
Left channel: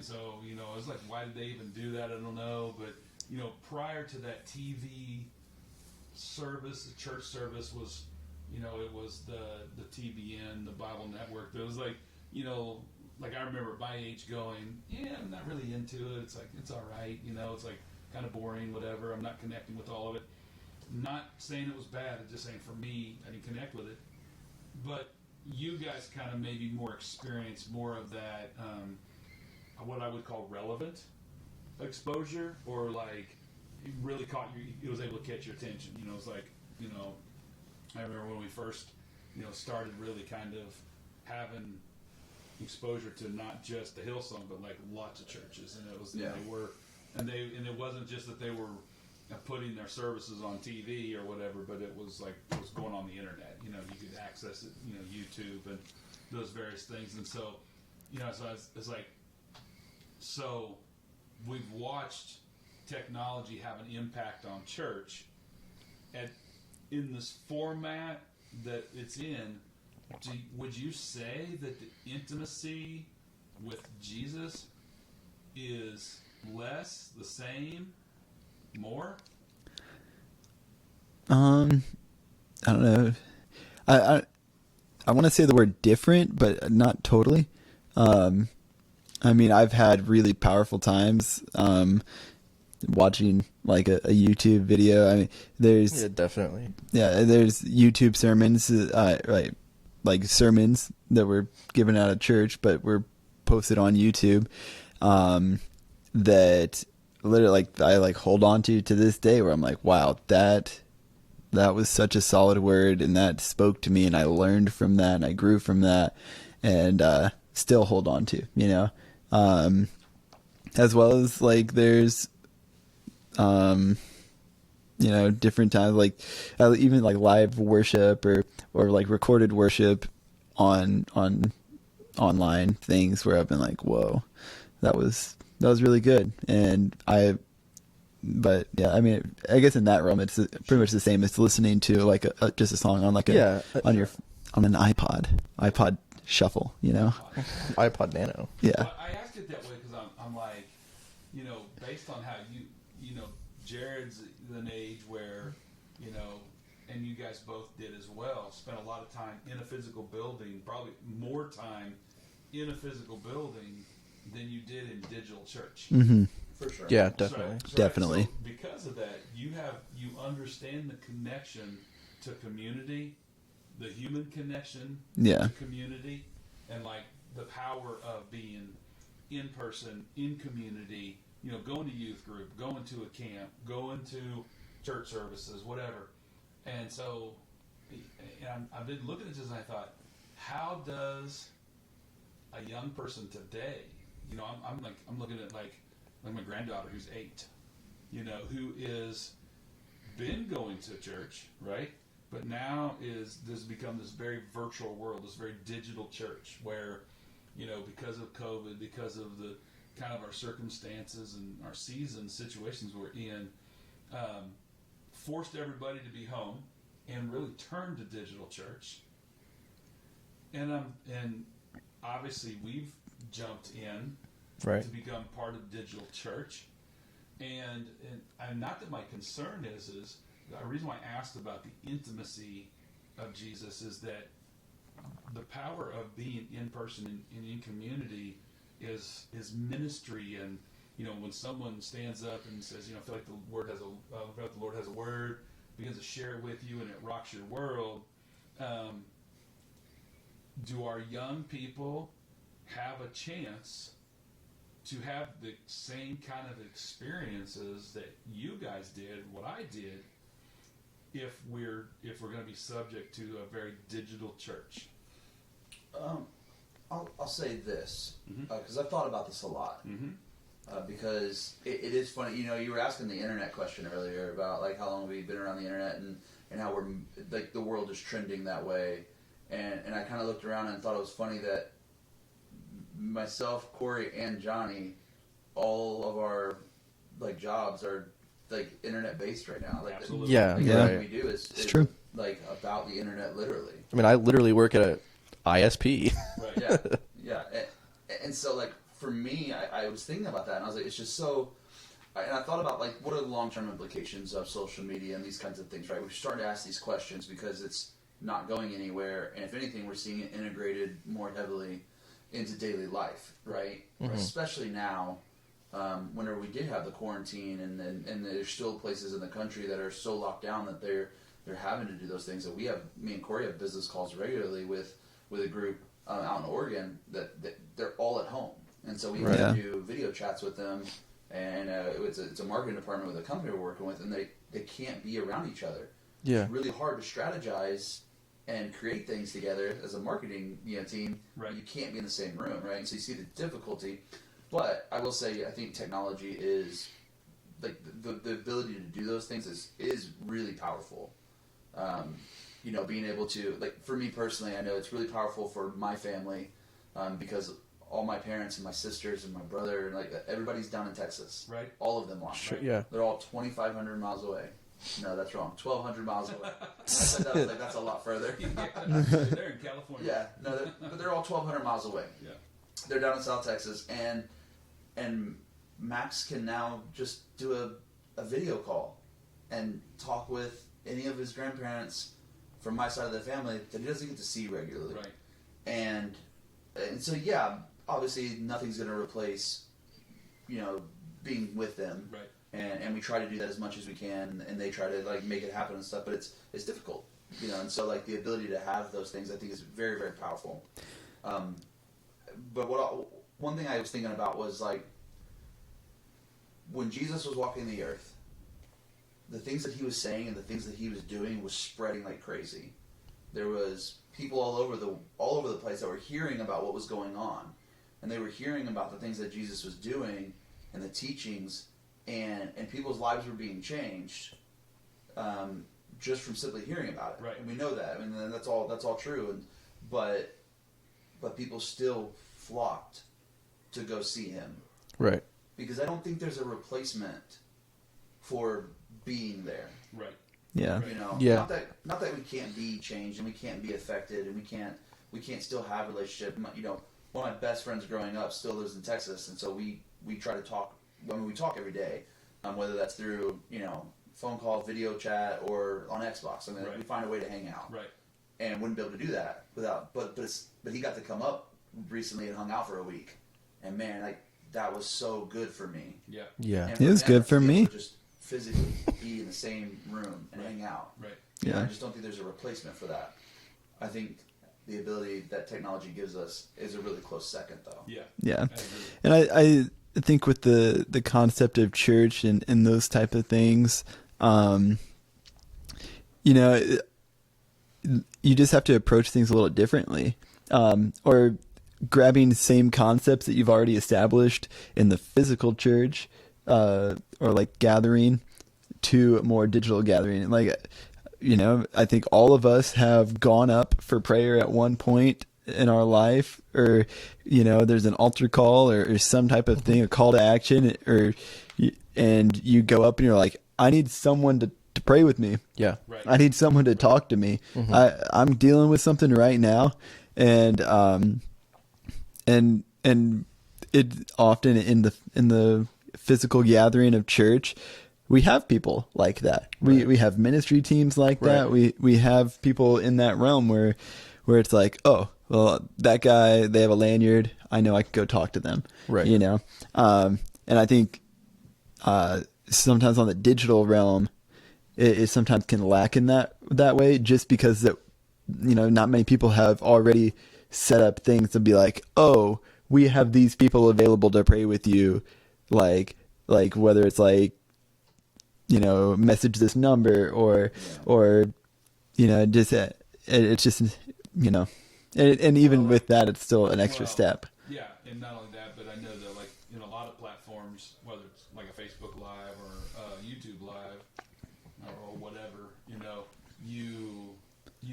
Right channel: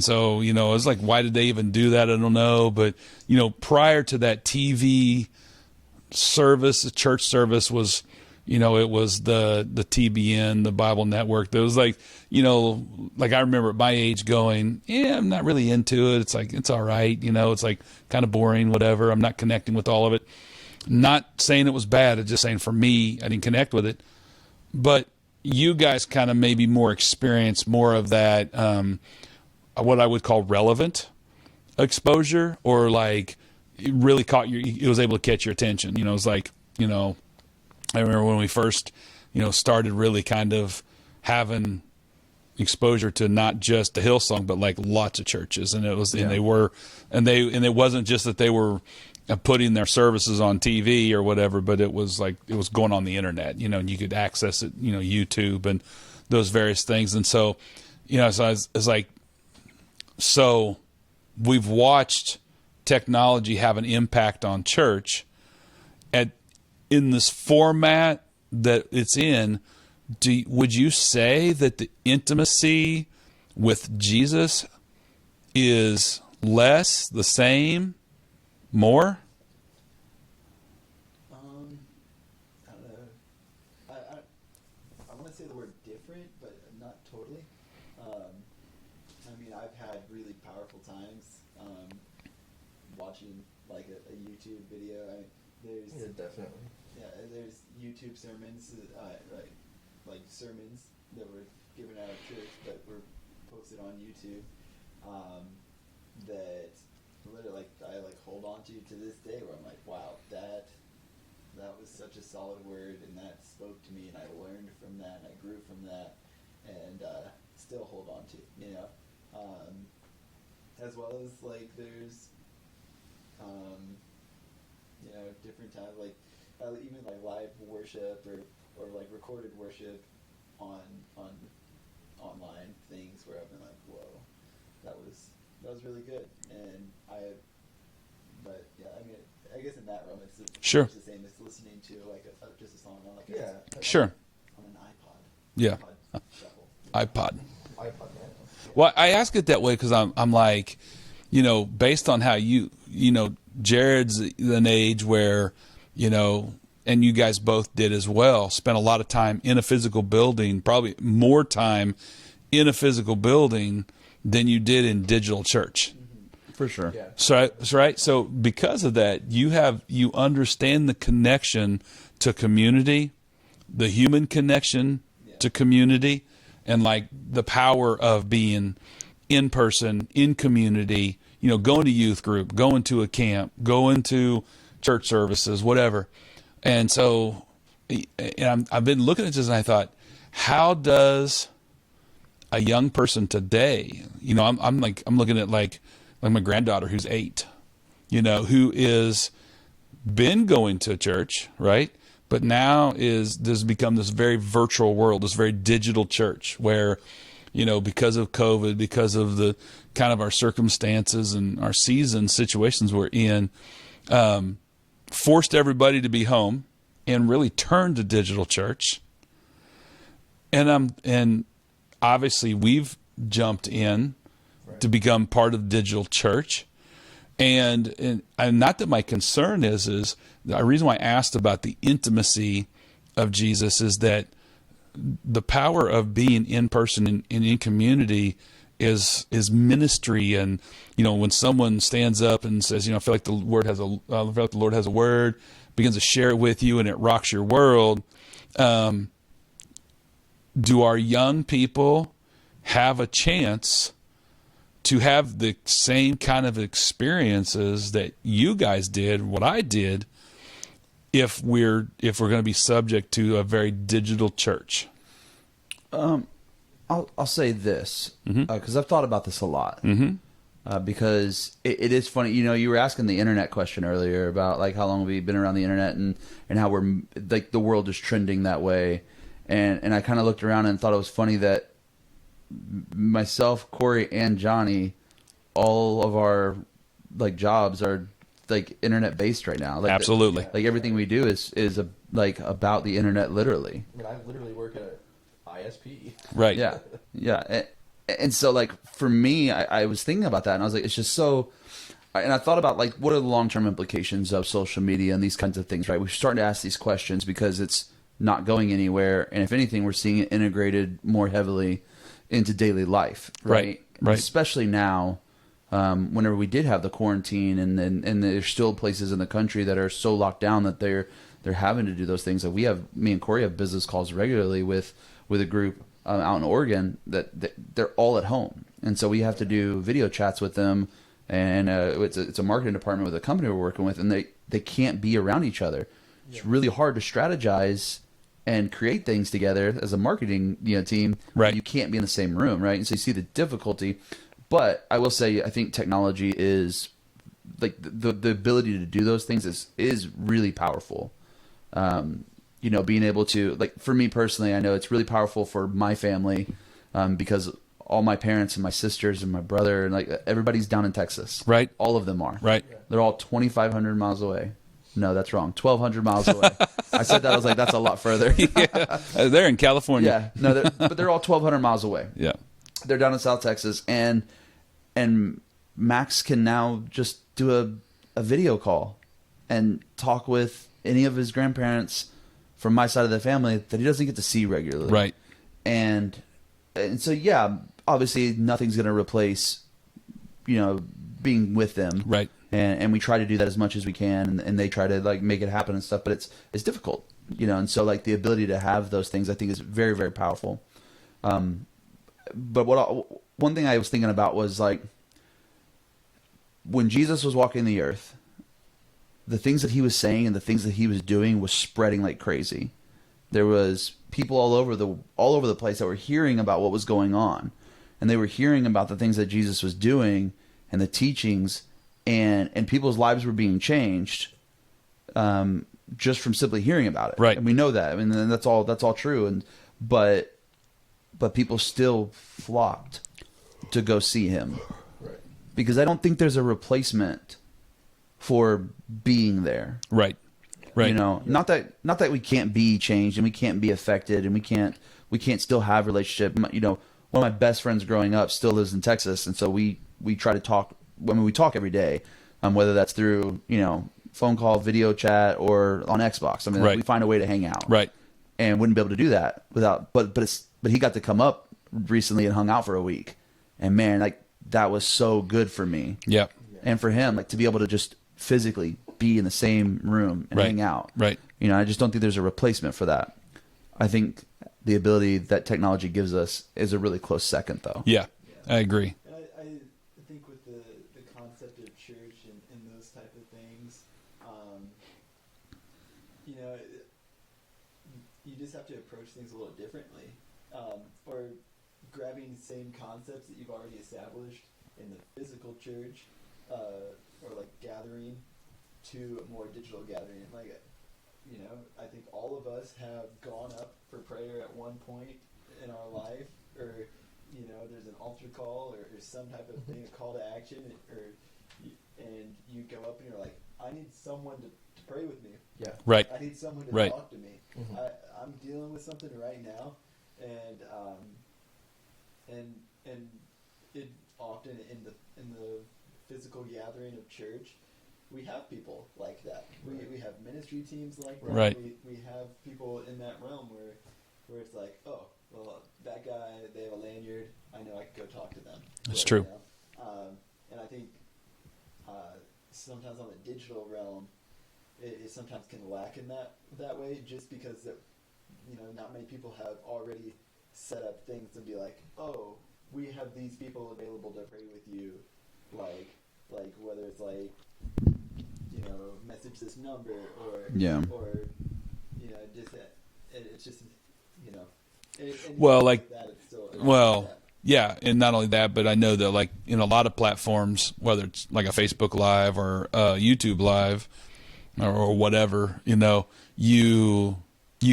so, it was like, why did they even do that? I don't know. But, prior to that TV service, the church service was, it was the TBN, the Bible Network. There was I remember at my age going, I'm not really into it. It's like, it's all right. It's like kind of boring, whatever. I'm not connecting with all of it. Not saying it was bad. It's just saying for me, I didn't connect with it. But you guys kind of maybe more experience more of that, what I would call relevant exposure, or it really it was able to catch your attention. It was like, I remember when we first, started really kind of having exposure to not just the Hillsong, but lots of churches. And it was, and it wasn't just that they were putting their services on TV or whatever, but it was it was going on the internet, and you could access it, YouTube and those various things. And so, so it's like, so we've watched technology have an impact on church in this format that it's in. Would you say that the intimacy with Jesus is less, the same, more? I don't know. I want to say the word different, but not totally. I've had really powerful times watching a YouTube video. There's Definitely. there's YouTube sermons, right? Sermons that were given out at church, but were posted on YouTube. That literally, I hold on to this day, where I'm like, wow, that was such a solid word, and that spoke to me, and I learned from that, and I grew from that, and still hold on to, as well as there's different times, even live worship or recorded worship on online things where I've been like, whoa, that was really good. And But yeah, I mean, I guess in that realm, it's pretty much the same as listening to like just a song on like on an iPod, iPod Shuffle, you know? iPod Nano. Yeah. Well, I ask it that way because I'm like, you know, based on how you know, Jared's an age where, you know, and you guys both did as well, spent a lot of time in a physical building, probably more time in a physical building than you did in digital church. Mm-hmm. For sure. Yeah, So definitely. So because of that, you understand the connection to community, the human connection to community, and like the power of being in person, in community, you know, going to youth group, going to a camp, going to church services, whatever. And so, and I've been looking at this and I thought, how does a young person today, you know, I'm looking at like my granddaughter who's 8, you know, who is been going to church, right? But now there's become this very virtual world, this very digital church where, you know, because of COVID, because of the kind of our circumstances and our season situations we're in, forced everybody to be home and really turned to digital church. And obviously we've jumped in to become part of the digital church. And not that my concern is the reason why I asked about the intimacy of Jesus is that the power of being in person and in community is ministry. And, you know, when someone stands up and says, you know, I feel like the Lord has a word, begins to share it with you and it rocks your world. Do our young people have a chance to have the same kind of experiences that you guys did, what I did, if we're going to be subject to a very digital church? I'll say this because I've thought about this a lot. Because it is funny, you know, you were asking the internet question earlier about like how long have we been around the internet and how we're like the world is trending that way, and I kind of looked around and thought it was funny that myself, Cory, and Johnny, all of our like jobs are like internet based right now. Like, absolutely, everything we do is like about the internet, literally. I mean, I literally work at a ISP. Right. Yeah. And so like for me, I was thinking about that and I was like, it's just so, and I thought about like, what are the long-term implications of social media and these kinds of things, right? We're starting to ask these questions because it's not going anywhere. And if anything, we're seeing it integrated more heavily into daily life. Right. Especially now, whenever we did have the quarantine and there's still places in the country that are so locked down that they're having to do those things. That me and Cory have business calls regularly with a group out in Oregon that they're all at home. And so we have to do video chats with them, and it's a marketing department with a company we're working with, and they can't be around each other. Yeah. It's really hard to strategize and create things together as a marketing team. Right. You can't be in the same room, right? And so you see the difficulty. But I will say, I think technology is like the ability to do those things is really powerful. Being able to, like, for me personally, I know it's really powerful for my family because all my parents and my sisters and my brother and like everybody's down in Texas. Right. All of them are. Right. Yeah. They're all 2,500 miles away. No, that's wrong. 1,200 miles away. I said that. I was like, that's a lot further. Yeah. They're in California. Yeah. No, but they're all 1,200 miles away. Yeah. They're down in South Texas, and Max can now just do a video call and talk with any of his grandparents from my side of the family that he doesn't get to see regularly. Right. And so, yeah, obviously nothing's going to replace, being with them. Right. And we try to do that as much as we can, and they try to like make it happen and stuff, but it's difficult, and so like the ability to have those things I think is very, very powerful. But one thing I was thinking about was like when Jesus was walking the earth, the things that he was saying and the things that he was doing was spreading like crazy. There was people all over the place that were hearing about what was going on, and they were hearing about the things that Jesus was doing and the teachings, and people's lives were being changed just from simply hearing about it. Right. And we know that. I mean, that's all true. But people still flocked to go see him. Right. Because I don't think there's a replacement for being there. Right. Yeah. Right. You know, Yeah. not that we can't be changed and we can't be affected and we can't still have relationship. You know, one of my best friends growing up still lives in Texas, and so we try to talk. I mean, we talk every day, whether that's through, you know, phone call, video chat, or on Xbox. I mean, Right. we find a way to hang out. Right. And wouldn't be able to do that without. But he got to come up recently and hung out for a week, and man, like that was so good for me. Yeah. Yeah. And for It was him, good like, to for be able me. to just physically be in the same room and Right. hang out. Right. You know, I just don't think there's a replacement for that. I think the ability that technology gives us is a really close second, though. Yeah. Yeah. I agree. And I think with the concept of church and those type of things, you know, you just have to approach things a little differently, or grabbing the same concepts that you've already established in the physical church, or like gathering, to a more digital gathering. Like, you know, I think all of us have gone up for prayer at one point in our life, or, you know, there's an altar call or some type of thing, a call to action, and you go up and you're like, I need someone to pray with me. Yeah. Right. I need someone to Right. talk to me. I'm dealing with something right now, and it often in the physical gathering of church, we have people like that. We have ministry teams like that. Right. We have people in that realm where it's like, oh, well, that guy, they have a lanyard, I know I could go talk to them. Right. You know, and I think sometimes on the digital realm, it sometimes can lack in that way, just because that, you know, not many people have already set up things to be like, oh, we have these people available to pray with you, like whether it's like, you know, message this number or you know, just it's just, you know, and even Well, like- with that, it's still an extra step. Yeah, and not only that, but I know that like in a lot of platforms, whether it's like a Facebook Live or YouTube Live or whatever, you know, you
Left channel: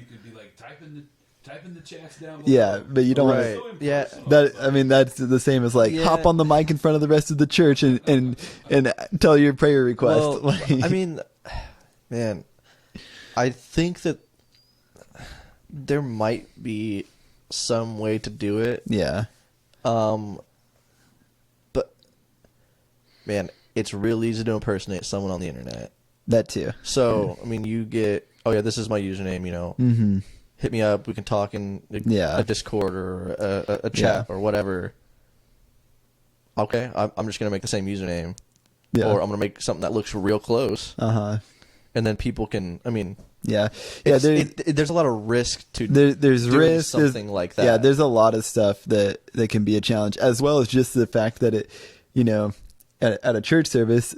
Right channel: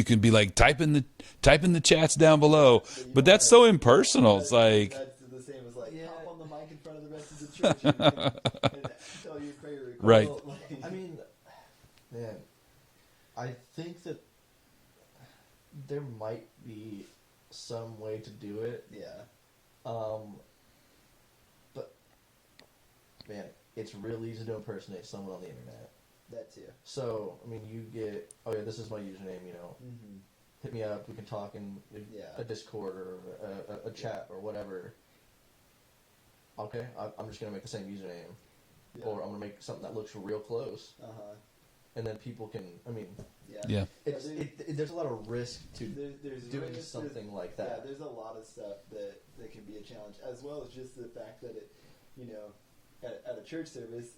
can be like type in the chats down below. Yeah, but you don't that's so wanna- impersonal. That- It's like, I mean, that's the same as like Yeah. hop on the mic in front of the rest of the church and tell your prayer request. Well, Like- I mean, man, I think that there might be some way to do it. yeah, But man, it's real easy to impersonate someone on the internet. that too. So, I mean, you get, oh yeah, this is my username, you know, Mm-hmm. hit me up, we can talk in Yeah. a Discord or a chat or whatever. Okay, I'm just going to make the same username. Yeah. Or I'm going to make something that looks real close. Uh-huh. And then people can, I mean, Yeah. Yeah. Yeah. there's a lot of risk to There's doing risk. something like that. Yeah, there's a lot of stuff that can be a challenge, as well as just the fact that it, you know, at a church service,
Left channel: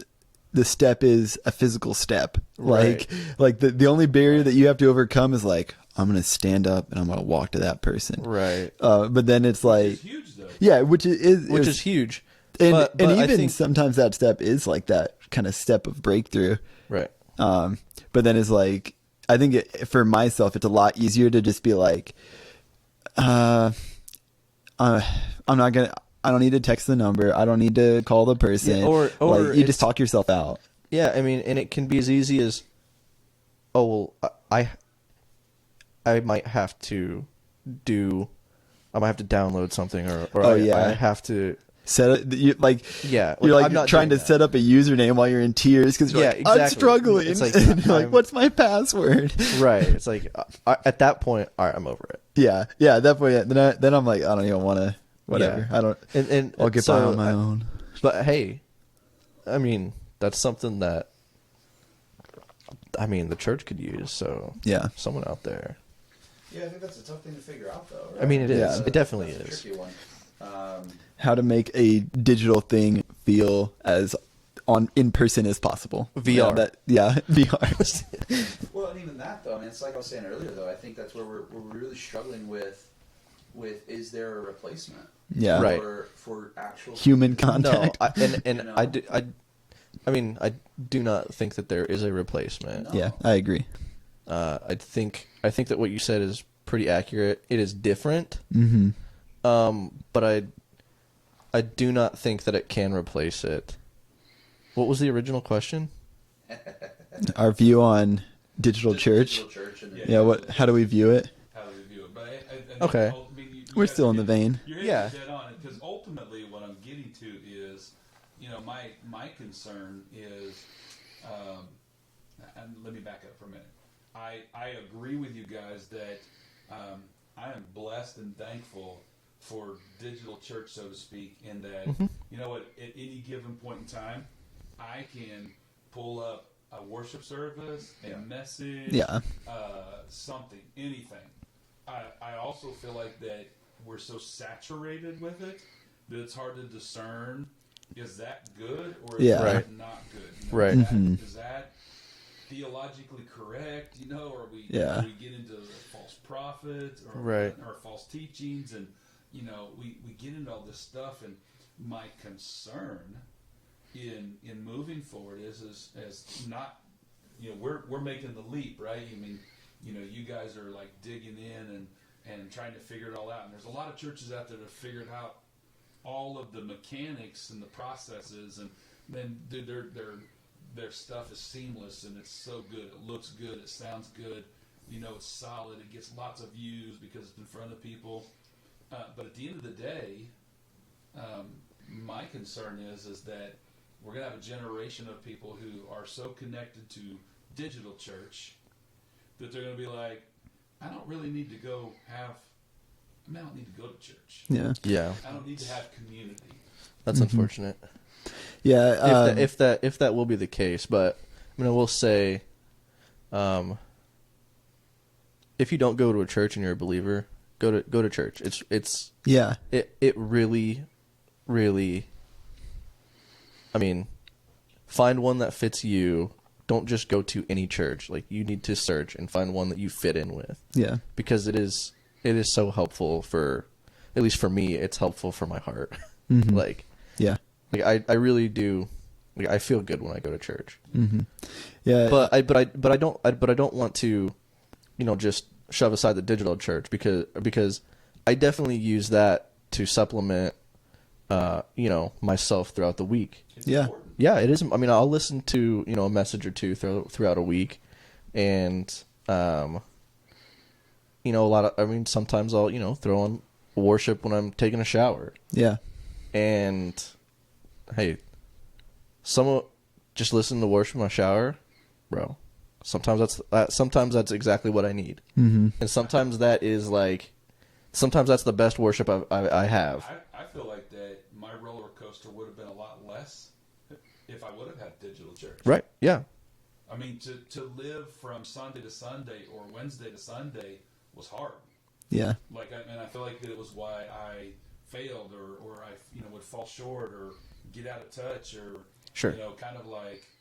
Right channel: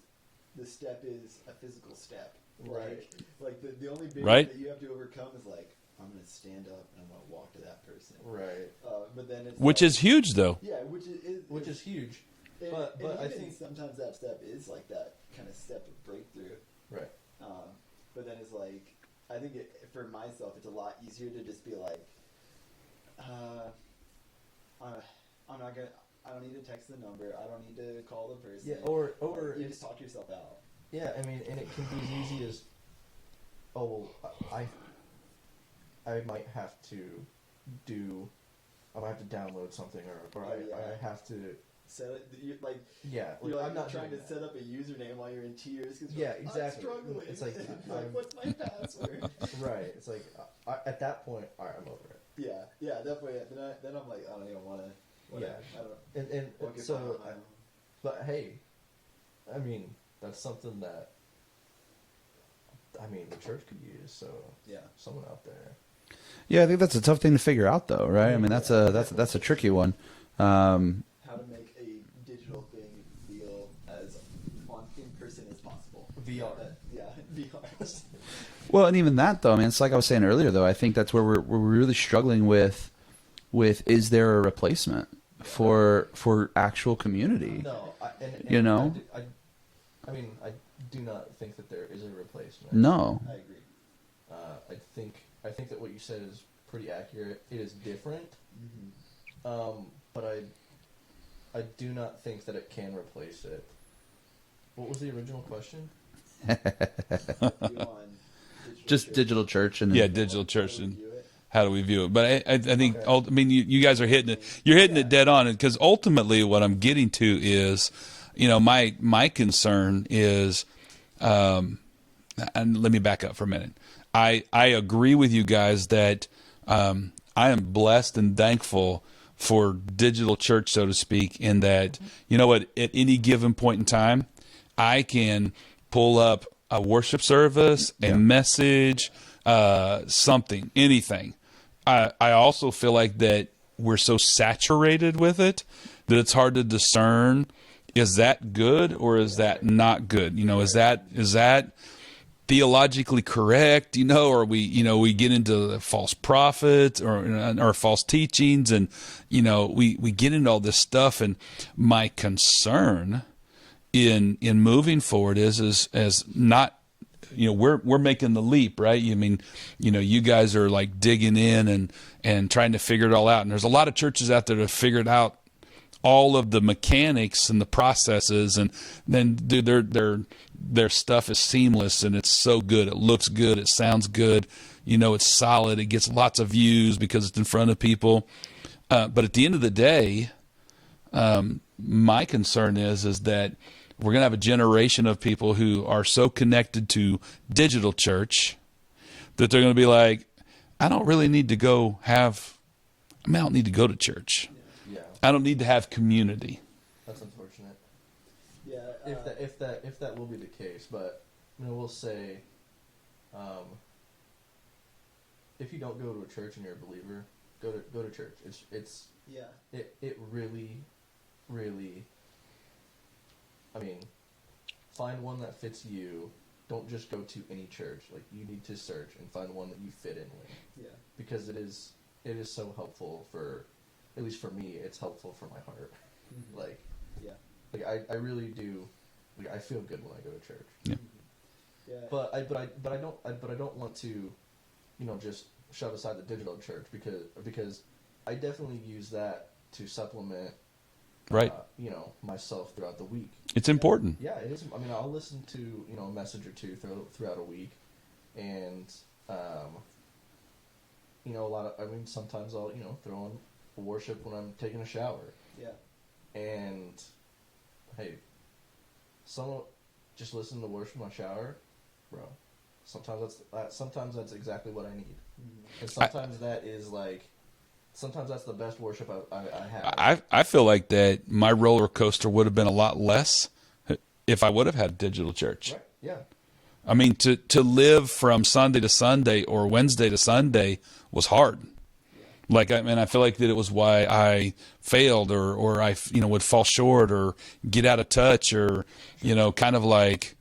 the step is a physical step. Right. Like the only barrier Right. that you have to overcome is like, I'm going to stand up and I'm going to walk to that person. Right. But then it's which like, is huge though. yeah, which Which is huge. and but and I even think- sometimes that step is like that kind of step of breakthrough. Right. But then it's like, I think for myself, it's a lot easier to just be like, I'm not gonna. I don't need to text the number. I don't need to call the person. Yeah, or like, you it's- just talk yourself out. Yeah, I mean, and it can be as easy as, oh well, I might have to download something, or Oh, yeah. I have to. Set it, you like Yeah, you're like I'm not trying to doing that. set up a username while you're in tears because you're Yeah, like, I'm exactly. struggling. It's like, And you're like, I'm- what's my password? Right. It's like at that point, all right, I'm over it. Yeah. At that point, yeah, then I'm like, I don't even want to. Whatever. Yeah. I don't. And I'll get by on my own. But hey, I mean, that's something that the church could use. So Yeah. someone out there. Yeah, I think that's a tough thing to figure out, though, right? I mean, it that's is. a, It that's, definitely that's a is. tricky one. How to make a digital thing feel as in person as possible. VR. VR. Well, and even that, though, I mean, it's like I was saying earlier, though. I think that's where we're really struggling with is there a replacement Yeah. for actual Human community? contact. No, and You know? I do not think that there is a replacement. No. Yeah, I agree. I think that what you said is pretty accurate. It is different, Mm-hmm. but I do not think that it can replace it. What was the original question? Our view on digital Just church. digital church and Yeah, Yeah. digital What, church. how do we view it? How do we view it? But I think, Okay. I mean, you We're guys are still in the hitting, vein. you're hitting Yeah. it dead on, because ultimately what I'm getting to is, my concern is, and let me back up for a minute. I agree with you guys that I am blessed and thankful for digital church, so to speak, in that, you know what, at any given point in time, I can pull up a worship service, a message, something, anything. I also feel like that we're so saturated with it that it's hard to discern, is that good or is that not good? Is that theologically correct, or we we get into false prophets or false teachings, and we get into all this stuff. And my concern in moving forward is not, we're making the leap, right? I mean, you guys are like digging in and trying to figure it all out, and there's a lot of churches out there that have figured out all of the mechanics and the processes, and then their stuff is seamless and it's so good. It looks good. It sounds good. It's solid. It gets lots of views because it's in front of people. But at the end of the day, my concern is that we're going to have a generation of people who are so connected to digital church that they're going to be like, I don't really need to go I don't need to go to church. Yeah. Yeah. I don't need to have community. That's unfortunate. Yeah. If that will be the case, but I will say, if you don't go to a church and you're a believer, go to church. It really, really. Find one that fits you. Don't just go to any church. Like, you need to search and find one that you fit in with. Yeah. Because it is so helpful at least for me, it's helpful for my heart. Mm-hmm. Yeah. I really do. I feel good when I go to church. Yeah. Mm-hmm. Yeah. But I don't want to, just shove aside the digital church because I definitely use that to supplement, myself throughout the week. It's important. Yeah, it is. I'll listen to a message or two throughout a week, and sometimes I'll throw on worship when I'm taking a shower. Yeah. And hey, just listen to worship in my shower, bro. Sometimes that's exactly what I need, Mm-hmm. and sometimes that's the best worship I have. I feel like that my roller coaster would have been a lot less if I would have had digital church. Right? Yeah. To live from Sunday to Sunday or Wednesday to Sunday was hard. Yeah. I feel like that it was why I failed or I would fall short or get out of touch or kind of like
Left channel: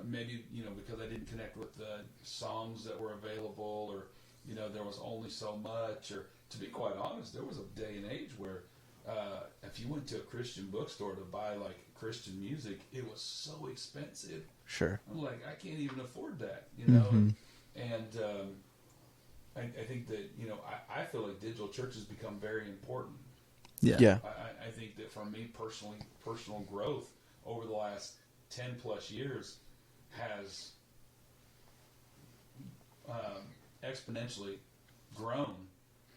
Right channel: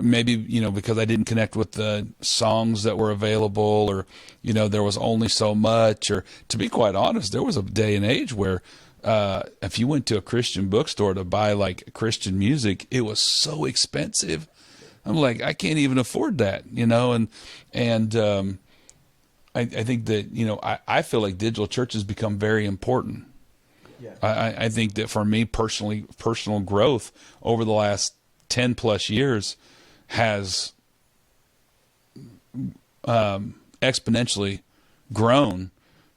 maybe because I didn't connect with the songs that were available, or there was only so much. Or, to be quite honest, there was a day and age where if you went to a Christian bookstore to buy like Christian music, it was so expensive. Sure. I'm like, I can't even afford that, Mm-hmm. and I think that I feel like digital church has become very important. Yeah. Yeah. I think that for me personally, personal growth over the last 10 plus years has exponentially grown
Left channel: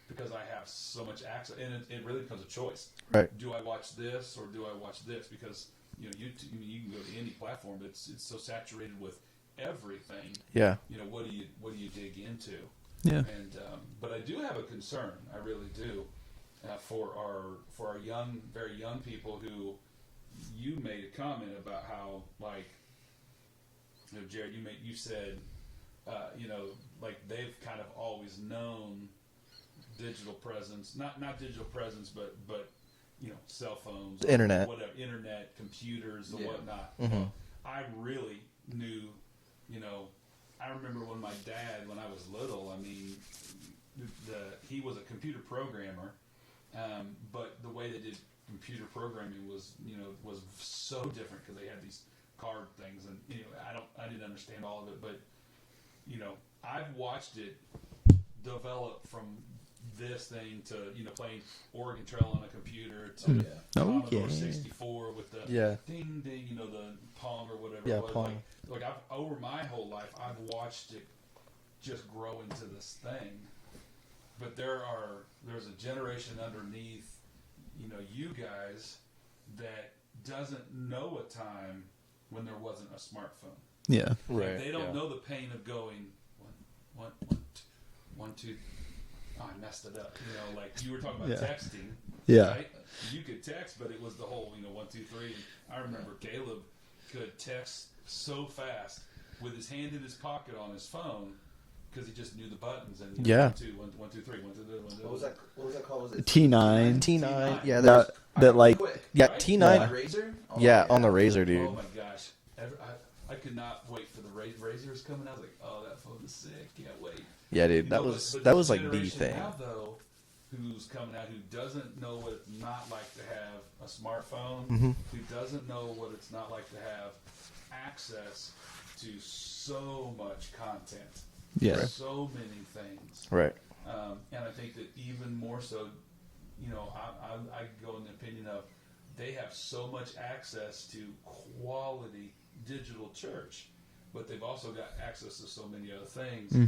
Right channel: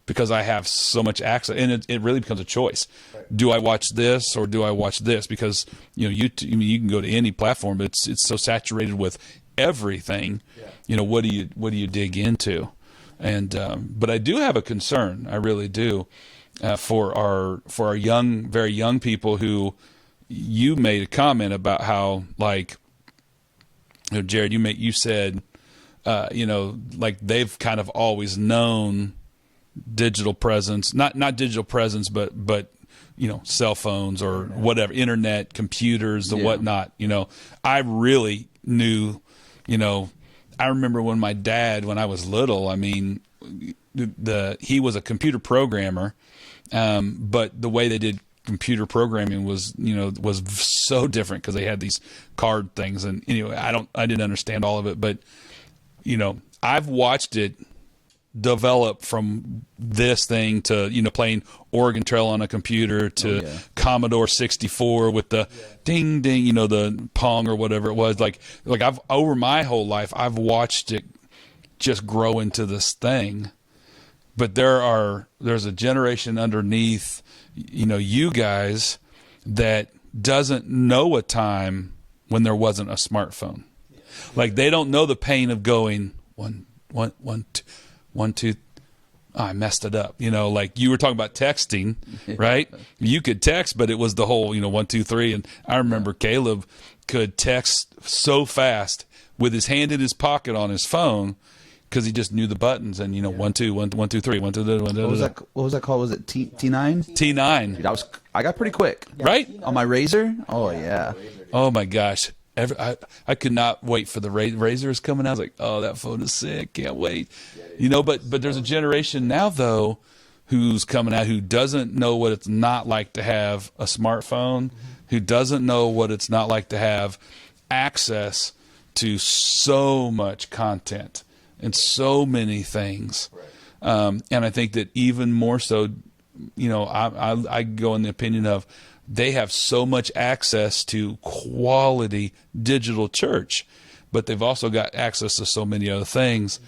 because I have so much access, and it really becomes a choice. Right. Do I watch this or do I watch this? Because you can go to any platform, but it's so saturated with everything. Yeah. What do you dig into? Yeah. And but I do have a concern. I really do for our very young people who you made a comment about how, like, Jared, you said like they've kind of always known digital presence, not digital presence, but cell phones or Internet. whatever, internet, computers, and whatnot. I really knew. I remember when my dad, when I was little, he was a computer programmer, but the way they did computer programming was so different because they had these card things, and anyway, I didn't understand all of it, but I've watched it develop from this thing to, playing Oregon Trail on a computer to Commodore 64 with the ding, ding, the Pong or whatever it was. Pong. Like I've, over my whole life, I've watched it just grow into this thing. But there's a generation underneath, you guys that doesn't know a time when there wasn't a smartphone. Yeah. Like they don't know the pain of going one, two. Oh, I messed it up. Like you were talking about texting, right? You could text, but it was the whole, 1, 2, 3. And I remember Caleb could text so fast with his hand in his pocket on his phone, because he just knew the buttons and 1, 2, 1, 2, 3, 1, 2, 1, 2. What was that called? Was it T9? T9. Yeah, I got pretty quick. Yeah, right? T9 On my Razor. on the Razor, dude. Oh my gosh. I could not wait for the Razors coming out. I was like, oh, that phone is sick. Can't wait. Yeah, dude. But there's a generation now, though, who's coming out who doesn't know what it's not like to have a smartphone, who doesn't know what it's not like to have access to so much content and so many things. Right. And I think that even more so, I go in the opinion of they have so much access to quality digital church, but they've also got access to so many other things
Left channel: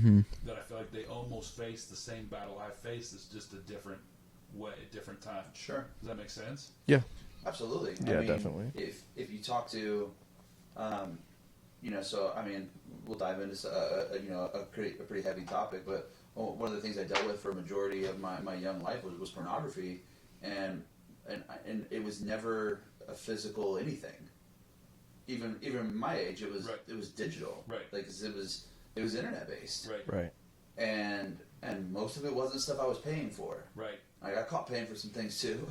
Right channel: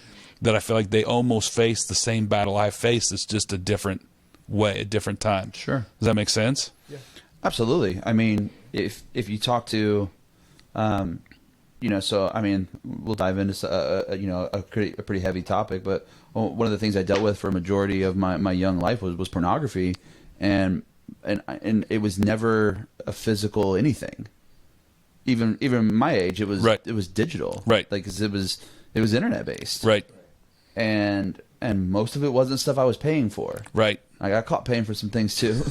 that I feel like they almost face the same battle I face. It's just a different way, a different time. Sure. Does that make sense? Yeah. Absolutely. I mean, definitely. if you talk to, so I mean, we'll dive into a pretty heavy topic, but one of the things I dealt with for a majority of my young life was pornography, and it was never a physical anything. Even my age, it was it was digital, right? Like 'cause it was internet based, right? And most of it wasn't stuff I was paying for, right? I got caught paying for some things too,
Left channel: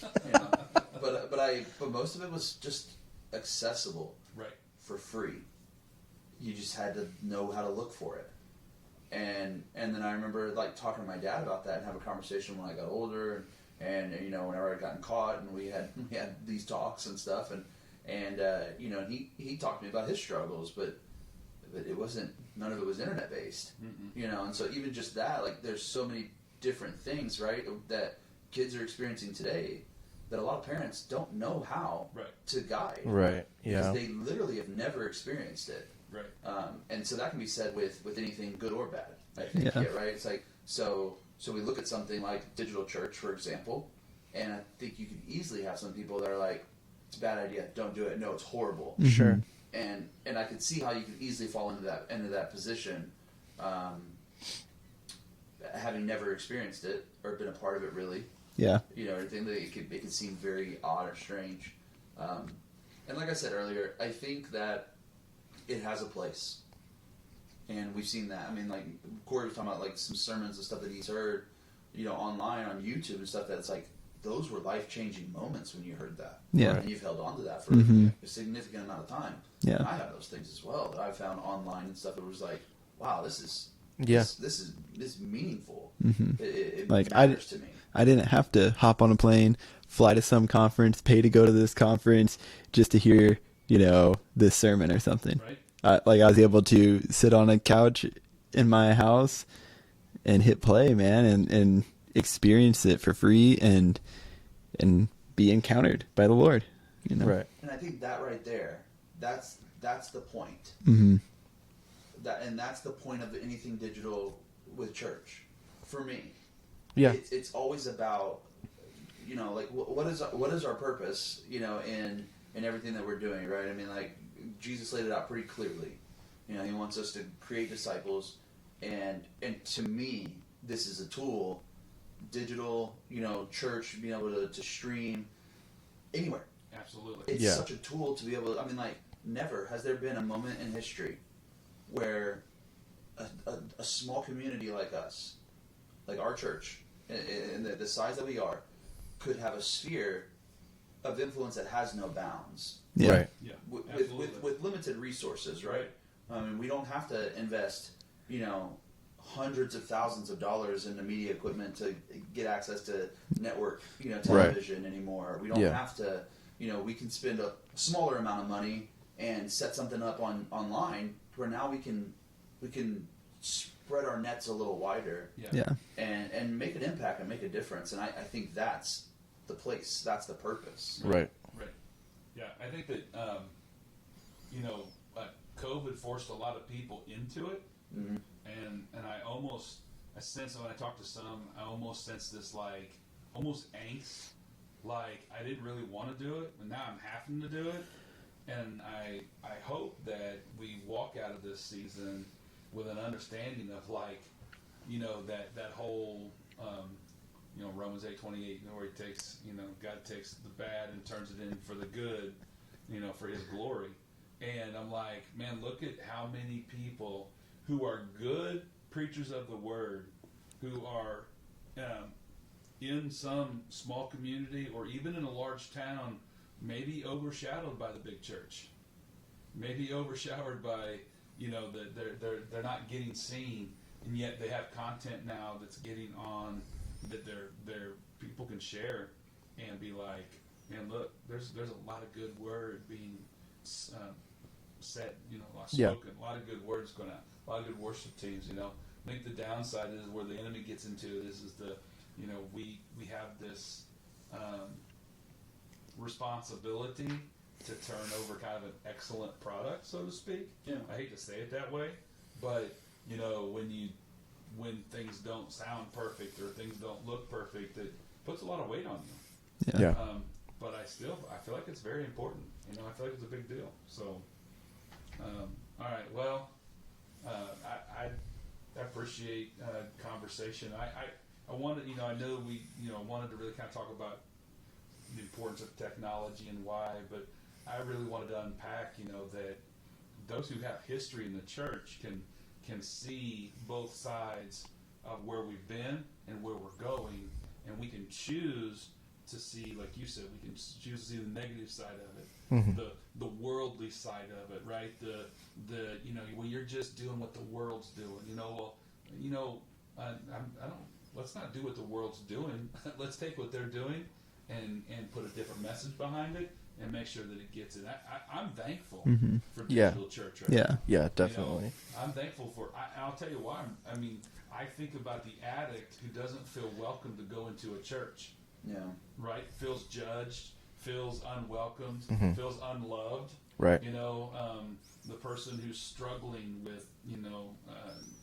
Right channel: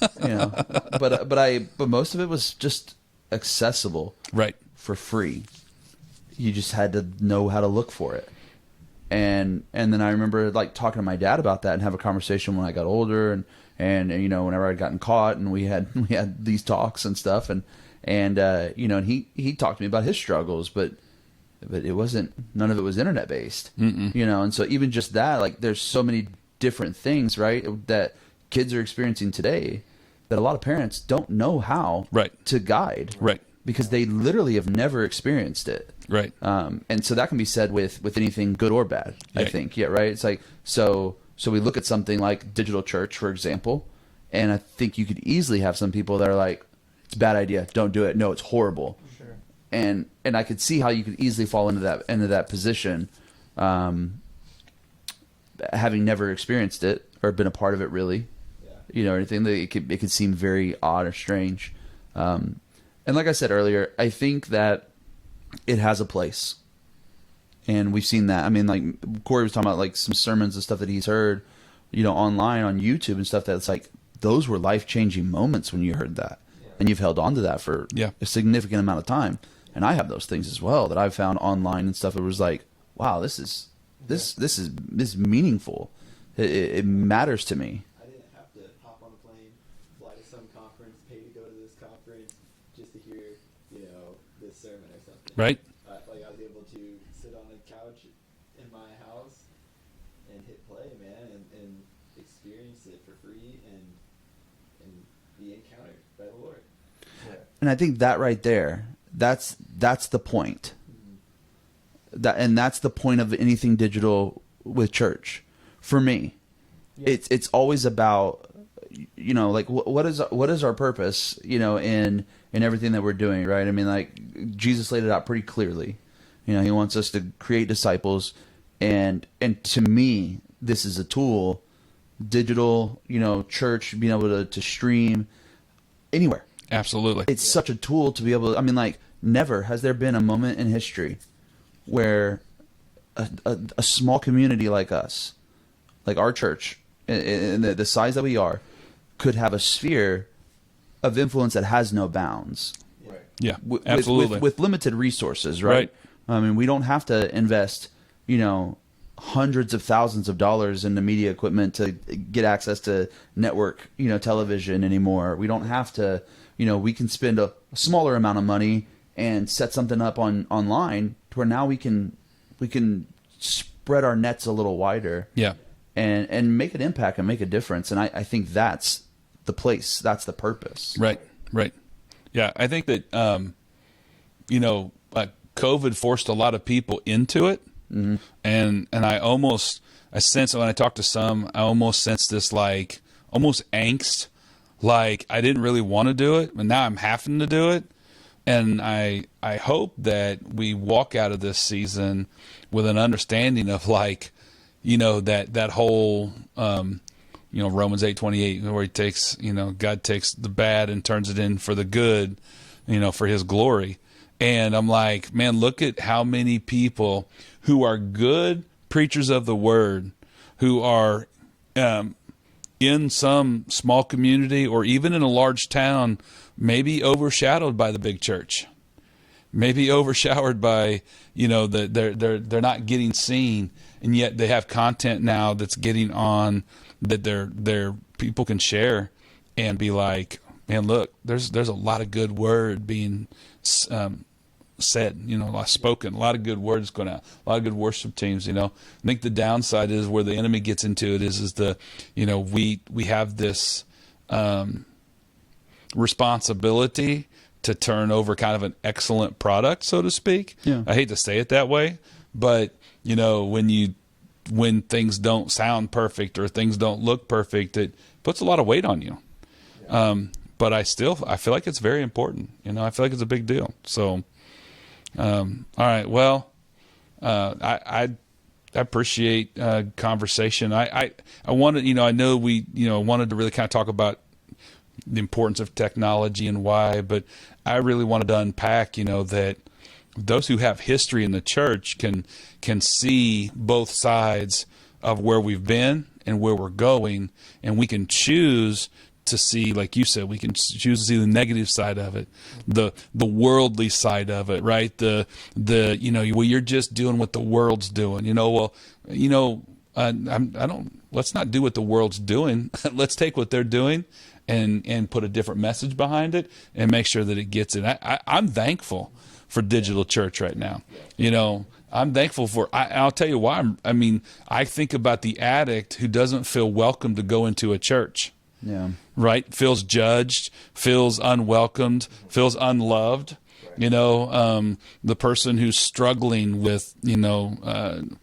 but most of it was just accessible, right, for free. You just had to know how to look for it. And then I remember like talking to my dad about that and have a conversation when I got older and whenever I'd gotten caught, and we had these talks and stuff, and he talked to me about his struggles, but it wasn't, none of it was internet based, and so even just that, like there's so many different things, right, that kids are experiencing today that a lot of parents don't know how to guide, right, because they literally have never experienced it. Right. And so that can be said with anything good or bad, I think. Yeah, right? It's like, so we look at something like digital church, for example, and I think you could easily have some people that are like, it's a bad idea, don't do it. No, it's horrible. Sure. And I could see how you could easily fall into that position, having never experienced it or been a part of it really. Yeah. Or anything that it could seem very odd or strange. And like I said earlier, I think that it has a place, and we've seen that. I mean, like Cory was talking about, like some sermons and stuff that he's heard, online on YouTube and stuff. That's like, those were life-changing moments when you heard that, and you've held on to that for a significant amount of time. Yeah. And I have those things as well that I've found online and stuff. It was like, wow, this is meaningful. It like, matters to me. I didn't have to hop on a plane, fly to some conference, pay to go to this conference just to hear this sermon or something. Right. Like I was able to sit on a couch in my house and hit play, man, and experience it for free and be encountered by the Lord. Right. And I think that right there, that's the point. That's the point of anything digital with church, for me. Yeah. It's always about, like what is our purpose, in everything that we're doing, right? I mean, like Jesus laid it out pretty clearly. He wants us to create disciples, and to me, this is a tool, digital, church, being able to stream anywhere. Absolutely. It's such a tool to be able to, I mean, like never has there been a moment in history where a small community like us, like our church, in the size that we are, could have a sphere of influence that has no bounds. Yeah. Right. Yeah. Absolutely. With limited resources, right? I mean, we don't have to invest, hundreds of thousands of dollars into media equipment to get access to network, television anymore. We don't have to, we can spend a smaller amount of money and set something up online to where now we can spread our nets a little wider. Yeah. Yeah. And make an impact and make a difference. And I think that's the place. That's the purpose. Right. Yeah, I think that COVID forced a lot of people into it, and I sense when I talk to some, I almost sense this like almost angst, like I didn't really want to do it, but now I'm having to do it, and I hope that we walk out of this season with an understanding of like, that whole. Romans 8:28, where he takes, God takes the bad and turns it in for the good, for his glory. And I'm like, man, look at how many people who are good preachers of the word, who are in some small community or even in a large town, maybe overshadowed by the big church, maybe overshadowed by, they're not getting seen, and yet they have content now that's getting on that their people can share and be like, man, look, there's a lot of good word being said, spoken, a lot of good words going out, a lot of good worship teams. I think the downside is where the enemy gets into it is we have this responsibility to turn over kind of an excellent product, so to speak. Yeah. I hate to say it that way, but when things don't sound perfect or things don't look perfect, it puts a lot of weight on you. Yeah. But I feel like it's very important. I feel like it's a big deal. So, all right. Well, I appreciate conversation. I wanted, I know we, wanted to really kind of talk about the importance of technology and why, but I really wanted to unpack, that those who have history in the church can see both sides of where we've been and where we're going, and we can choose to see, like you said, we can choose to see the negative side of it, the worldly side of it, right? The you're just doing what the world's doing. Let's not do what the world's doing. Let's take what they're doing and put a different message behind it and make sure that it gets it. I'm thankful for digital church right now. Yeah, definitely. I'm thankful for, I'll tell you why. I think about the addict who doesn't feel welcome to go into a church. Yeah. Right? Feels judged, feels unwelcomed, feels unloved. Right. The person who's struggling with, if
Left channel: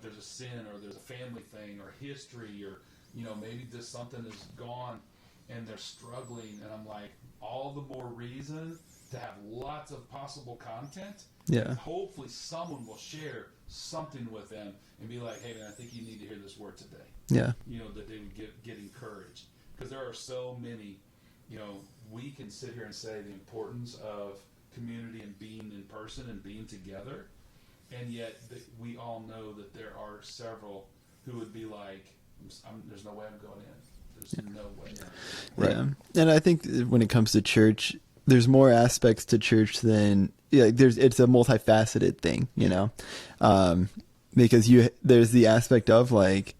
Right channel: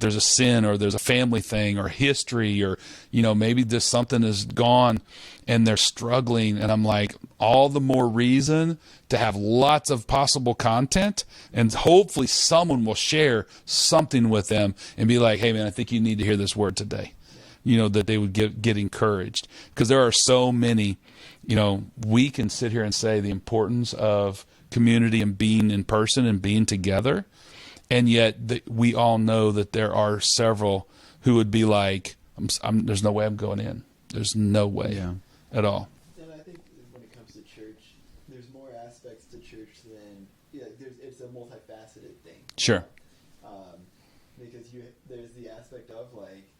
there's a sin or there's a family thing or history or, maybe this something is gone and they're struggling. And I'm like, all the more reason to have lots of possible content, and hopefully someone will share something with them and be like, hey man, I think you need to hear this word today. Yeah. That they would get encouraged, because there are so many, we can sit here and say the importance of community and being in person and being together. And yet we all know that there are several who would be like, there's no way I'm going in. There's no way at all. And I think when it comes to church, there's more aspects to church than it's a multifaceted thing, you know? Because there's the aspect of like,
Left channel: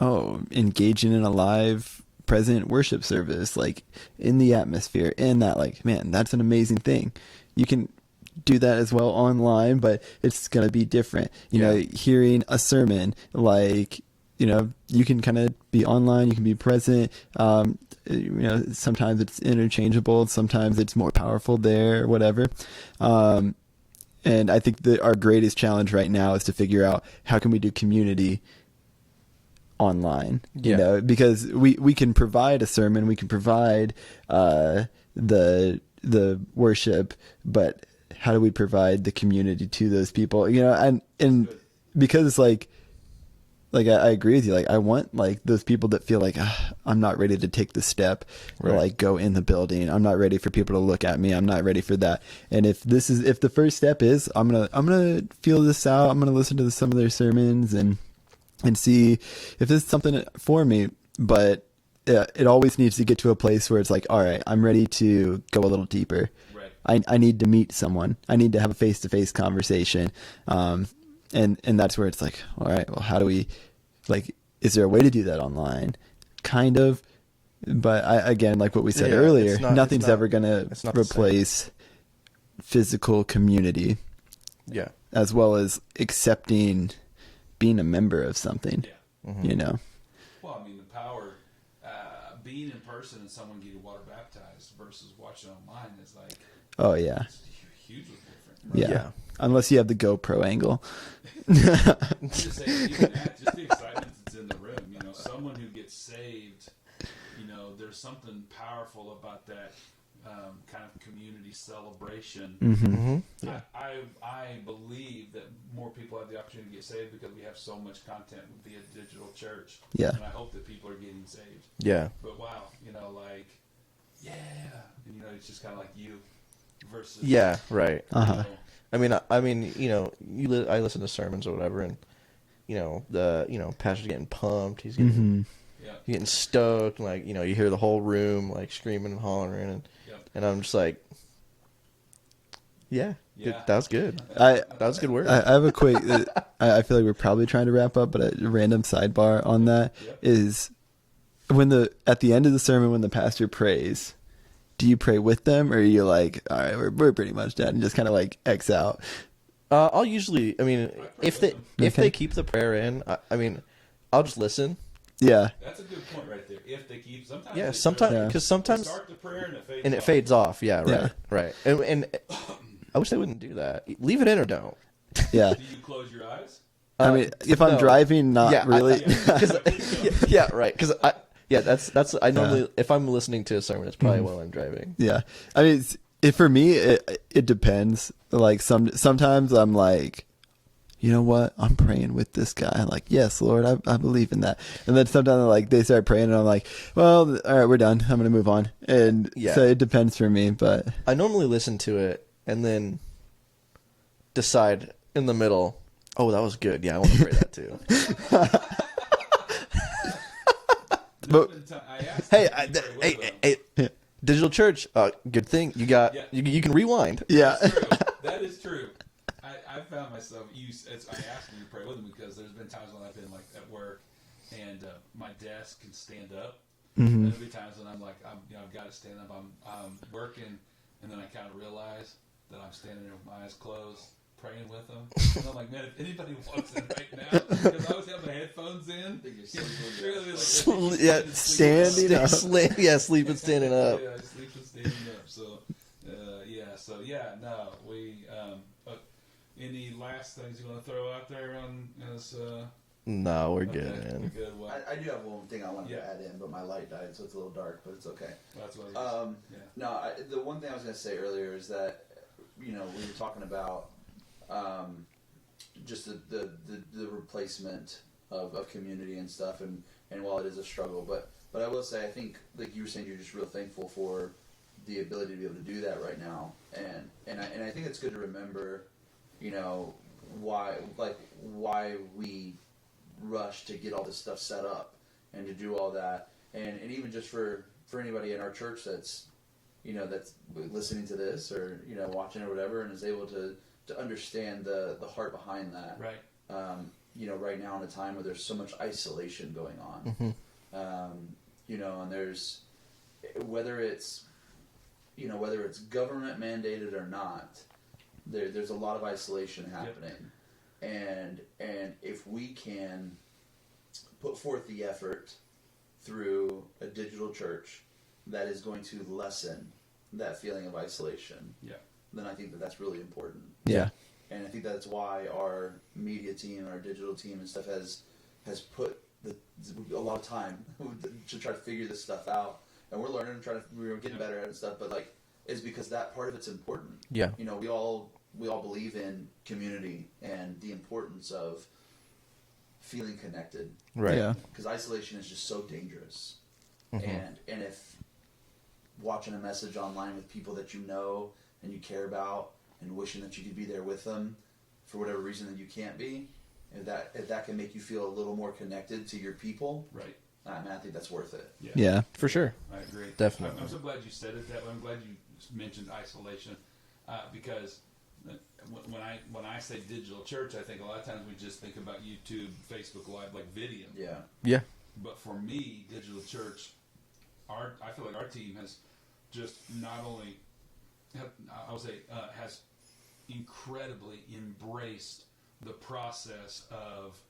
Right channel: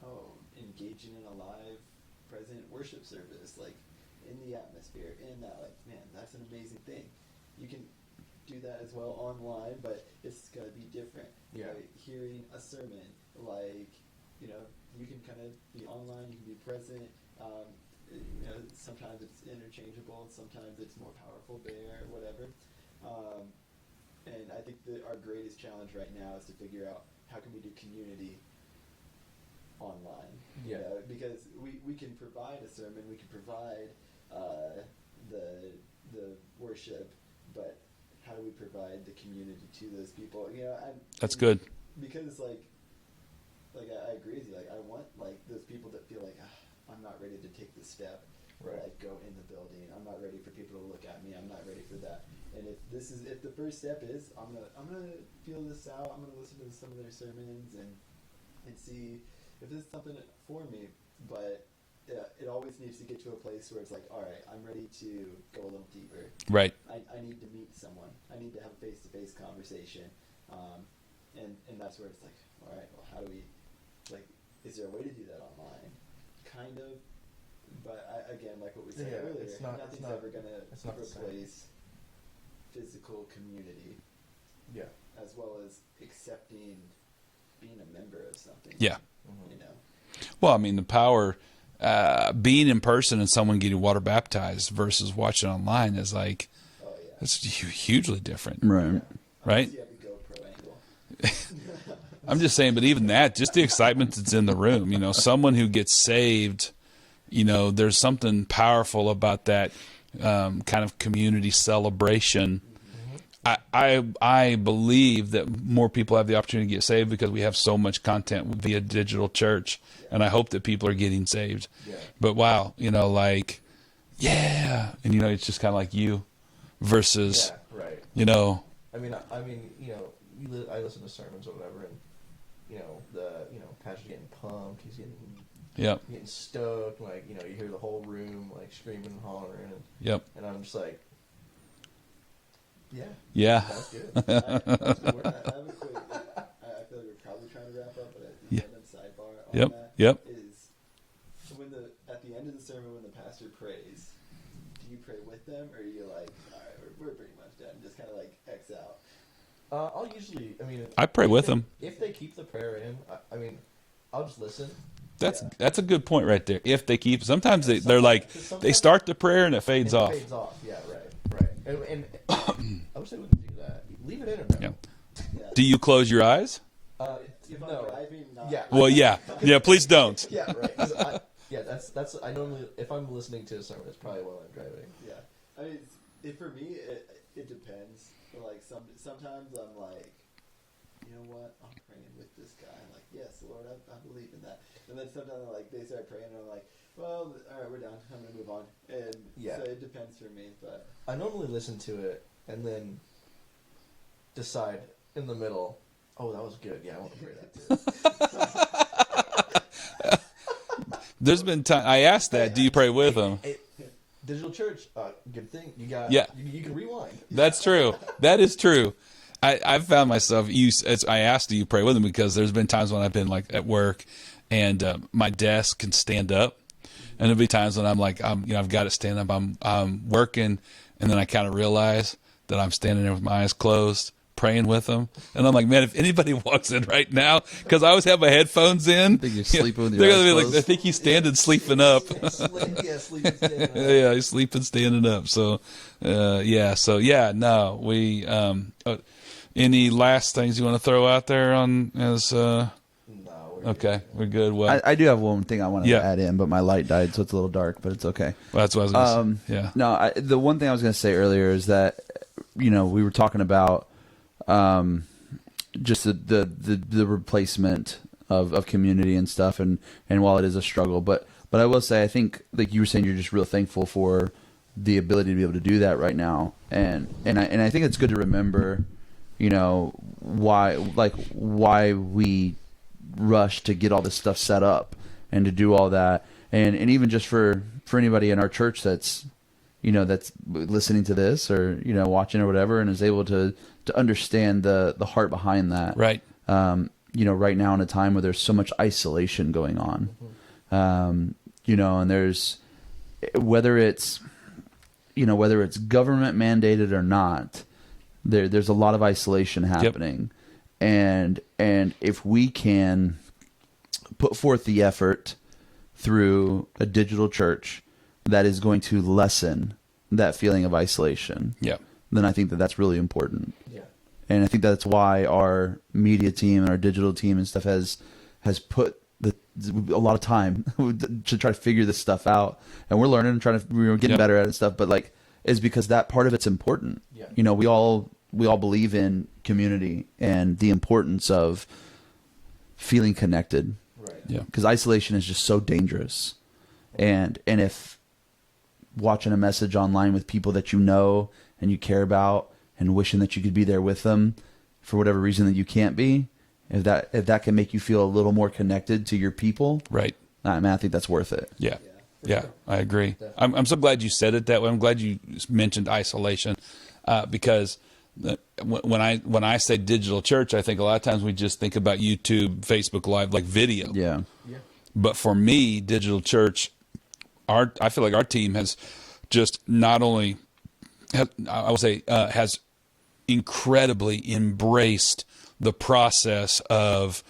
engaging in a live present worship service, like in the atmosphere, and that, like, man, that's an amazing thing. You can do that as well online, but it's going to be different. You know, hearing a sermon, like, you can kind of be online, you can be present. Sometimes it's interchangeable, sometimes it's more powerful there, whatever. And I think that our greatest challenge right now is to figure out how can we do community online, because we can provide a sermon, we can provide the worship, but how do we provide the community to those people? And That's good. Because like I agree with you. Like, I want like those people that feel like I'm not ready to take the step or like go in the building. I'm not ready for people to look at me. I'm not ready for that. And if the first step is I'm gonna feel this out. I'm gonna listen to some of their sermons and see if this is something for me. But it always needs to get to a place where it's like, all right, I'm ready to go a little deeper. Right. I need to meet someone. I need to have a face-to-face conversation. And that's where it's like, all right, well, how do we, like, is there a way to do that online? Kind of. But again, like what we said earlier, nothing's ever going to replace physical community. Yeah. as well as accepting being a member of something. Yeah. You know? Well, I mean, the power, being in person and someone getting water baptized versus watching online is like, Oh, yeah. it's hugely different. Right. Yeah. Unless Right? you have the GoPro angle. I'm just saying, but even that, just the excitement that's in the room, you know, someone who gets saved, you know, there's something powerful about that kind of community celebration. I believe that more people have the opportunity to get saved because we have so much content via digital church. Yeah. And I hope that people are getting saved. Yeah. But wow, you know, like, yeah. And, you know, it's just kind of like you versus, Yeah, right. you know, I mean, you know, I listen to sermons or whatever, and you know, pastor's getting pumped. He's yep. getting stoked. And, like, you know, you hear the whole room like screaming and hollering, and Yep. I'm just like, yeah, Yeah. that's good. I That's good work. I have a quick. I feel like we're probably trying to wrap up, but a random sidebar on Yep, that yep. is at the end of the sermon when the pastor prays. Do you pray with them, or are you like, all right, we're pretty much done, and just kind of like X out? I'll usually, I mean, I pray if with they- them. If Okay. they keep the prayer in, I mean, I'll just listen. That's a good point right there. If they keep, sometimes Yeah, they're sometimes- like, 'cause they sometimes- start the prayer and it fades And off. it fades off. Yeah, right, Yeah. right. And I wish they wouldn't do that. Leave it in or don't. Yeah. Yeah. Do you close your eyes? I mean, if I'm no. driving, not Yeah, really. Well, yeah. Yeah, please don't. Yeah, right. Because I normally, if I'm listening to a sermon, it's probably while I'm driving. Yeah, I mean, for me, it depends. Like sometimes I'm like, you know what? I'm praying with this guy. I'm like, yes, Lord, I believe in that. And then sometimes like they start praying, and I'm like, well, all right, we're done. I'm gonna move on. And Yeah. so it depends for me, but I normally listen to it and then decide in the middle, oh, that was good. Yeah, I want to pray that too. There's been time I asked that, do you pray with them? Digital church, good thing you got. Yeah. you can rewind. That's true. That is true. I've found myself I asked, do you pray with them? Because there's been times when I've been like at work and my desk can stand up. And there'll be times when I'm like, I've got it stand up. I'm working, and then I kind of realize that I'm standing there with my eyes closed, praying with them. And I'm like, man, if anybody walks in right now, because I always have my headphones in, think you're sleeping with they're your gonna be eyes like, I think he's standing, sleeping Standing, up. yeah, sleeping, standing up. Yeah, he's sleeping, standing up. So, no, we. Any last things you want to throw out there on as? No, we're good. Okay, man. we're good. Well, I do have one thing I wanted Yeah. to add in, but my light died, so it's a little dark, but it's okay. that's what I was going to say. Yeah. No, the one thing I was going to say earlier is that, you know, we were talking about just the replacement of community and stuff, and while it is a struggle, but I will say, I think, like you were saying, you're just real thankful for the ability to be able to do that right now, and I think it's good to remember, you know, why we rush to get all this stuff set up and to do all that, and even just for anybody in our church that's, you know, that's listening to this or, you know, watching or whatever, and is able to understand the heart behind that. Right. You know, right now in a time where there's so much isolation going on, you know, and there's, whether it's government mandated or not, there's a lot of isolation happening. And if we can put forth the effort through a digital church that is going to lessen that feeling of isolation, Yeah. then I think that that's really important. Yeah. And I think that's why our media team and our digital team and stuff has put a lot of time to try to figure this stuff out. And we're learning and we're getting better at it and stuff, but like, is because that part of it's important. Yeah. You know, we all believe in community and the importance of feeling connected. Right. Yeah. Because isolation is just so dangerous. And if watching a message online with people that you know and you care about and wishing that you could be there with them for whatever reason that you can't be, if that can make you feel a little more connected to your people, Right. I mean, I think that's worth it. Yeah. Yeah. For Yeah, sure. I agree. Definitely. I'm so glad you said it that way. I'm glad you mentioned isolation, because when I say digital church, I think a lot of times we just think about YouTube, Facebook Live, like video. Yeah. Yeah. But for me, digital church, I feel like our team has just not only, has incredibly embraced the process of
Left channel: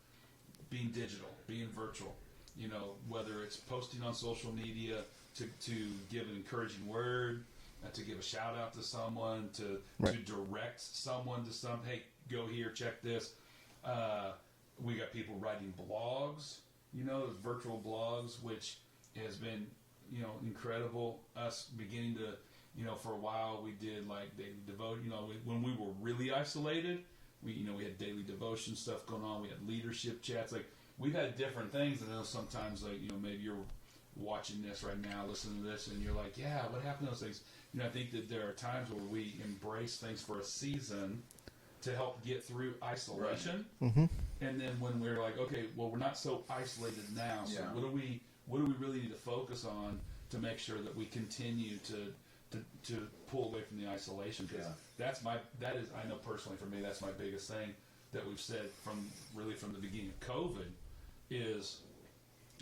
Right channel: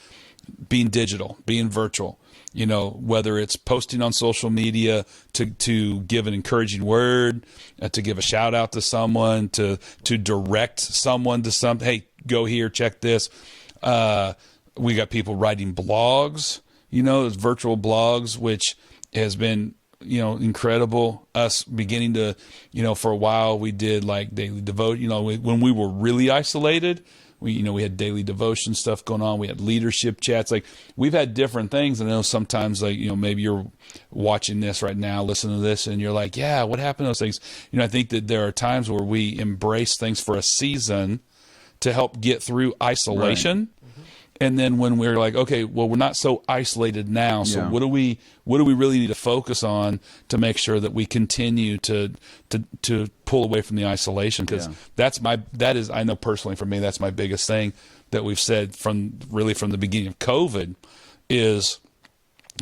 being digital, being virtual. Whether it's posting on social media to give an encouraging word, to give a shout out to someone, to direct someone to something. Hey, go here, check this. We got people writing blogs, virtual blogs, which has been, incredible. Us beginning to, for a while we did like daily devote, when we were really isolated. We had daily devotion stuff going on. We had leadership chats. Like, we've had different things. And I know sometimes, like, maybe you're watching this right now, listening to this, and you're like, yeah, what happened to those things? I think that there are times where we embrace things for a season to help get through isolation. Right. Mm-hmm. And then when we're like, okay, well, we're not so isolated now. So what do we really need to focus on to make sure that we continue to pull away from the isolation? Because that is, I know personally for me, that's my biggest thing that we've said from the beginning of COVID is,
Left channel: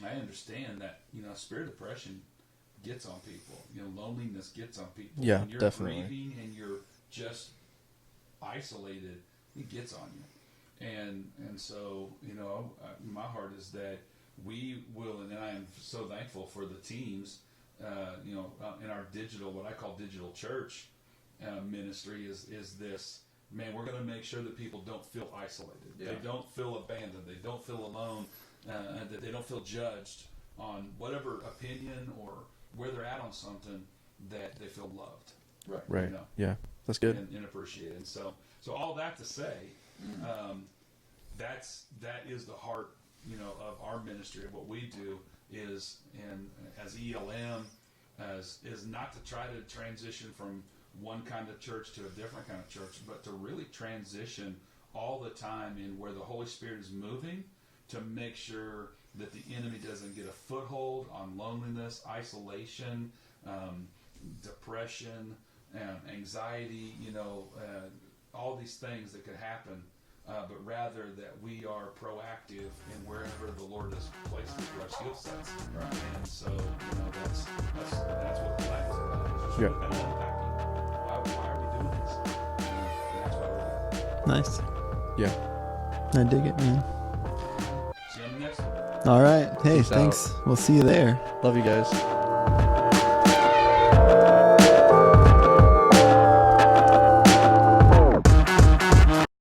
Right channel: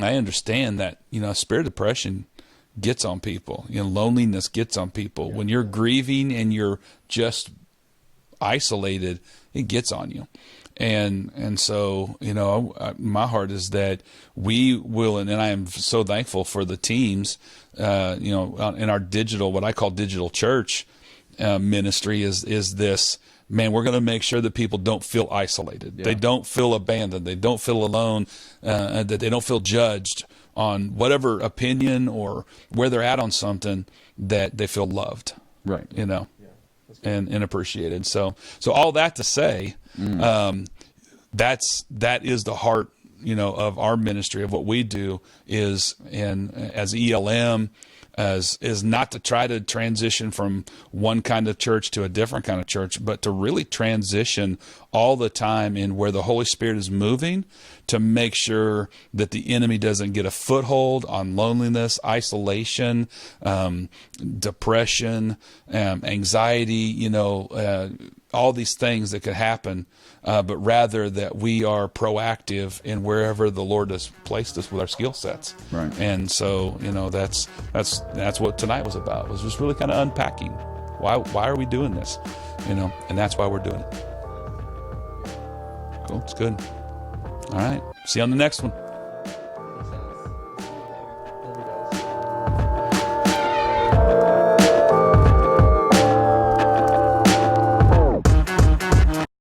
I understand that, spirit of depression gets on people, loneliness gets on people. When you're grieving and you're just isolated, it gets on you. And so, my heart is that we will, and I am so thankful for the teams, in our digital, what I call digital church ministry is this, man, we're going to make sure that people don't feel isolated. Yeah. They don't feel abandoned. They don't feel alone, that they don't feel judged on whatever opinion or where they're at on something, that they feel loved. Right. Yeah. That's good. And appreciated. So all that to say, that is the heart, of our ministry, of what we do is, and as ELM, is not to try to transition from one kind of church to a different kind of church, but to really transition all the time in where the Holy Spirit is moving, to make sure that the enemy doesn't get a foothold on loneliness, isolation, depression, anxiety, all these things that could happen, but rather that we are proactive in wherever the Lord has placed us with our skill sets. Right. And so, that's what tonight was about, was just really kind of unpacking. Why are we doing this? And that's why we're doing it. Nice. Yeah. I did good. it. All right. See you on the next one. All right. Hey, thanks. We'll see you there. Love you guys.